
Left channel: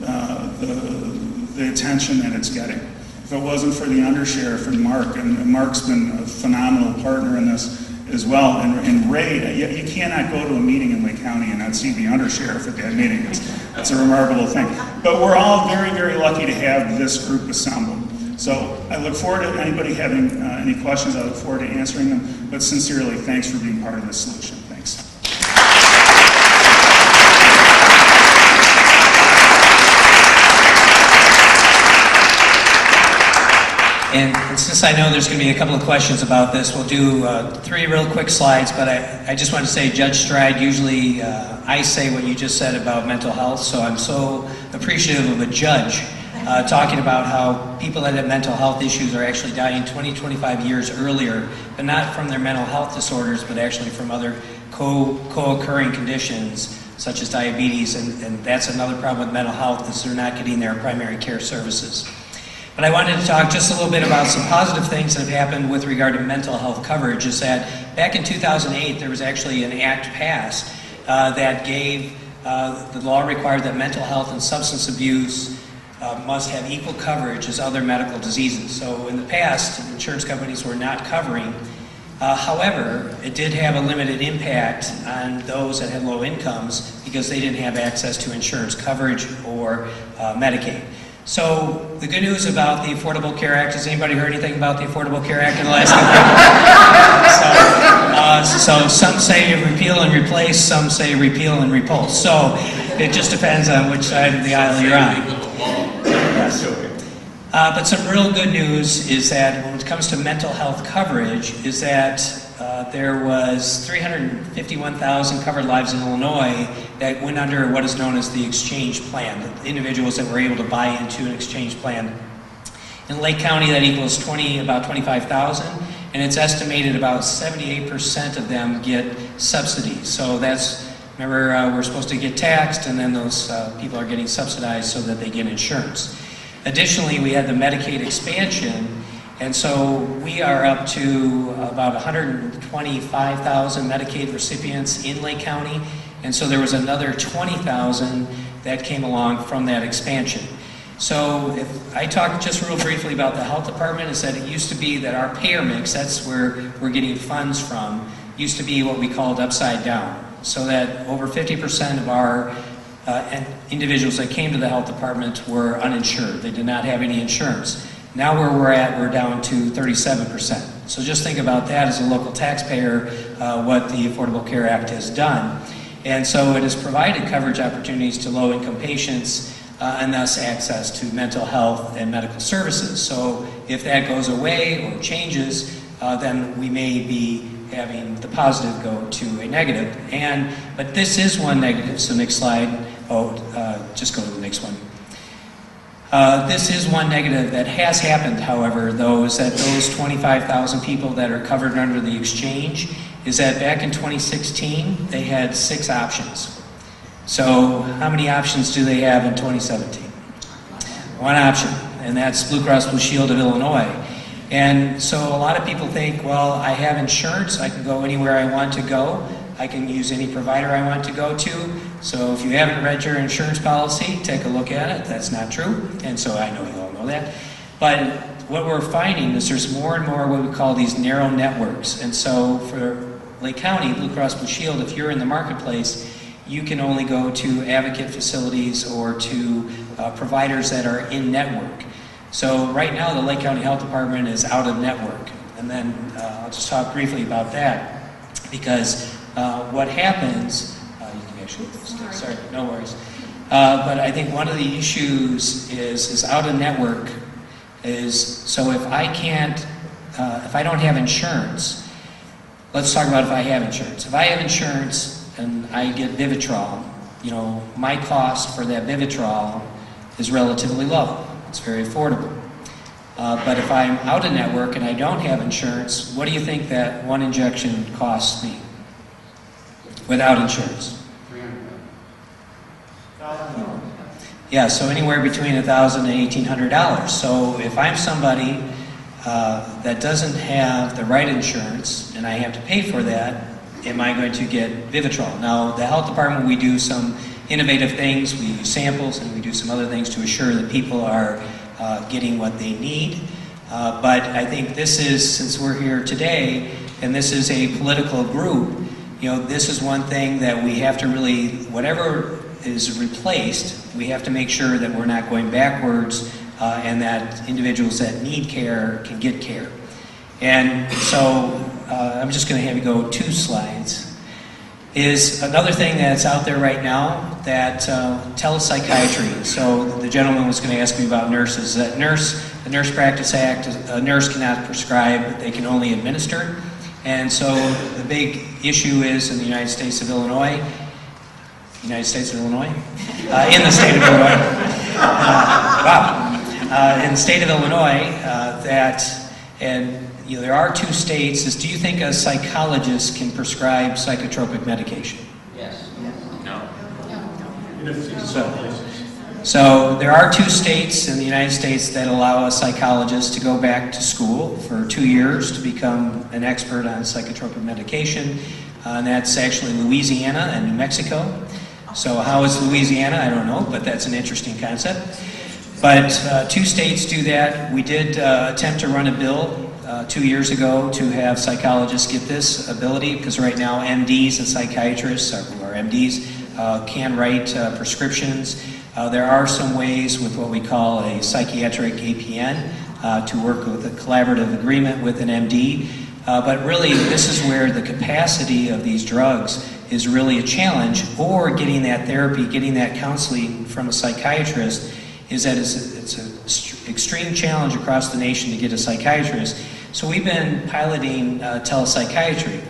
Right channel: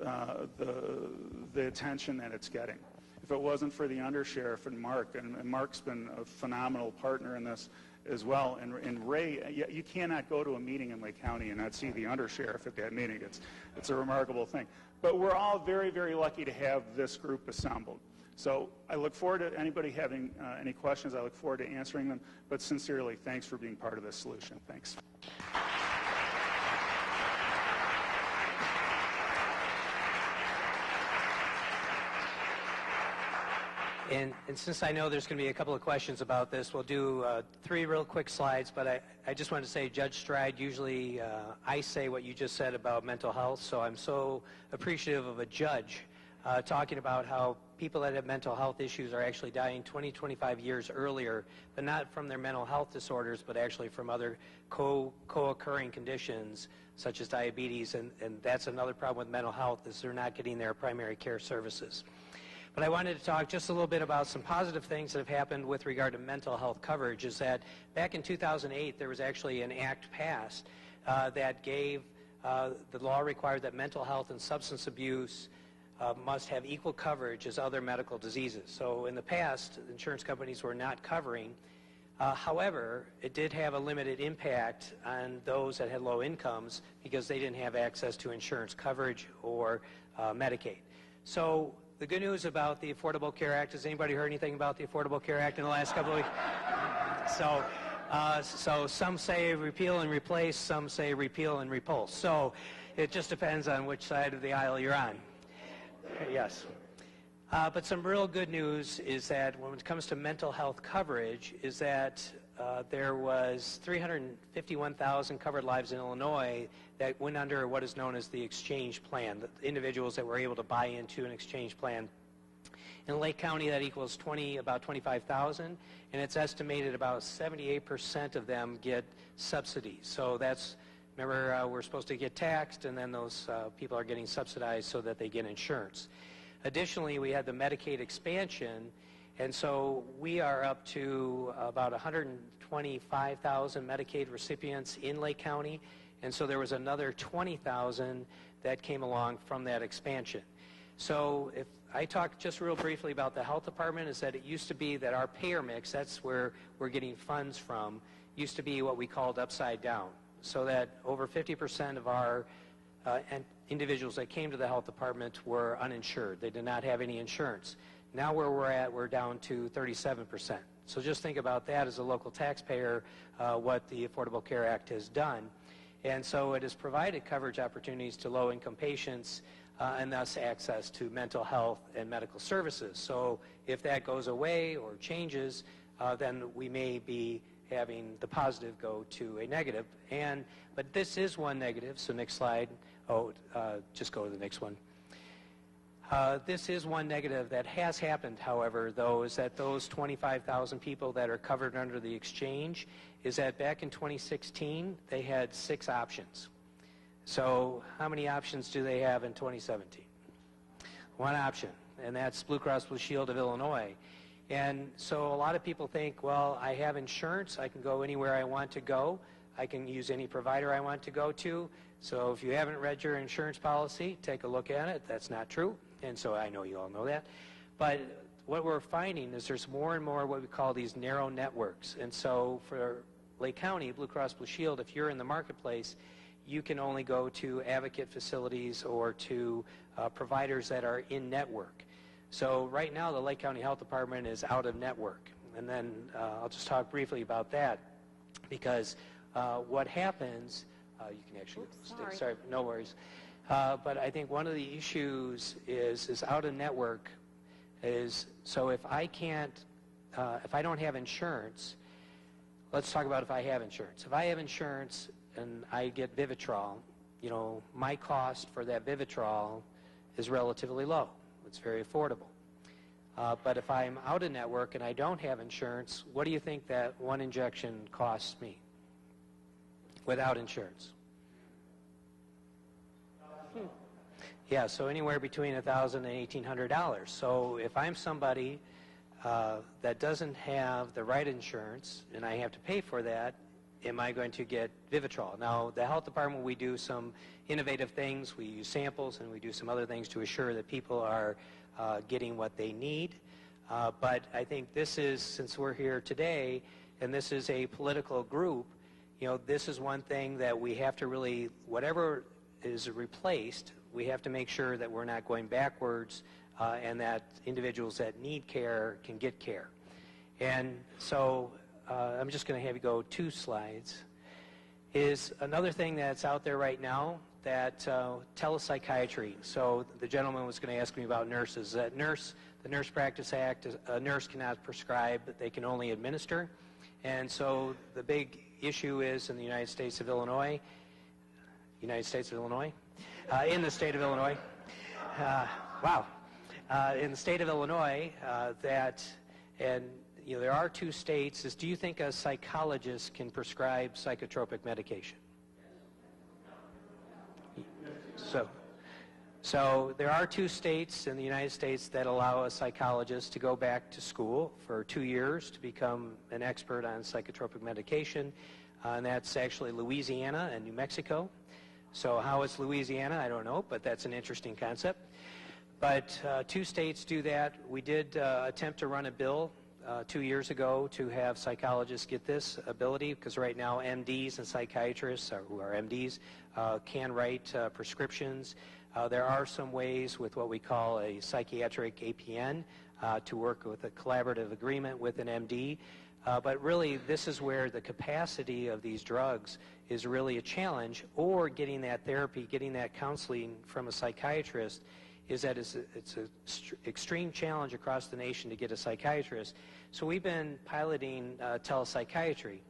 the attention that it's getting. If it wasn't for the undersheriff and Mark's been a phenomenal partner in this as well. And Ray, you cannot go to a meeting in Lake County and not see the undersheriff at that meeting. It's a remarkable thing. But we're all very, very lucky to have this group assembled. So I look forward to anybody having any questions. I look forward to answering them. But sincerely, thanks for being part of this solution. Thanks. And since I know there's going to be a couple of questions about this, we'll do 3 real quick slides, but I just want to say, Judge Stride, usually I say what you just said about mental health, so I'm so appreciative of a judge talking about how people that have mental health issues are actually dying 20, 25 years earlier, but not from their mental health disorders, but actually from other co-occurring conditions, such as diabetes, and that's another problem with mental health, is they're not getting their primary care services. But I wanted to talk just a little bit about some positive things that have happened with regard to mental health coverage. Is that back in 2008, there was actually an act passed that gave, the law required that mental health and substance abuse must have equal coverage as other medical diseases. So in the past, insurance companies were not covering. However, it did have a limited impact on those that had low incomes because they didn't have access to insurance coverage or Medicaid. So the good news about the Affordable Care Act, has anybody heard anything about the Affordable Care Act in the last couple of years? So some say repeal and replace, some say repeal and repulse. So it just depends on which side of the aisle you're on. Yes. But some real good news is that when it comes to mental health coverage, is that there was 351,000 covered lives in Illinois that went under what is known as the exchange plan, the individuals that were able to buy into an exchange plan. In Lake County, that equals about 25,000, and it's estimated about 78% of them get subsidies. So that's, remember, we're supposed to get taxed, and then those people are getting subsidized so that they get insurance. Additionally, we had the Medicaid expansion, and so we are up to about 125,000 Medicaid recipients in Lake County, and so there was another 20,000 that came along from that expansion. So if I talk just real briefly about the health department, is that it used to be that our payer mix, that's where we're getting funds from, used to be what we called upside down. So that over 50% of our individuals that came to the health department were uninsured. They did not have any insurance. Now where we're at, we're down to 37%. So just think about that as a local taxpayer, what the Affordable Care Act has done. And so it has provided coverage opportunities to low-income patients and thus access to mental health and medical services. So if that goes away or changes, then we may be having the positive go to a negative. But this is one negative, so next slide. Just go to the next one. This is one negative that has happened, however, though, is that those 25,000 people that are covered under the exchange, is that back in 2016, they had 6 options. So how many options do they have in 2017? 1 option, and that's Blue Cross Blue Shield of Illinois. And so a lot of people think, well, I have insurance, I can go anywhere I want to go, I can use any provider I want to go to. So if you haven't read your insurance policy, take a look at it. That's not true, and so I know you all know that. But what we're finding is there's more and more what we call these narrow networks. And so for Lake County, Blue Cross Blue Shield, if you're in the marketplace, you can only go to advocate facilities or to providers that are in network. So right now, the Lake County Health Department is out of network. And then I'll just talk briefly about that, because what happens, you can actually, sorry, no worries. But I think one of the issues is out of network is, so if I can't, if I don't have insurance, let's talk about if I have insurance. If I have insurance and I get Vivitrol, you know, my cost for that Vivitrol is relatively low. It's very affordable. But if I'm out of network and I don't have insurance, what do you think that one injection costs me without insurance? Yeah, so anywhere between $1,000 and $1,800. So if I'm somebody that doesn't have the right insurance and I have to pay for that, am I going to get Vivitrol? Now, the health department, we do some innovative things. We use samples and we do some other things to assure that people are getting what they need. But I think this is, since we're here today, and this is a political group, you know, this is one thing that we have to really, whatever is replaced, we have to make sure that we're not going backwards and that individuals that need care can get care. And so I'm just going to have you go 2 slides. Is another thing that's out there right now that telepsychiatry. So the gentleman was going to ask me about nurses. That the Nurse Practice Act, a nurse cannot prescribe, they can only administer. And so the big issue is in the United States of Illinois, in the state of Illinois, in the state of Illinois, that, and you know, there are 2 states, is do you think a psychologist can prescribe psychotropic medication? Yes. No. So there are 2 states in the United States that allow a psychologist to go back to school for 2 years to become an expert on psychotropic medication, and that's actually Louisiana and New Mexico. So how is Louisiana? I don't know, but that's an interesting concept. But 2 states do that. We did attempt to run a bill 2 years ago to have psychologists get this ability, because right now MDs and psychiatrists, who are MDs, can write prescriptions. There are some ways with what we call a psychiatric APN to work with a collaborative agreement with an MD. But really, this is where the capacity of these drugs is really a challenge, or getting that therapy, getting that counseling from a psychiatrist, is that it's an extreme challenge across the nation to get a psychiatrist. So we've been piloting telepsychiatry.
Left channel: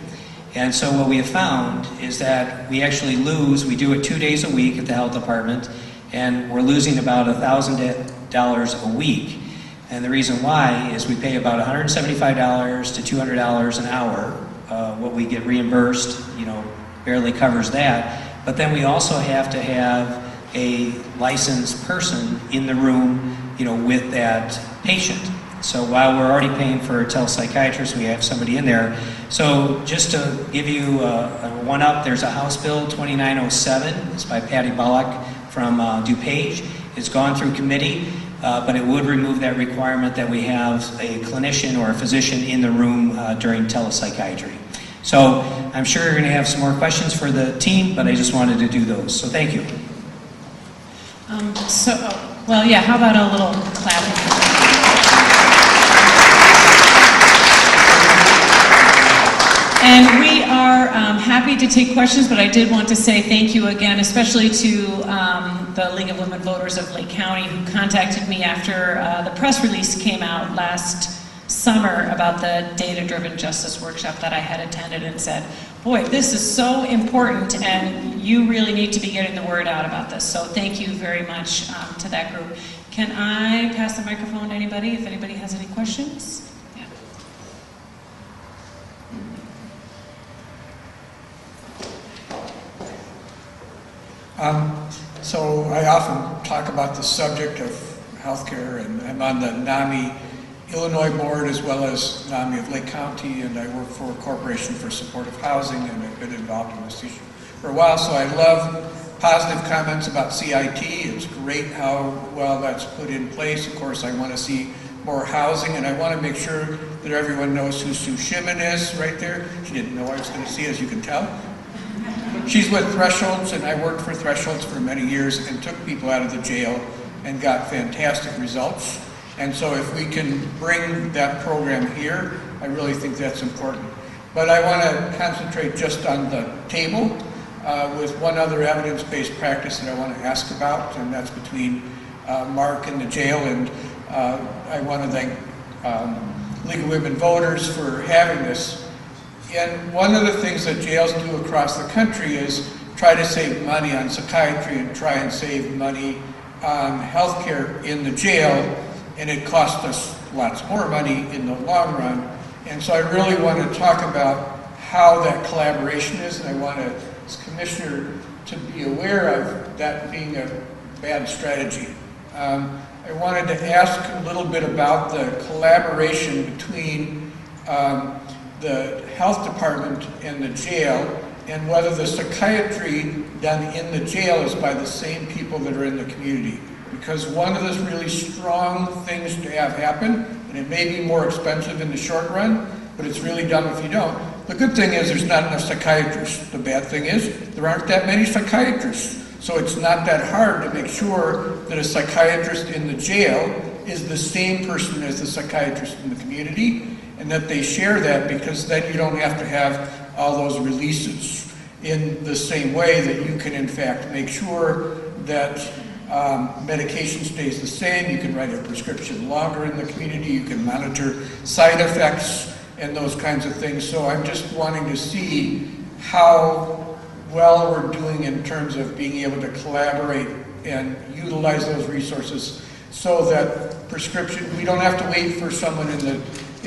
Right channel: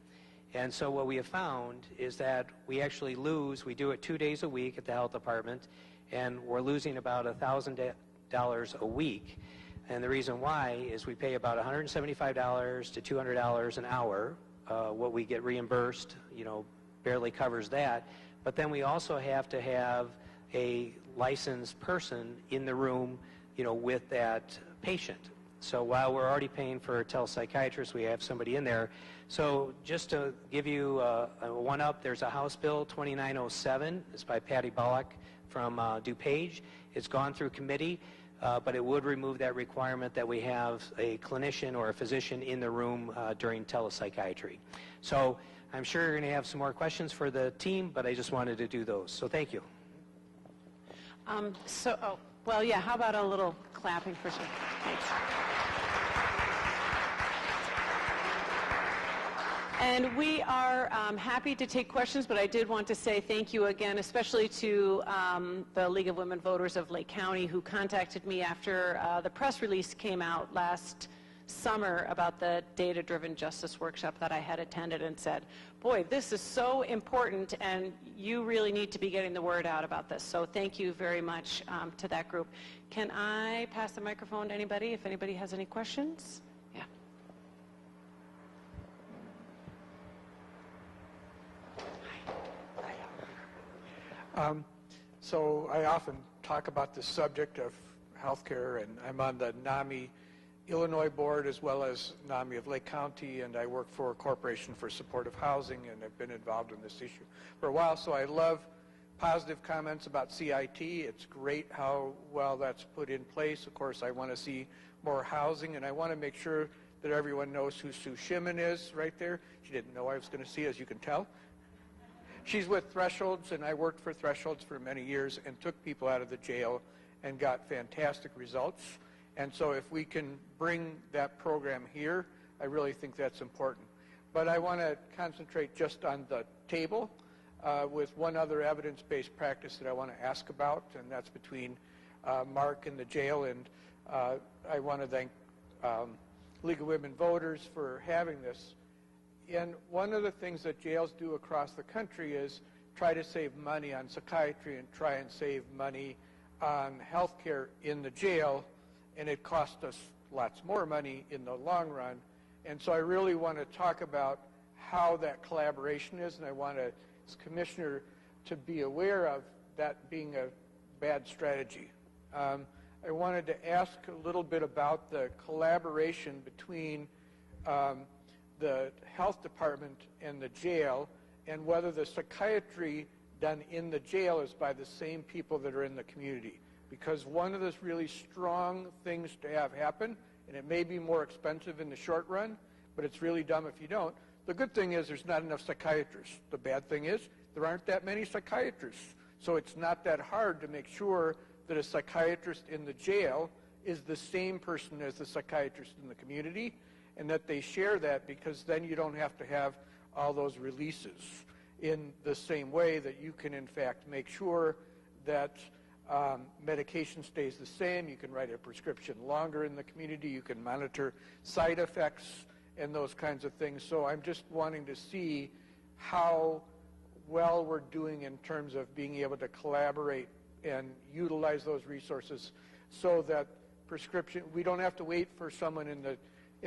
And so what we have found is that we actually lose, we do it 2 days a week at the health department, and we're losing about $1,000 a week. And the reason why is we pay about $175 to $200 an hour. What we get reimbursed, you know, barely covers that. But then we also have to have a licensed person in the room, you know, with that patient. So while we're already paying for a telepsychiatrist, we have somebody in there. So just to give you a one up, there's a House Bill 2907. It's by Patty Bullock from DuPage. It's gone through committee, but it would remove that requirement that we have a clinician or a physician in the room during telepsychiatry. So I'm sure you're going to have some more questions for the team, but I just wanted to do those. So thank you. Well, yeah, how about a little clapping? And we are happy to take questions, but I did want to say thank you again, especially to the League of Women Voters of Lake County, who contacted me after the press release came out last summer about the data-driven justice workshop that I had attended, and said, boy, this is so important and you really need to be getting the word out about this. So thank you very much to that group. Can I pass the microphone to anybody if anybody has any questions? Yeah. So I often talk about the subject of healthcare, and I'm on the NAMI Illinois board as well as NAMI of Lake County, and I work for a Corporation for Supportive Housing, and I've been involved in this issue for a while. So I love positive comments about CIT. It's great how well that's put in place. Of course, I want to see more housing, and I want to make sure that everyone knows who Sue Shimon is right there. She didn't know I was going to see, as you can tell. She's with Thresholds, and I worked for Thresholds for many years and took people out of the jail and got fantastic results. And so if we can bring that program here, I really think that's important. But I want to concentrate just on the table with one other evidence-based practice that I want to ask about, and that's between Mark and the jail. And I want to thank League of Women Voters for having this. And one of the things that jails do across the country is try to save money on psychiatry and try and save money on healthcare in the jail, and it costs us lots more money in the long run. And so I really want to talk about how that collaboration is, and I want to, as Commissioner, to be aware of that being a bad strategy. I wanted to ask a little bit about the collaboration between the health department and the jail, and whether the psychiatry done in the jail is by the same people that are in the community. Because one of the really strong things to have happen, and it may be more expensive in the short run, but it's really dumb if you don't. The good thing is there's not enough psychiatrists. The bad thing is there aren't that many psychiatrists. So it's not that hard to make sure that a psychiatrist in the jail is the same person as the psychiatrist in the community, and that they share that, because then you don't have to have all those releases in the same way, that you can in fact make sure that medication stays the same. You can write a prescription longer in the community. You can monitor side effects and those kinds of things. So I'm just wanting to see how well we're doing in terms of being able to collaborate and utilize those resources, so that prescription, we don't have to wait for someone in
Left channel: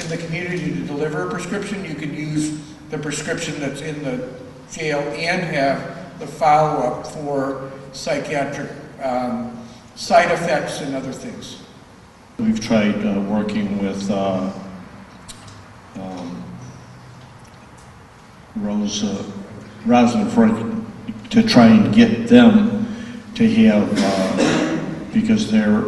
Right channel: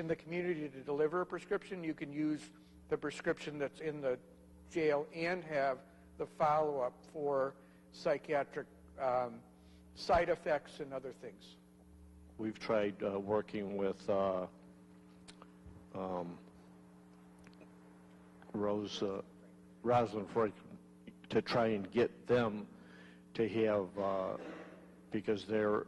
the community to deliver a prescription. You can use the prescription that's in the jail and have the follow-up for psychiatric side effects and other things. We've tried working with Rosenford to try and get them to have, because they're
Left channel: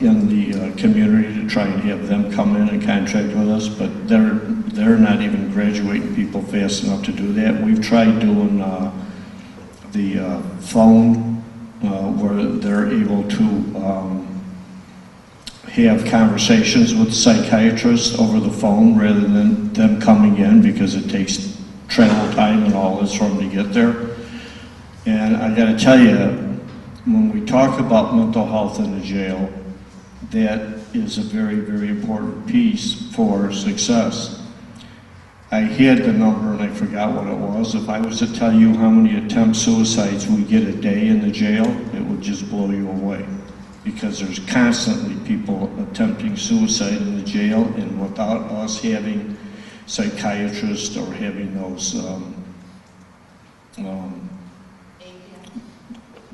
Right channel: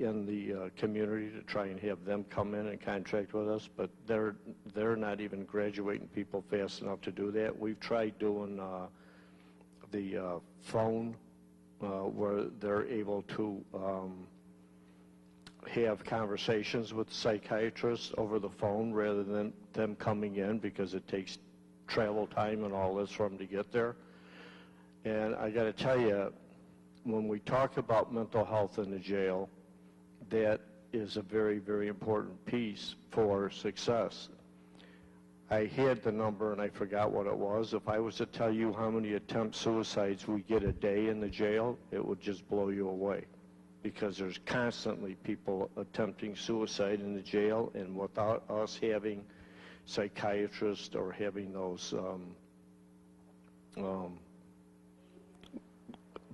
in the community, to try and have them come in and contract with us, but they're not even graduating people fast enough to do that. We've tried doing the phone where they're able to have conversations with psychiatrists over the phone rather than them coming in, because it takes travel time and all this for them to get there. And I got to tell you, when we talk about mental health in the jail, that is a very, very important piece for success. I had the number and I forgot what it was. If I was to tell you how many attempt suicides we get a day in the jail, it would just blow you away. Because there's constantly people attempting suicide in the jail, and without us having psychiatrists or having those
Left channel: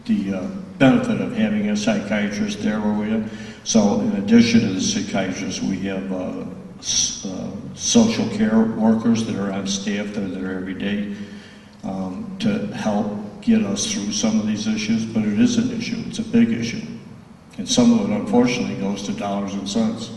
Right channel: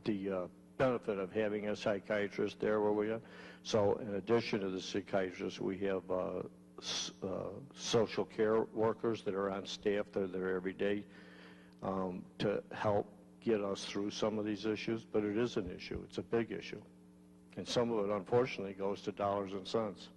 the benefit of having a psychiatrist there where we are. So in addition to the psychiatrists, we have social care workers that are on staff that are there every day to help get us through some of these issues. But it is an issue. It's a big issue. And some of it, unfortunately, goes to dollars and cents.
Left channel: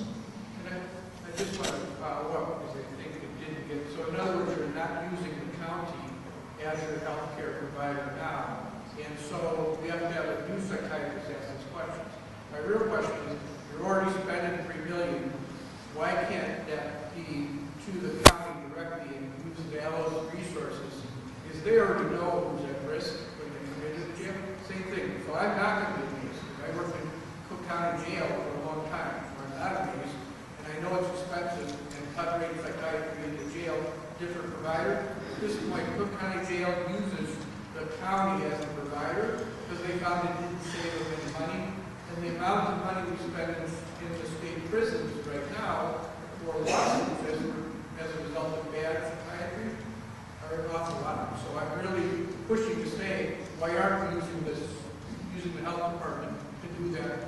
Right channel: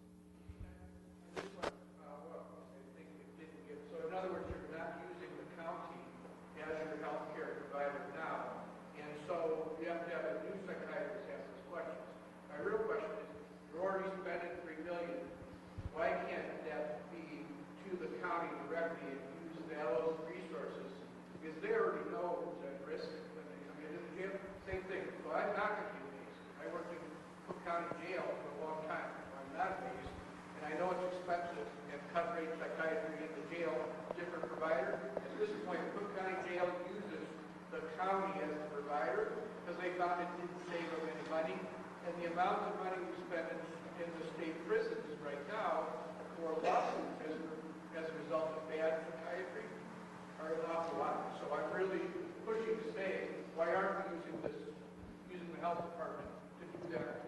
I just wanted to follow up, because I think it didn't get, so in other words, you're not using the county as your health care provider now, and so we have to have a new psychiatrist ask these questions. My real question is, you're already spending $3 million, why can't that be to the county directly and use those resources? Because they already know who's at risk when they come into the jail. Same thing. So I'm not going to be amazed. I worked in Cook County Jail for a long time. I'm not amazed. And I know it's expensive and covering psychiatry in the jail, different provider. At this point, Cook County Jail uses the county as a provider because they found it didn't save them any money. And the amount of money we spend in the state prisons right now for lawsuits as a result of bad psychiatry are an awful lot. So I'm really pushing to say, why aren't we using the health department to do that?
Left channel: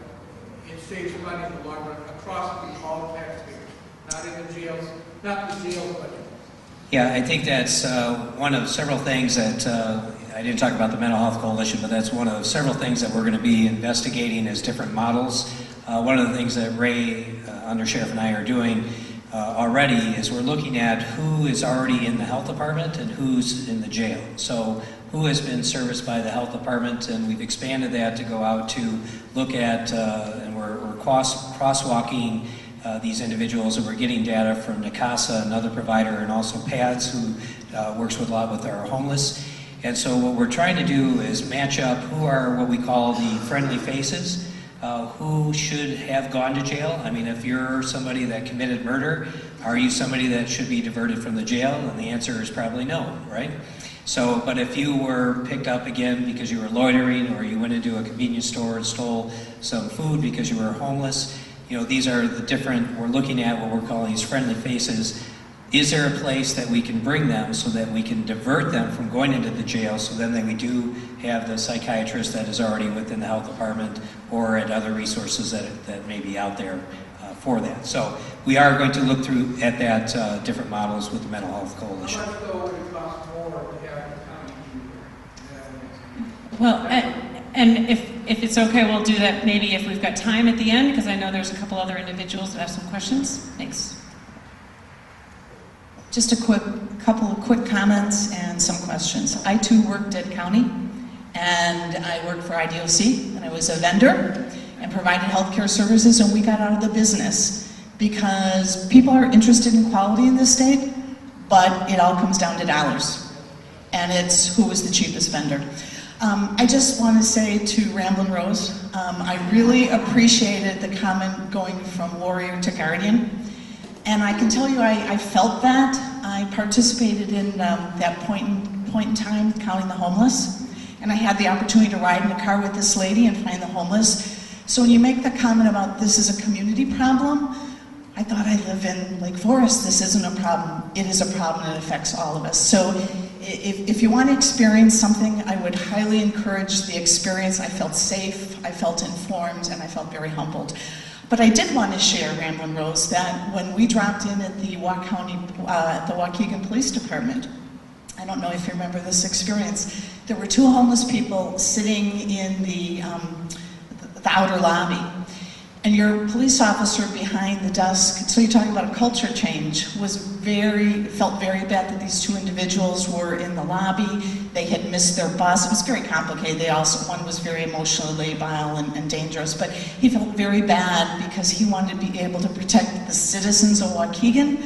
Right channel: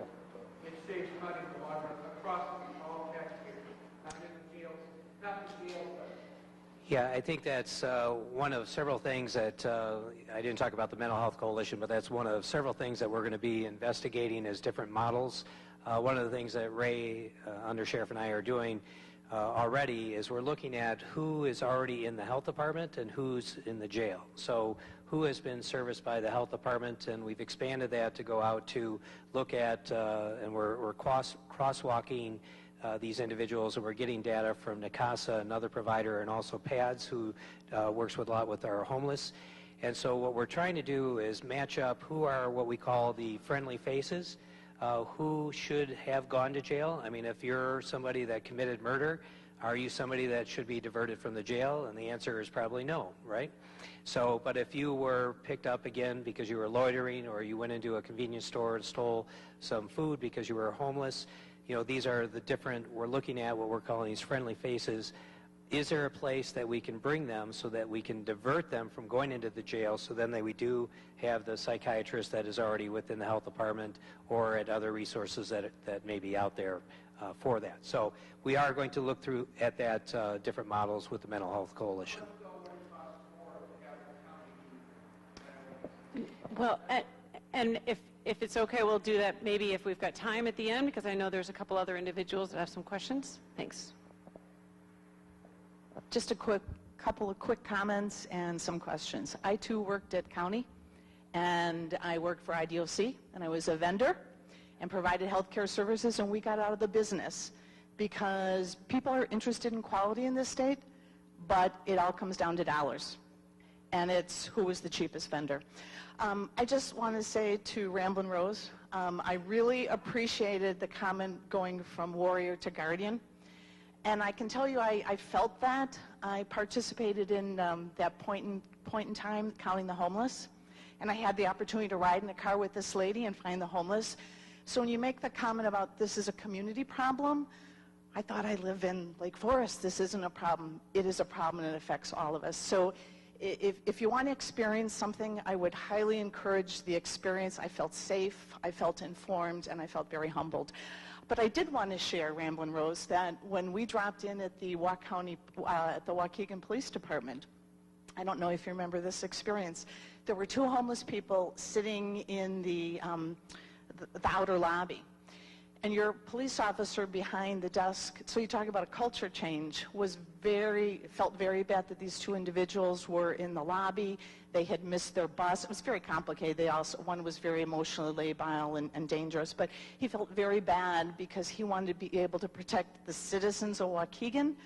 It saves money in the long run across all taxpayers, not in the jails, not the jail budget. Yeah, I think that's one of several things that, I didn't talk about the Mental Health Coalition, but that's one of several things that we're going to be investigating as different models. One of the things that Ray, Undersheriff, and I are doing already is we're looking at who is already in the health department and who's in the jail. So who has been serviced by the health department, and we've expanded that to go out to look at, and we're crosswalking these individuals, and we're getting data from NACASA, another provider, and also PADS, who works with a lot with our homeless. And so what we're trying to do is match up who are what we call the friendly faces, who should have gone to jail. I mean, if you're somebody that committed murder, are you somebody that should be diverted from the jail? And the answer is probably no, right? So, but if you were picked up again because you were loitering, or you went into a convenience store and stole some food because you were homeless, you know, these are the different, we're looking at what we're calling these friendly faces. Is there a place that we can bring them so that we can divert them from going into the jail, so then we do have the psychiatrist that is already within the health department or at other resources that may be out there for that. So we are going to look through at that different models with the Mental Health Coalition. How much though would it cost more to have the county do that? Well, and if it's okay, we'll do that maybe if we've got time at the end, because I know there's a couple other individuals that have some questions. Thanks. Just a couple of quick comments and some questions. I too worked at county, and I worked for IDOC, and I was a vendor and provided healthcare services, and we got out of the business because people are interested in quality in this state, but it all comes down to dollars, and it's who is the cheapest vendor. I just want to say to Ramblin' Rose, I really appreciated the comment going from warrior to guardian. And I can tell you, I felt that. I participated in that point in time, counting the homeless. And I had the opportunity to ride in a car with this lady and find the homeless. So when you make the comment about this is a community problem, I thought I live in Lake Forest. This isn't a problem. It is a problem and it affects all of us. So if you want to experience something, I would highly encourage the experience. I felt safe, I felt informed, and I felt very humbled. But I did want to share, Ramblin' Rose, that when we dropped in at the the Waukegan Police Department, I don't know if you remember this experience, there were two homeless people sitting in the outer lobby. And your police officer behind the desk, so you're talking about a culture change, felt very bad that these two individuals were in the lobby. They had missed their bus. It was very complicated. One was very emotionally labile and dangerous, but he felt very bad because he wanted to be able to protect the citizens of Waukegan.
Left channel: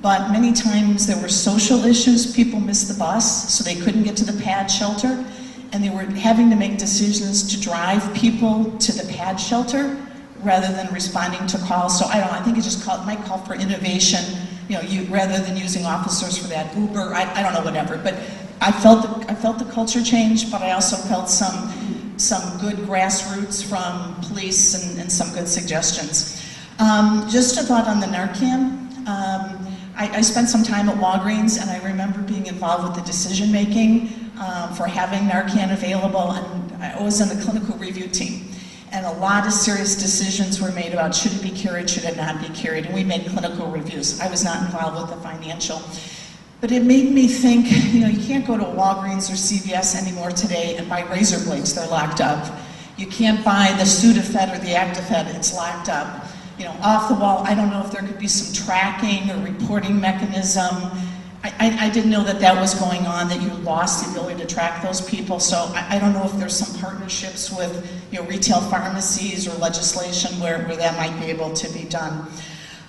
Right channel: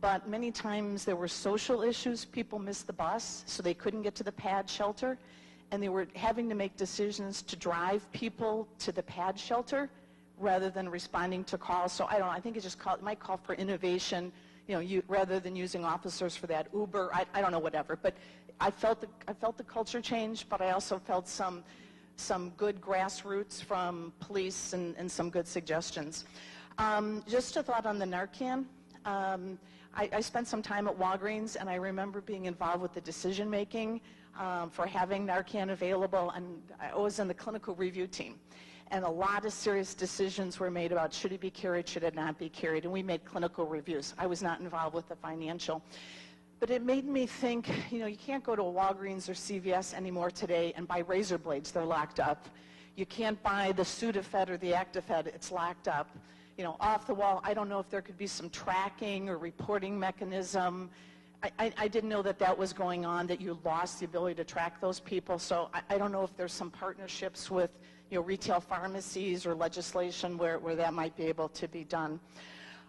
But many times there were social issues. People missed the bus, so they couldn't get to the pad shelter, and they were having to make decisions to drive people to the pad shelter rather than responding to calls. So I think it just might call for innovation, rather than using officers for that Uber, I don't know, whatever. But I felt the culture change, but I also felt some good grassroots from police and some good suggestions. Just a thought on the Narcan. I spent some time at Walgreens, and I remember being involved with the decision making for having Narcan available, and I was on the clinical review team. And a lot of serious decisions were made about should it be carried, should it not be carried, and we made clinical reviews. I was not involved with the financial. But it made me think, you can't go to Walgreens or CVS anymore today and buy razor blades, they're locked up. You can't buy the Sudafed or the Actifed, it's locked up. Off the wall, I don't know if there could be some tracking or reporting mechanism. I didn't know that was going on, that you lost the ability to track those people. So I don't know if there's some partnerships with retail pharmacies or legislation where that might be able to be done.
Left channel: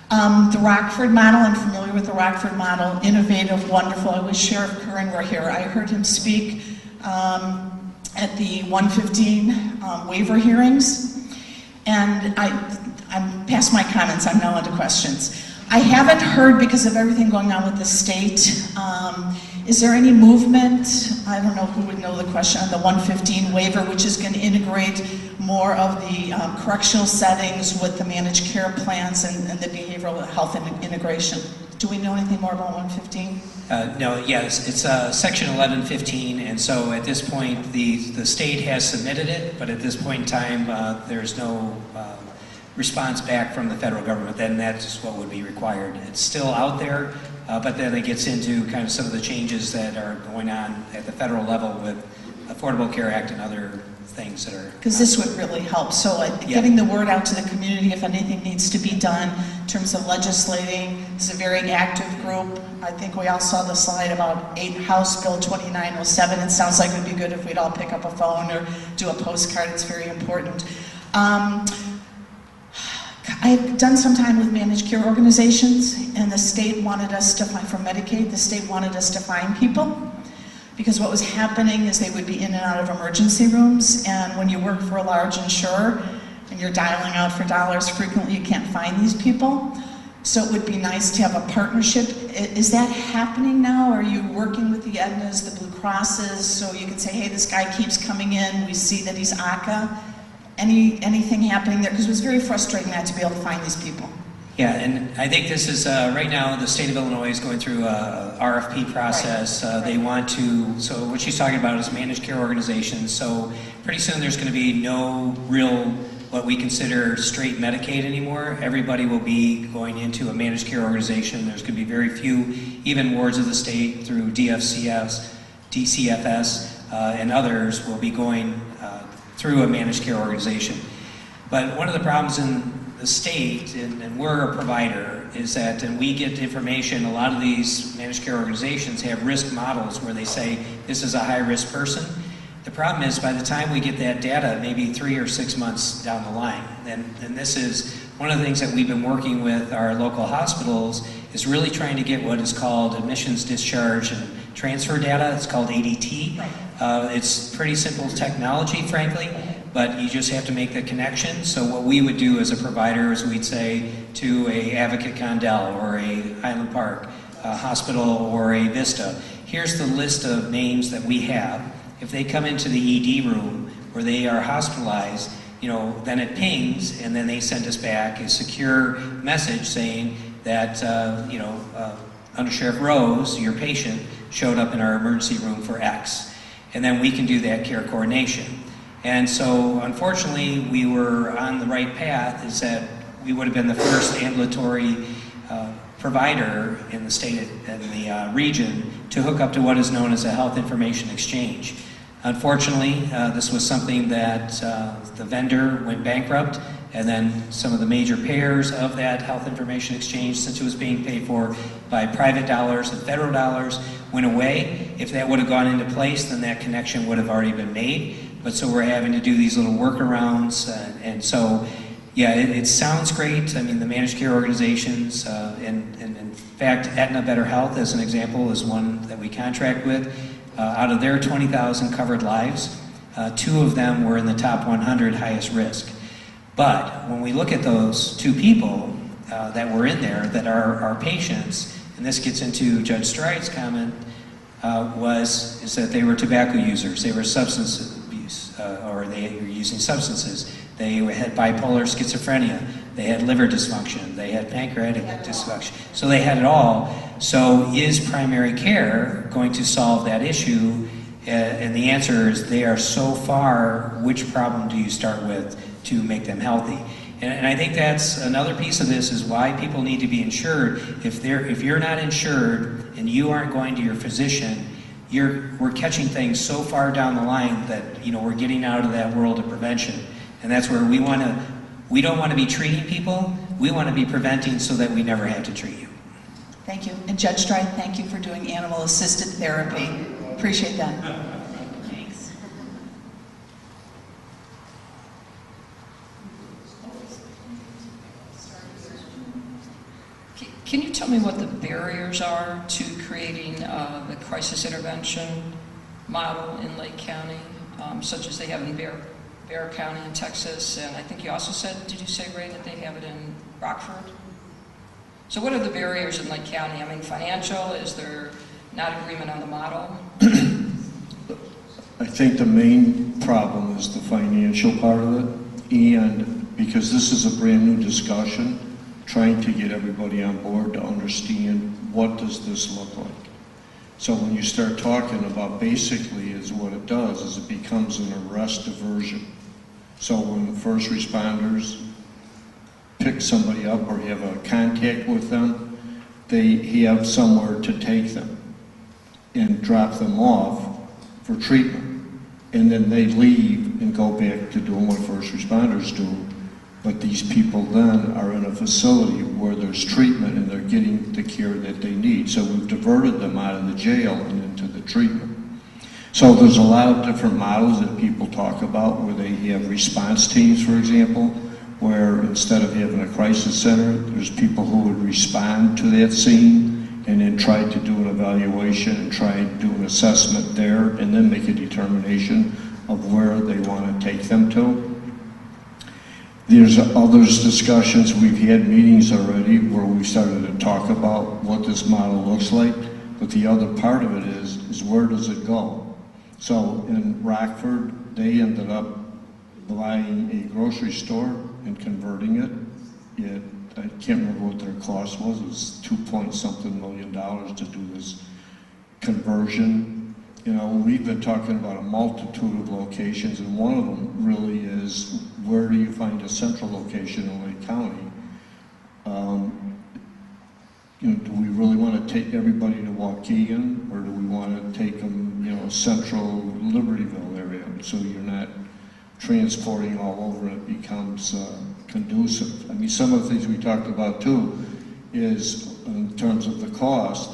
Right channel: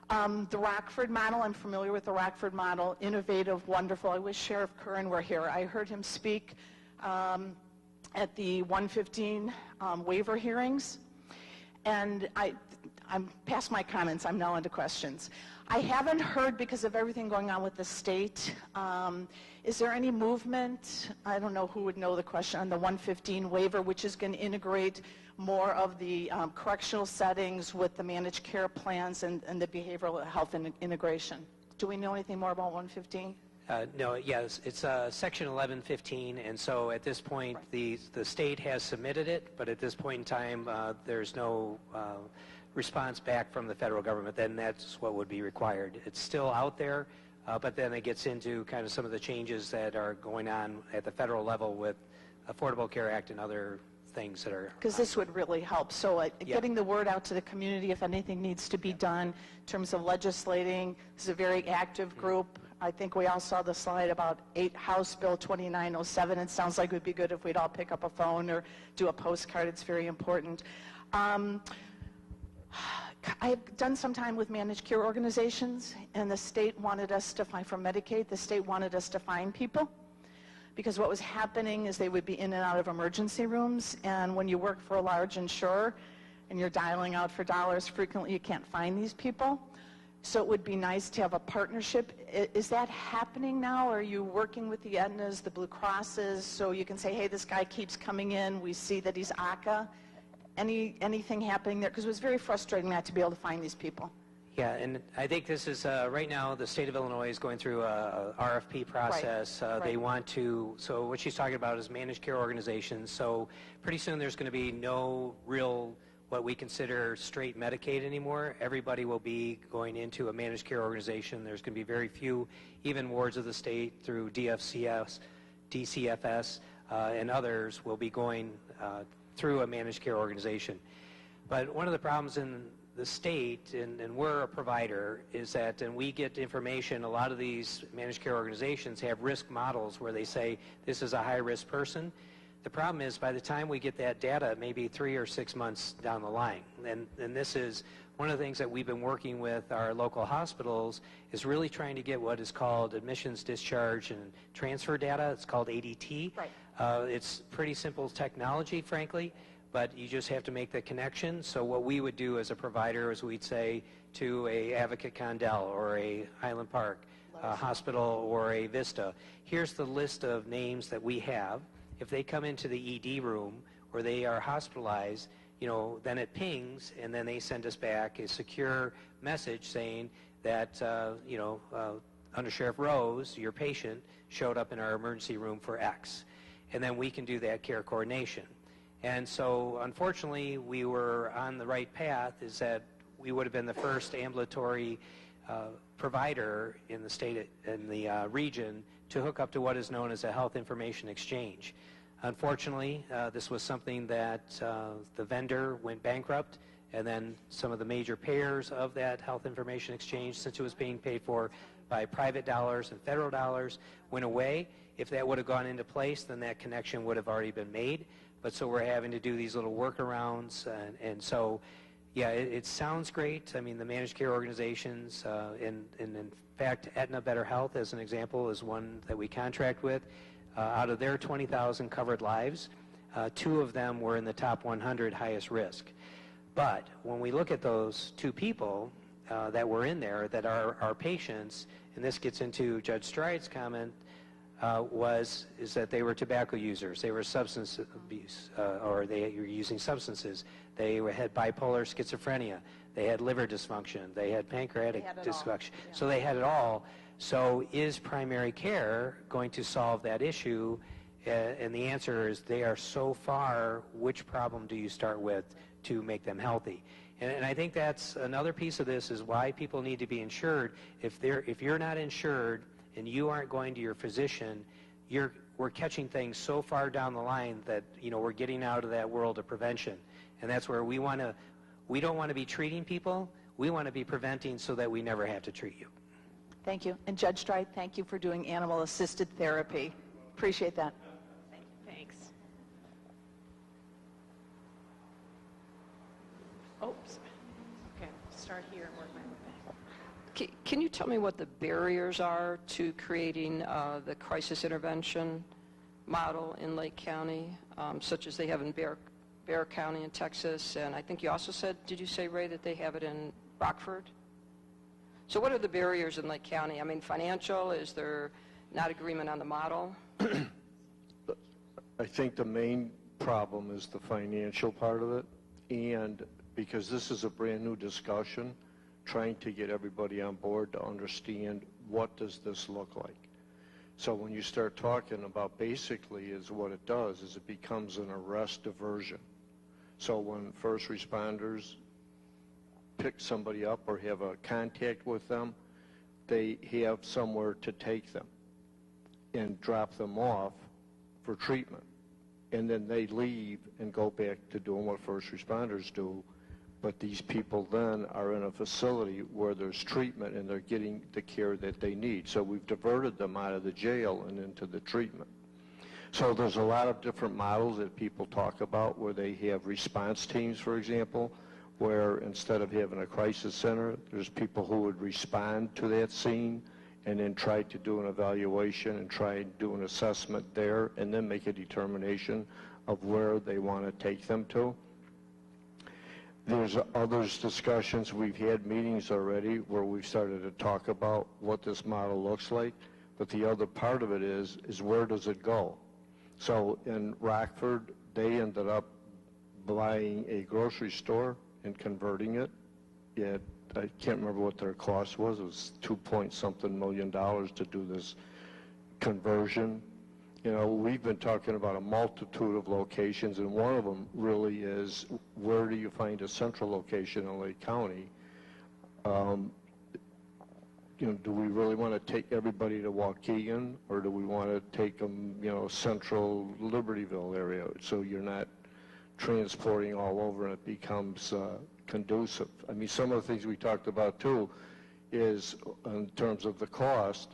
The Rockford model, I'm familiar with the Rockford model, innovative, wonderful. I wish Sheriff Curran were here. I heard him speak at the 115 waiver hearings, and I'm past my comments, I'm now into questions. I haven't heard, because of everything going on with the state, is there any movement, I don't know who would know the question, on the 115 waiver, which is going to integrate more of the correctional settings with the managed care plans and the behavioral health integration? Do we know anything more about 115? No, yes, it's section 1115, and so at this point, the state has submitted it, but at this point in time, there's no response back from the federal government. Then that's what would be required. It's still out there, but then it gets into kind of some of the changes that are going on at the federal level with Affordable Care Act and other things that are... Because this would really help. So getting the word out to the community if anything needs to be done in terms of legislating. It's a very active group. I think we all saw the slide about House Bill 2907. It sounds like it would be good if we'd all pick up a phone or do a postcard. It's very important. I've done some time with managed care organizations, and the state wanted us to find, for Medicaid, the state wanted us to find people, because what was happening is they would be in and out of emergency rooms, and when you work for a large insurer and you're dialing out for dollars frequently, you can't find these people. So it would be nice to have a partnership. Is that happening now? Are you working with the Aetnas, the Blue Crosses, so you can say, hey, this guy keeps coming in, we see that he's ACA? Anything happening there? Because it was very frustrating not to be able to find these people. Yeah, and I think this is, right now, the state of Illinois is going through a RFP process. Right. They want to, so what she's talking about is managed care organizations. So pretty soon there's going to be no real what we consider straight Medicaid anymore. Everybody will be going into a managed care organization. There's going to be very few, even wards of the state through DCFS, and others will be going through a managed care organization. But one of the problems in the state, and we're a provider, is that, and we get information, a lot of these managed care organizations have risk models where they say this is a high-risk person. The problem is, by the time we get that data, maybe 3 or 6 months down the line, then this is one of the things that we've been working with our local hospitals, is really trying to get what is called admissions, discharge, and transfer data. It's called ADT. It's pretty simple technology, frankly, but you just have to make the connection. So what we would do as a provider is we'd say to a Advocate Condell or a Highland Park hospital or a Vista, here's the list of names that we have. If they come into the ED room where they are hospitalized, then it pings, and then they send us back a secure message saying that, Under Sheriff Rose, your patient, showed up in our emergency room for X. And then we can do that care coordination. And so, unfortunately, we were on the right path, is that we would have been the first ambulatory provider in the state and the region to hook up to what is known as a health information exchange. Unfortunately, this was something that the vendor went bankrupt, and then some of the major payers of that health information exchange, since it was being paid for by private dollars and federal dollars, went away. If that would have gone into place, then that connection would have already been made. But so we're having to do these little workarounds, and so, yeah, it sounds great. I mean, the managed care organizations, and in fact, Aetna Better Health, as an example, is one that we contract with. Out of their 20,000 covered lives, 2 of them were in the top 100 highest risk. But when we look at those 2 people that were in there that are our patients, and this gets into Judge Stride's comment, is that they were tobacco users, they were substance abuse, or they were using substances. They had bipolar schizophrenia, they had liver dysfunction, they had pancreatic dysfunction. So they had it all. So is primary care going to solve that issue? And the answer is they are so far, which problem do you start with to make them healthy? And I think that's another piece of this, is why people need to be insured. If you're not insured and you aren't going to your physician, we're catching things so far down the line that we're getting out of that world of prevention. And that's where we don't want to be treating people, we want to be preventing so that we never have to treat you. Thank you. And Judge Stride, thank you for doing animal-assisted therapy. Appreciate that. Thanks. Can you tell me what the barriers are to creating the crisis intervention model in Lake County, such as they have in Bear County in Texas, and I think you also said, did you say, Ray, that they have it in Rockford? So what are the barriers in Lake County? I mean, financial, is there not agreement on the model? I think the main problem is the financial part of it, and because this is a brand new discussion, trying to get everybody on board to understand what does this look like. So when you start talking about, basically is what it does is it becomes an arrest diversion. So when the first responders pick somebody up or have a contact with them, they have somewhere to take them and drop them off for treatment. And then they leave and go back to doing what first responders do. But these people then are in a facility where there's treatment and they're getting the care that they need. So we've diverted them out of the jail and into the treatment. So there's a lot of different models that people talk about where they have response teams, for example, where instead of having a crisis center, there's people who would respond to that scene and then try to do an evaluation and try and do an assessment there and then make a determination of where they want to take them to. There's others discussions, we've had meetings already where we've started to talk about what this model looks like, but the other part of it is where does it go? So in Rockford, they ended up buying a grocery store and converting it. I can't remember what their cost was. It was $2 point something million to do this conversion. you know, we've been talking about a multitude of locations, and one of them really is, where do you find a central location in Lake County? You know, do we really want to take everybody to Waukegan, or do we want to take them, you know, central Libertyville area, so you're not transporting all over and it becomes conducive? I mean, some of the things we talked about too is, in terms of the cost,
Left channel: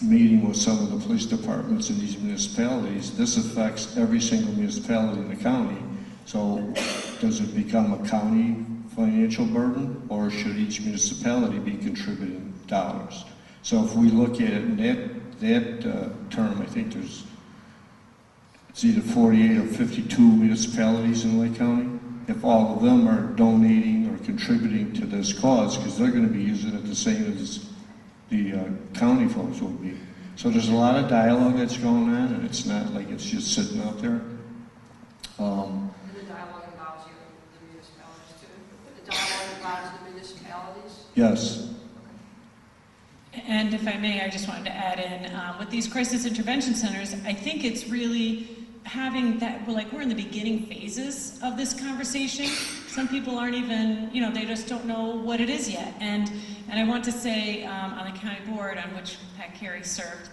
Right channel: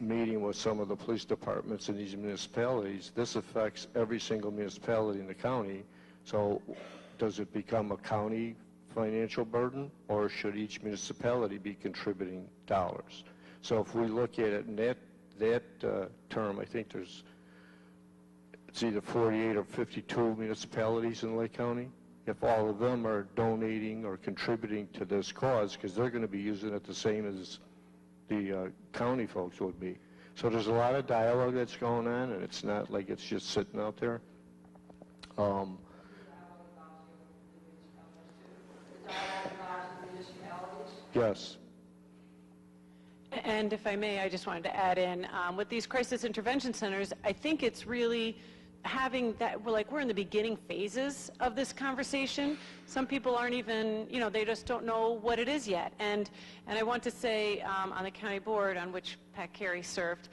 meeting with some of the police departments in these municipalities, this affects every single municipality in the county. So does it become a county financial burden, or should each municipality be contributing dollars? So if we look at it in that term, I think it's either 48 or 52 municipalities in Lake County. If all of them are donating or contributing to this cause, because they're going to be using it the same as the county folks will be. So there's a lot of dialogue that's going on, and it's not like it's just sitting out there. The dialogue involves you, the municipalities too? The dialogue involves the municipalities? Yes. And if I may, I just wanted to add in, with these crisis intervention centers, I think it's really having that, we're in the beginning phases of this conversation. Some people aren't even, you know, they just don't know what it is yet. And I want to say, on the county board on which Pat Carey served,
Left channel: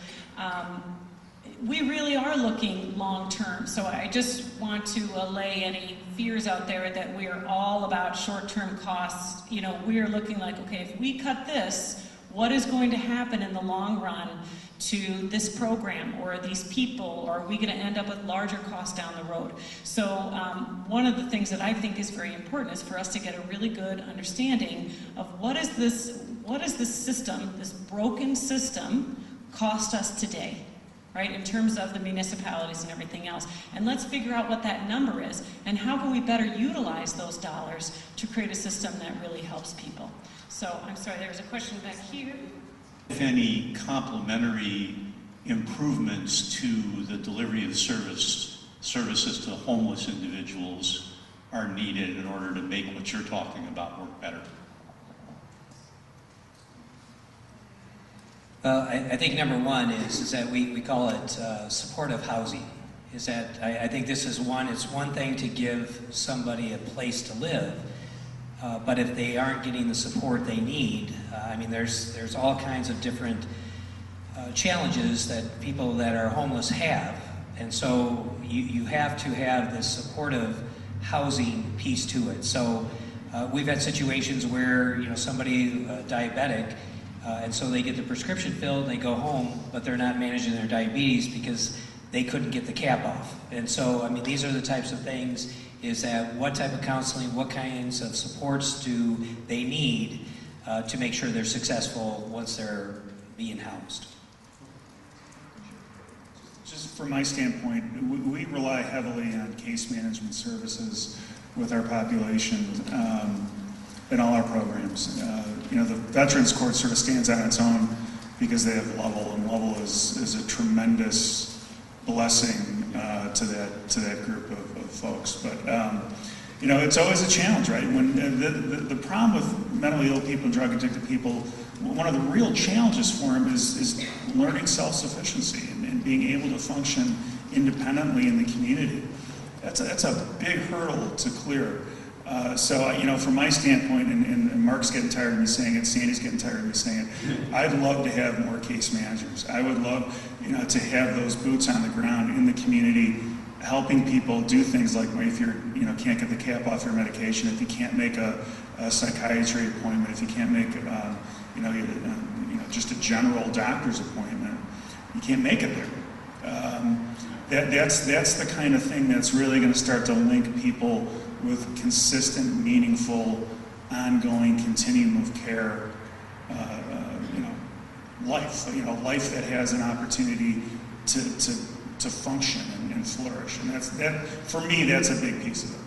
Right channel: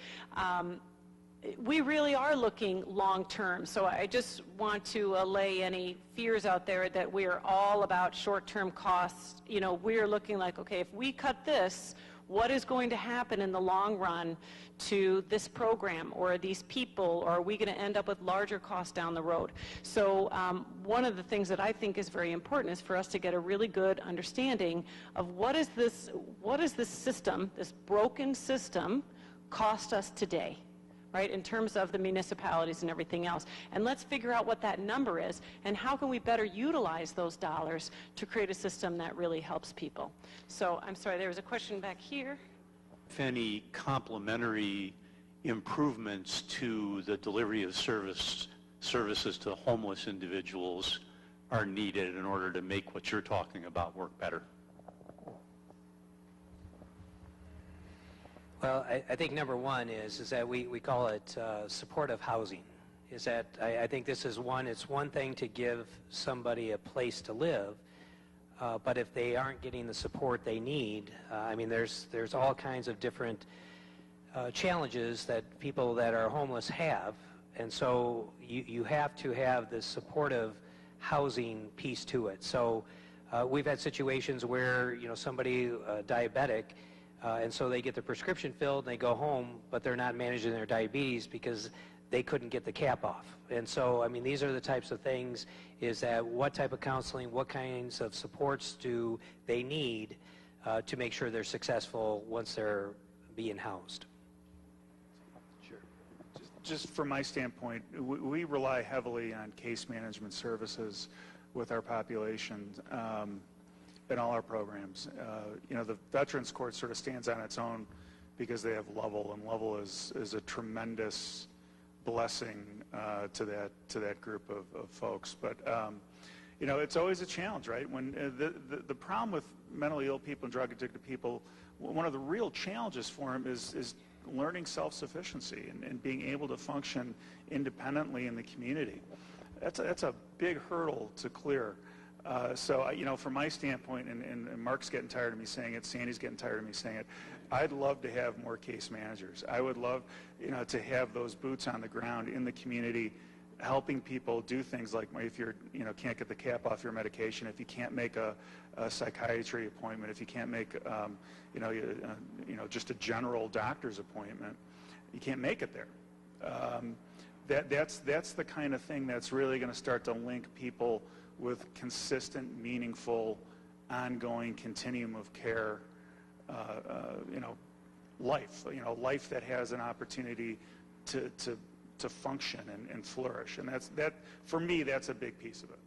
we really are looking long-term. So I just want to allay any fears out there that we're all about short-term costs. You know, we're looking like, okay, if we cut this, what is going to happen in the long run to this program or these people, or are we going to end up with larger costs down the road? So one of the things that I think is very important is for us to get a really good understanding of what is this system, this broken system, cost us today, right, in terms of the municipalities and everything else. And let's figure out what that number is, and how can we better utilize those dollars to create a system that really helps people. So, I'm sorry, there was a question back here. If any complementary improvements to the delivery of services to homeless individuals are needed in order to make what you're talking about work better? Well, I think number one is that we call it supportive housing. Is that I think this is it's one thing to give somebody a place to live, but if they aren't getting the support they need, I mean, there's all kinds of different challenges that people that are homeless have, and so you have to have this supportive housing piece to it. So we've had situations where, you know, somebody diabetic, and so they get the prescription filled and they go home, but they're not managing their diabetes because they couldn't get the cap off. And so, I mean, these are the types of things, is that what type of counseling, what kinds of supports do they need to make sure they're successful once they're being housed? Just from my standpoint, we rely heavily on case management services with our population in all our programs. You know, the Veterans Court sort of stands on its own because they have Level, and Level is a tremendous blessing to that group of folks. But you know, it's always a challenge, right? When the problem with mentally ill people and drug addicted people, one of the real challenges for them is learning self-sufficiency and being able to function independently in the community. That's a big hurdle to clear. So, you know, from my standpoint, and Mark's getting tired of me saying it, Sandy's getting tired of me saying it, I'd love to have more case managers. I would love, you know, to have those boots on the ground in the community, helping people do things like, if you're, you know, can't get the cap off your medication, if you can't make a psychiatry appointment, if you can't make, you know, just a general doctor's appointment, you can't make it there. That's the kind of thing that's really going to start to link people with consistent, meaningful, ongoing continuum of care, you know, life that has an opportunity to function and flourish. And that for me, that's a big piece of it.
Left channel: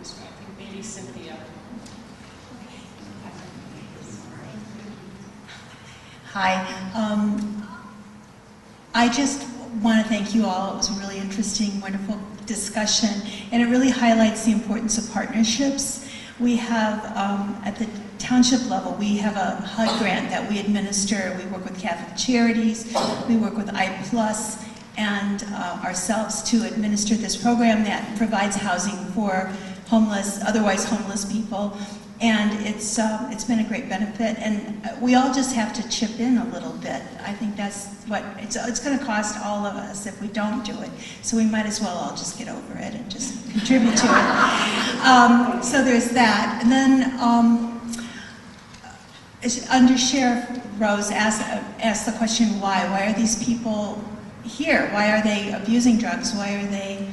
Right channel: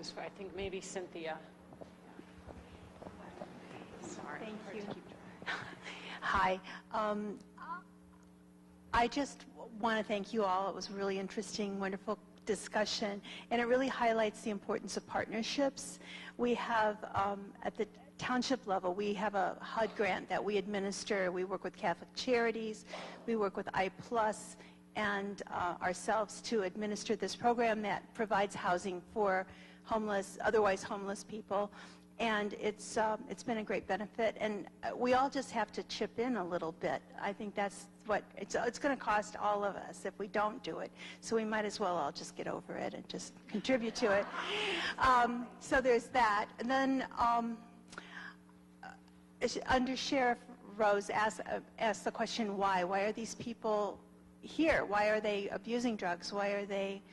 I think maybe Cynthia. Hi. I just want to thank you all. It was a really interesting, wonderful discussion, and it really highlights the importance of partnerships. We have, at the township level, we have a HUD grant that we administer. We work with Catholic Charities, we work with I+, and ourselves to administer this program that provides housing for homeless, otherwise homeless people. And it's been a great benefit, and we all just have to chip in a little bit. I think that's what, it's going to cost all of us if we don't do it. So we might as well all just get over it and just contribute to it. So there's that. And then Under Sheriff Rose asked the question, why? Why are these people here? Why are they abusing drugs? Why are they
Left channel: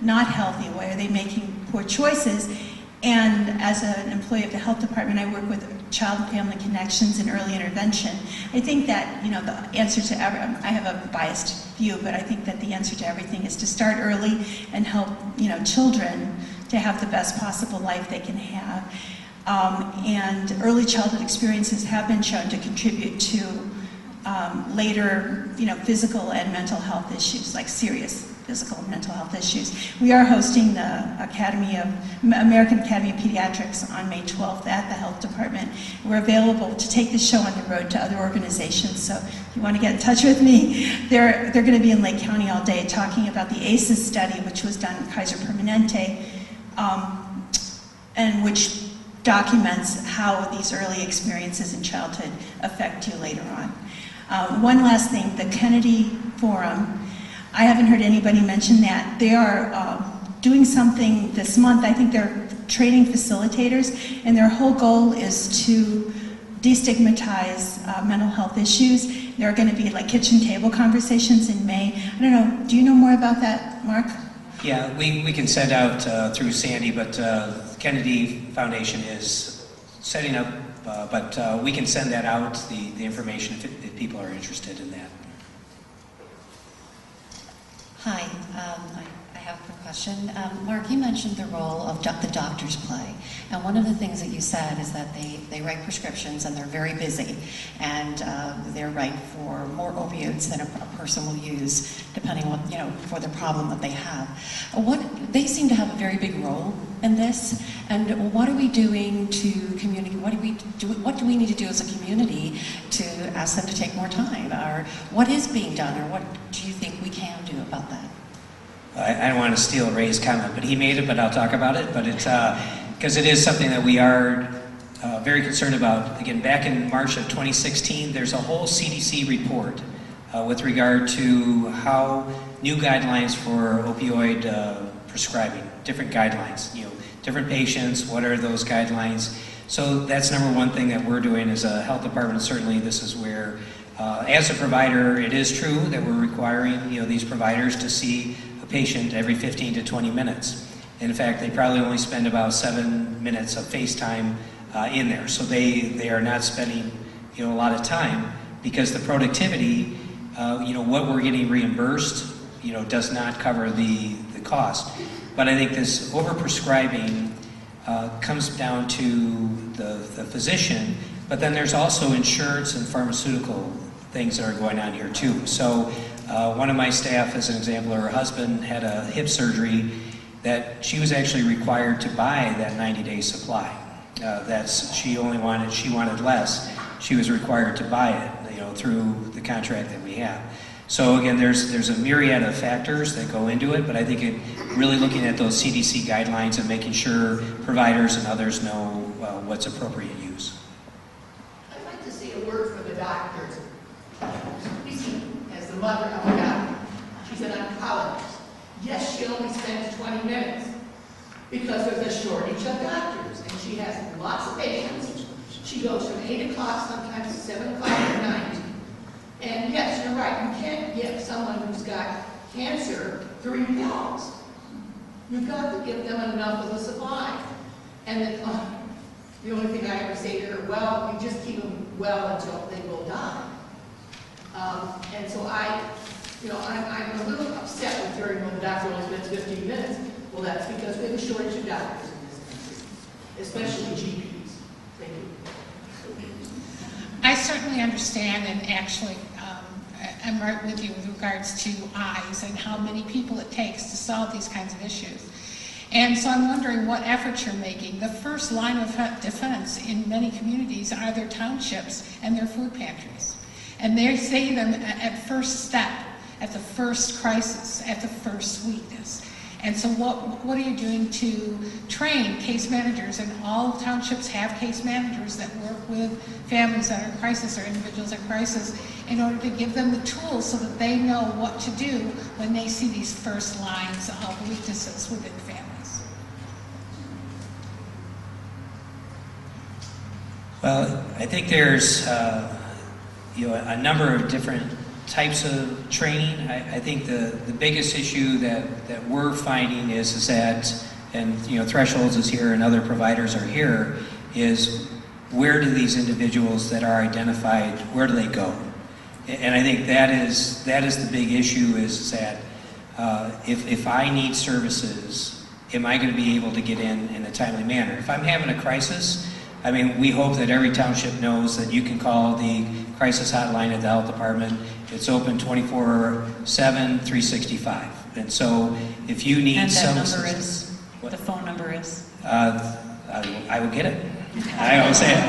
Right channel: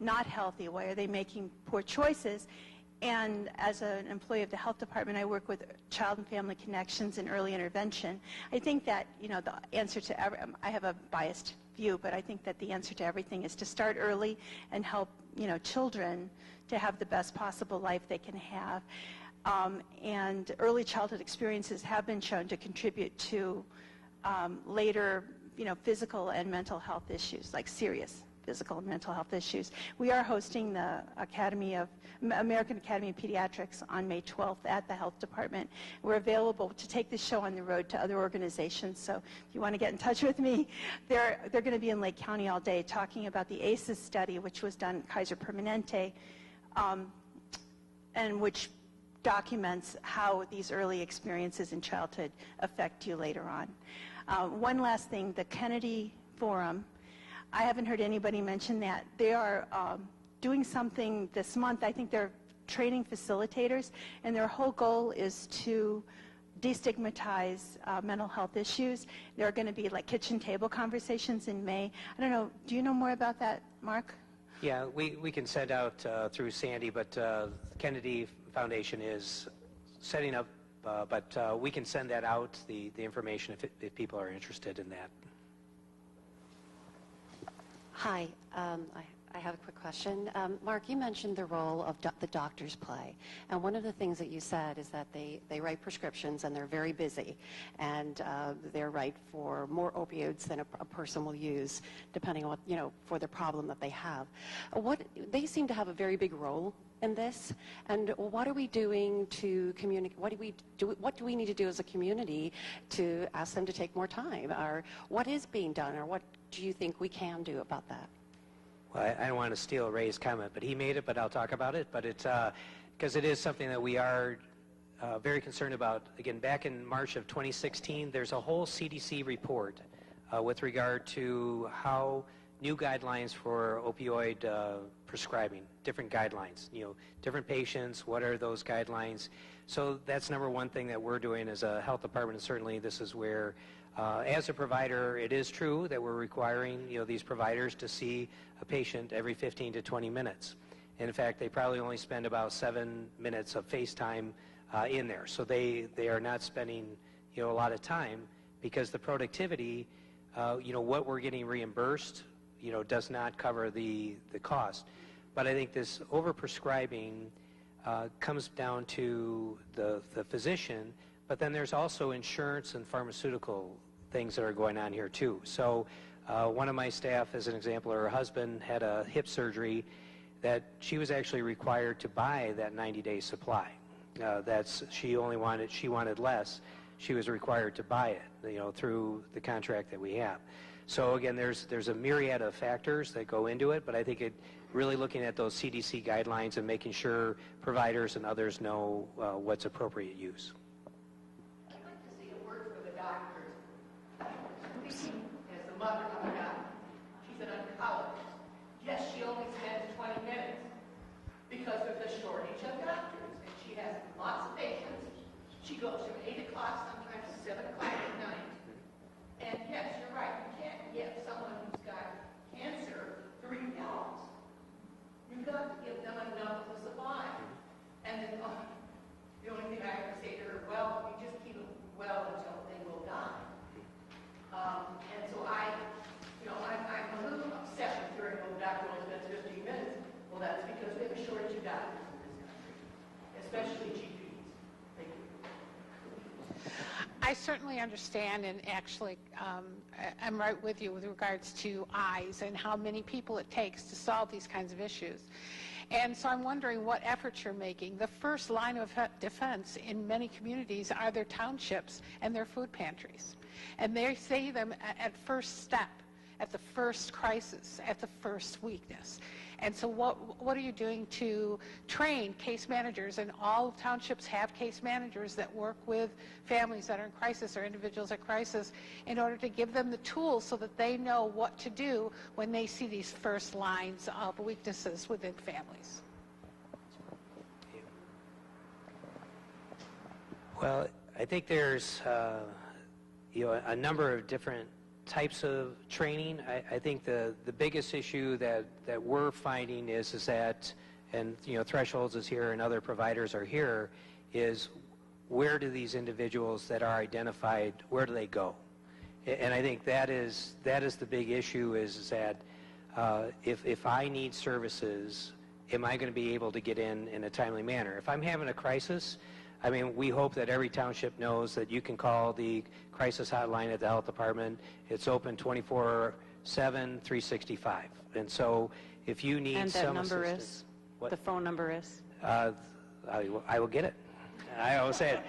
not healthy? Why are they making poor choices? And as an employee of the health department, I work with Child and Family Connections and early intervention. I think that, you know, the answer to I have a biased view, but I think that the answer to everything is to start early and help, you know, children to have the best possible life they can have. And early childhood experiences have been shown to contribute to later, you know, physical and mental health issues, like serious physical and mental health issues. We are hosting the American Academy of Pediatrics on May 12th at the health department. We're available to take the show on the road to other organizations, so if you want to get in touch with me, they're going to be in Lake County all day talking about the ACEs study, which was done at Kaiser Permanente, and which documents how these early experiences in childhood affect you later on. One last thing, the Kennedy Forum, I haven't heard anybody mention that. They are doing something this month. I think they're training facilitators, and their whole goal is to destigmatize mental health issues. There are going to be like kitchen table conversations in May. I don't know, do you know more about that, Mark? Yeah, we can send out through Sandy, but Kennedy Foundation is setting up, but we can send that out, the information, if people are interested in that. Hi, I have a question. Mark, you mentioned the role of the doctors play, and one of the things that you said is that they write prescriptions and they're very busy, and they write for more opioids than a person will use, depending on, you know, for the problem that they have. They seem to have a very big role in this, and what are we doing to communicate? What do we need to do as a community to ask them to take more time, or what is being done, or what do you think we can do about that? I don't want to steal Ray's comment, but he made it, but I'll talk about it. But it's because it is something that we are very concerned about. Again, back in March of 2016, there's a whole CDC report with regard to how new guidelines for opioid prescribing, different guidelines, you know, different patients, what are those guidelines? So that's number one thing that we're doing as a health department. Certainly this is where, as a provider, it is true that we're requiring, you know, these providers to see a patient every 15 to 20 minutes. In fact, they probably only spend about 7 minutes of FaceTime in there. So they are not spending, you know, a lot of time, because the productivity, you know, what we're getting reimbursed, you know, does not cover the cost. But I think this overprescribing comes down to the physician, but then there's also insurance and pharmaceutical things that are going on here too. So one of my staff, as an example, her husband had a hip surgery that she was actually required to buy that 90-day supply. She wanted less. She was required to buy it, you know, through the contract that we have. So again, there's a myriad of factors that go into it, but I think really looking at those CDC guidelines and making sure providers and others know what's appropriate use. I'd like to see a word for the doctors. You see, as the mother of a doctor, she's an oncologist. Yes, she only spends 20 minutes because there's a shortage of doctors, and she has lots of patients. She goes from 8 o'clock sometimes to 7 o'clock at night. And yes, you're right, you can't give someone who's got cancer 3 pills. You've got to give them enough of a supply. And the only thing I ever say to her, well, you just keep them well until they will die. And so I'm a little upset with hearing when the doctor only spends 15 minutes. Well, that's because we have a shortage of doctors in this country, especially GPs. Thank you. I certainly understand, and actually I'm right with you with regards to eyes and how many people it takes to solve these kinds of issues. And so I'm wondering what efforts you're making. The first line of defense in many communities are their townships and their food pantries. And they say them at first step, at the first crisis, at the first weakness. And so what are you doing to train case managers? And all townships have case managers that work with families that are in crisis or individuals in crisis in order to give them the tools so that they know what to do when they see these first lines of weaknesses within families. Well, I think there's a number of different types of training. I think the biggest issue that we're finding is that, and Thresholds is here and other providers are here, is where do these individuals that are identified, where do they go? And I think that is the big issue, is that if I need services, am I going to be able to get in a timely manner? If I'm having a crisis, I mean, we hope that every township knows that you can call the crisis hotline at the health department. It's open 24/7, 365. And so if you need some... And that number is? What? The phone number is? I will get it. I always say it.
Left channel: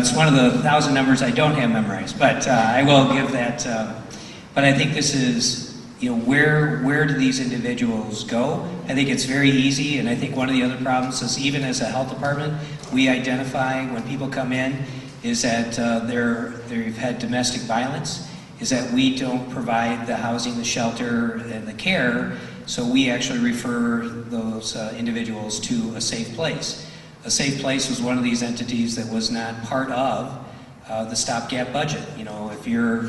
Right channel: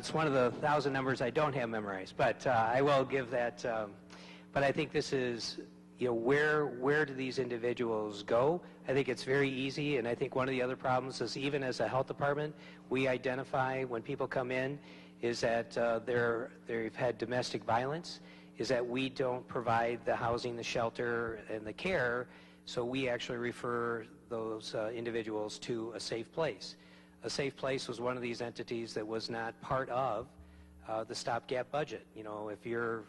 It's one of the 1,000 numbers I don't have memorized, but I will give that. But I think this is, where do these individuals go? I think it's very easy, and I think one of the other problems is, even as a health department, we identify when people come in is that they've had domestic violence, is that we don't provide the housing, the shelter, and the care, so we actually refer those individuals to a safe place. A safe place was one of these entities that was not part of the stopgap budget. If you're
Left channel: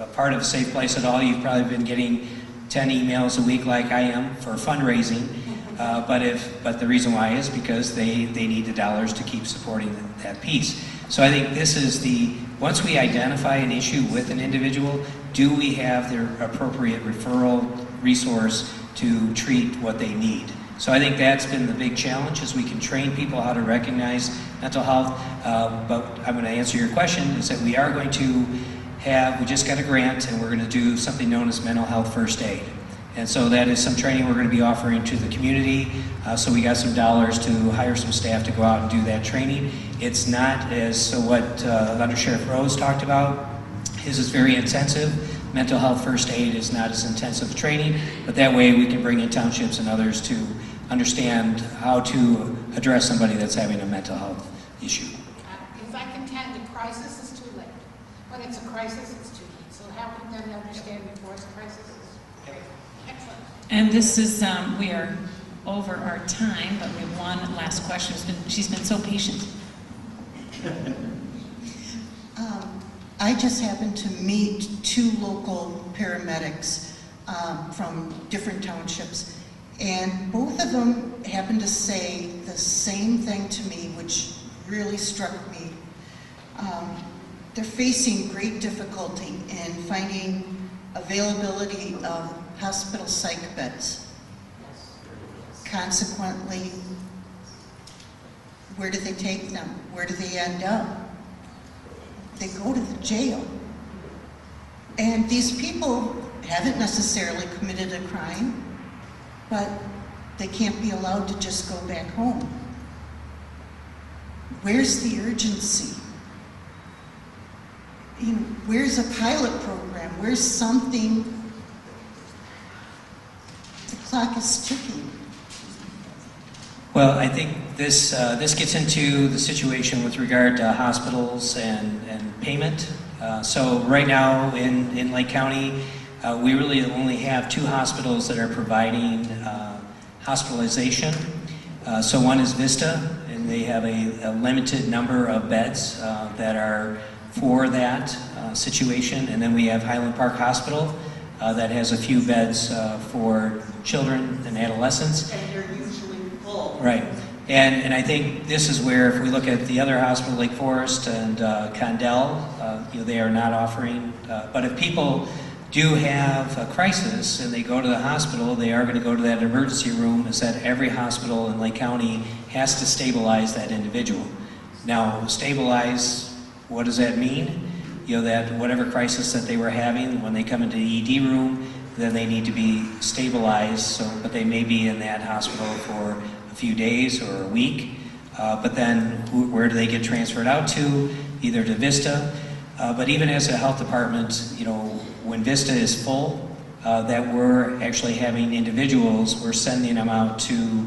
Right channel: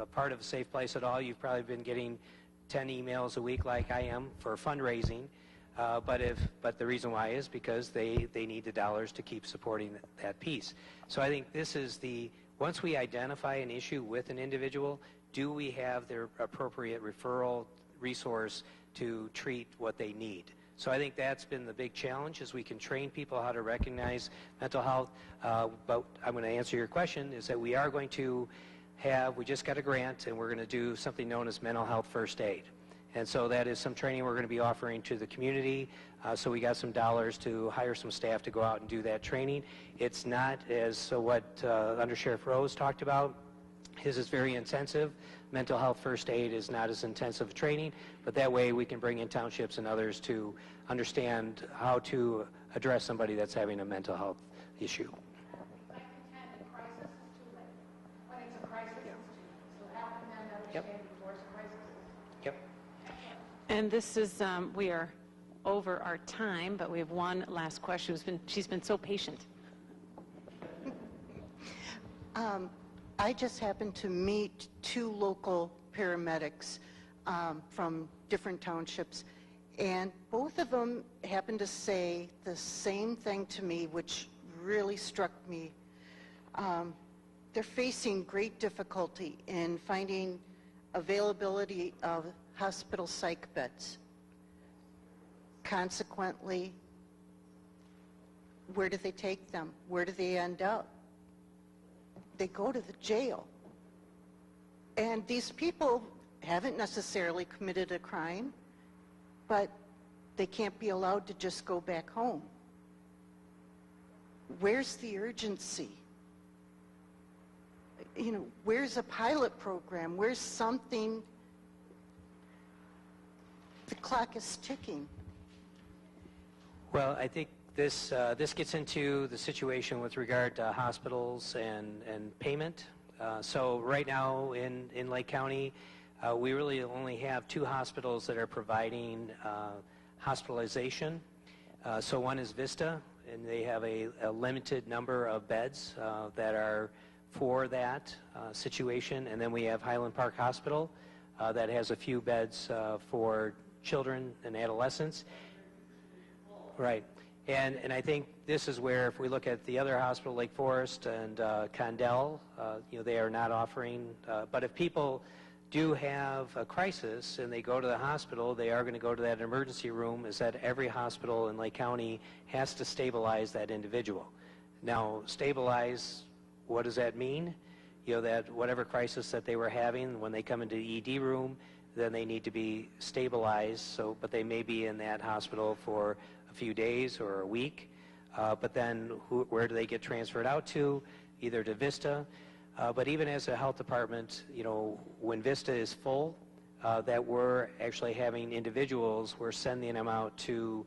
a part of a safe place at all, you've probably been getting 10 emails a week like I am for fundraising, but the reason why is because they need the dollars to keep supporting that piece. So I think this is once we identify an issue with an individual, do we have their appropriate referral resource to treat what they need? So I think that's been the big challenge, is we can train people how to recognize mental health, but I'm going to answer your question, is that we are going to we just got a grant, and we're going to do something known as mental health first aid. And so that is some training we're going to be offering to the community. So we got some dollars to hire some staff to go out and do that training. It's not what Under Sheriff Rose talked about. His is very intensive. Mental health first aid is not as intensive training, but that way we can bring in townships and others to understand how to address somebody that's having a mental health issue. If I contend the crisis is too late, when it's a crisis, it's too late. So how can them understand before it's a crisis? Yep. Excellent. And this is, we are over our time, but we have one last question. She's been so patient. I just happened to meet 2 local paramedics from different townships, and both of them happened to say the same thing to me, which really struck me. They're facing great difficulty in finding availability of hospital psych beds. Consequently, where do they take them? Where do they end up? They go to the jail. And these people haven't necessarily committed a crime, but they can't be allowed to just go back home. Where's the urgency? Where's a pilot program? Where's something? The clock is ticking. Well, I think this gets into the situation with regard to hospitals and payment. So right now in Lake County, we really only have 2 hospitals that are providing hospitalization. So one is Vista, and they have a limited number of beds that are for that situation. And then we have Highland Park Hospital that has a few beds for children and adolescents. And they're usually full. Right. And I think this is where, if we look at the other hospital, Lake Forest and Condell, they are not offering, but if people do have a crisis and they go to the hospital, they are going to go to that emergency room. Is that every hospital in Lake County has to stabilize that individual. Now, stabilize, what does that mean? That whatever crisis that they were having, when they come into the ED room, then they need to be stabilized, but they may be in that hospital for a few days or a week. But then where do they get transferred out to? Either to Vista, but even as a health department, when Vista is full, that we're actually having individuals, we're sending them out to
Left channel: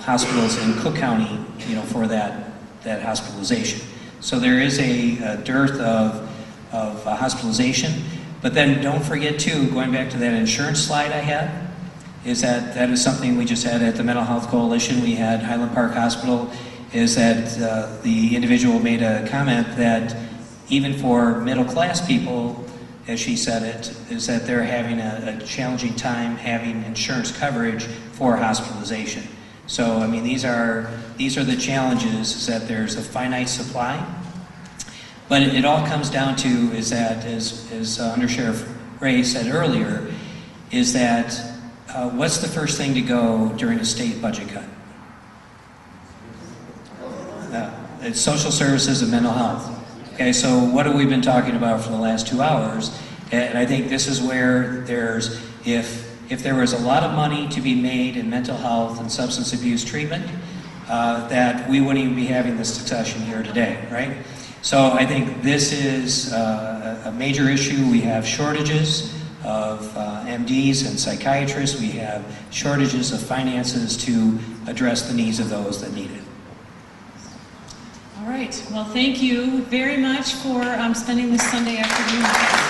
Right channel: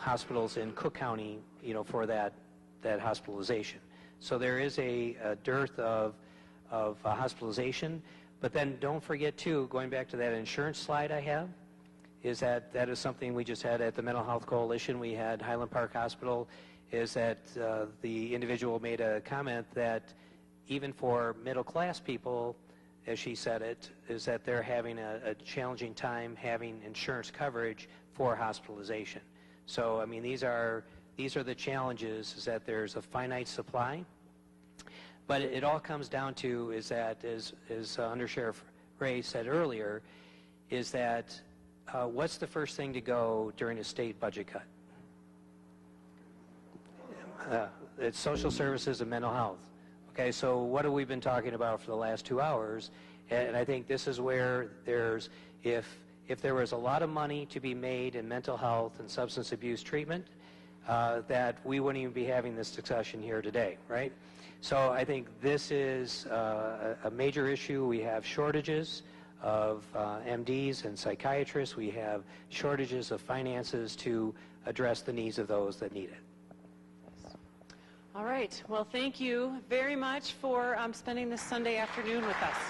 hospitals in Cook County, for that hospitalization. So there is a dearth of hospitalization. But then don't forget too, going back to that insurance slide I had, is that is something we just had at the Mental Health Coalition. We had Highland Park Hospital, is that the individual made a comment that even for middle class people, as she said it, is that they're having a challenging time having insurance coverage for hospitalization. So, I mean, these are the challenges, is that there's a finite supply. But it all comes down to is that, as Under Sheriff Ray said earlier, is that what's the first thing to go during a state budget cut? It's social services and mental health. Okay, so what have we been talking about for the last 2 hours? And I think this is where there's, if there was a lot of money to be made in mental health and substance abuse treatment, that we wouldn't even be having this discussion here today, right? So I think this is a major issue. We have shortages of MDs and psychiatrists. We have shortages of finances to address the needs of those that need it. All right. Well, thank you very much for spending this Sunday afternoon with us.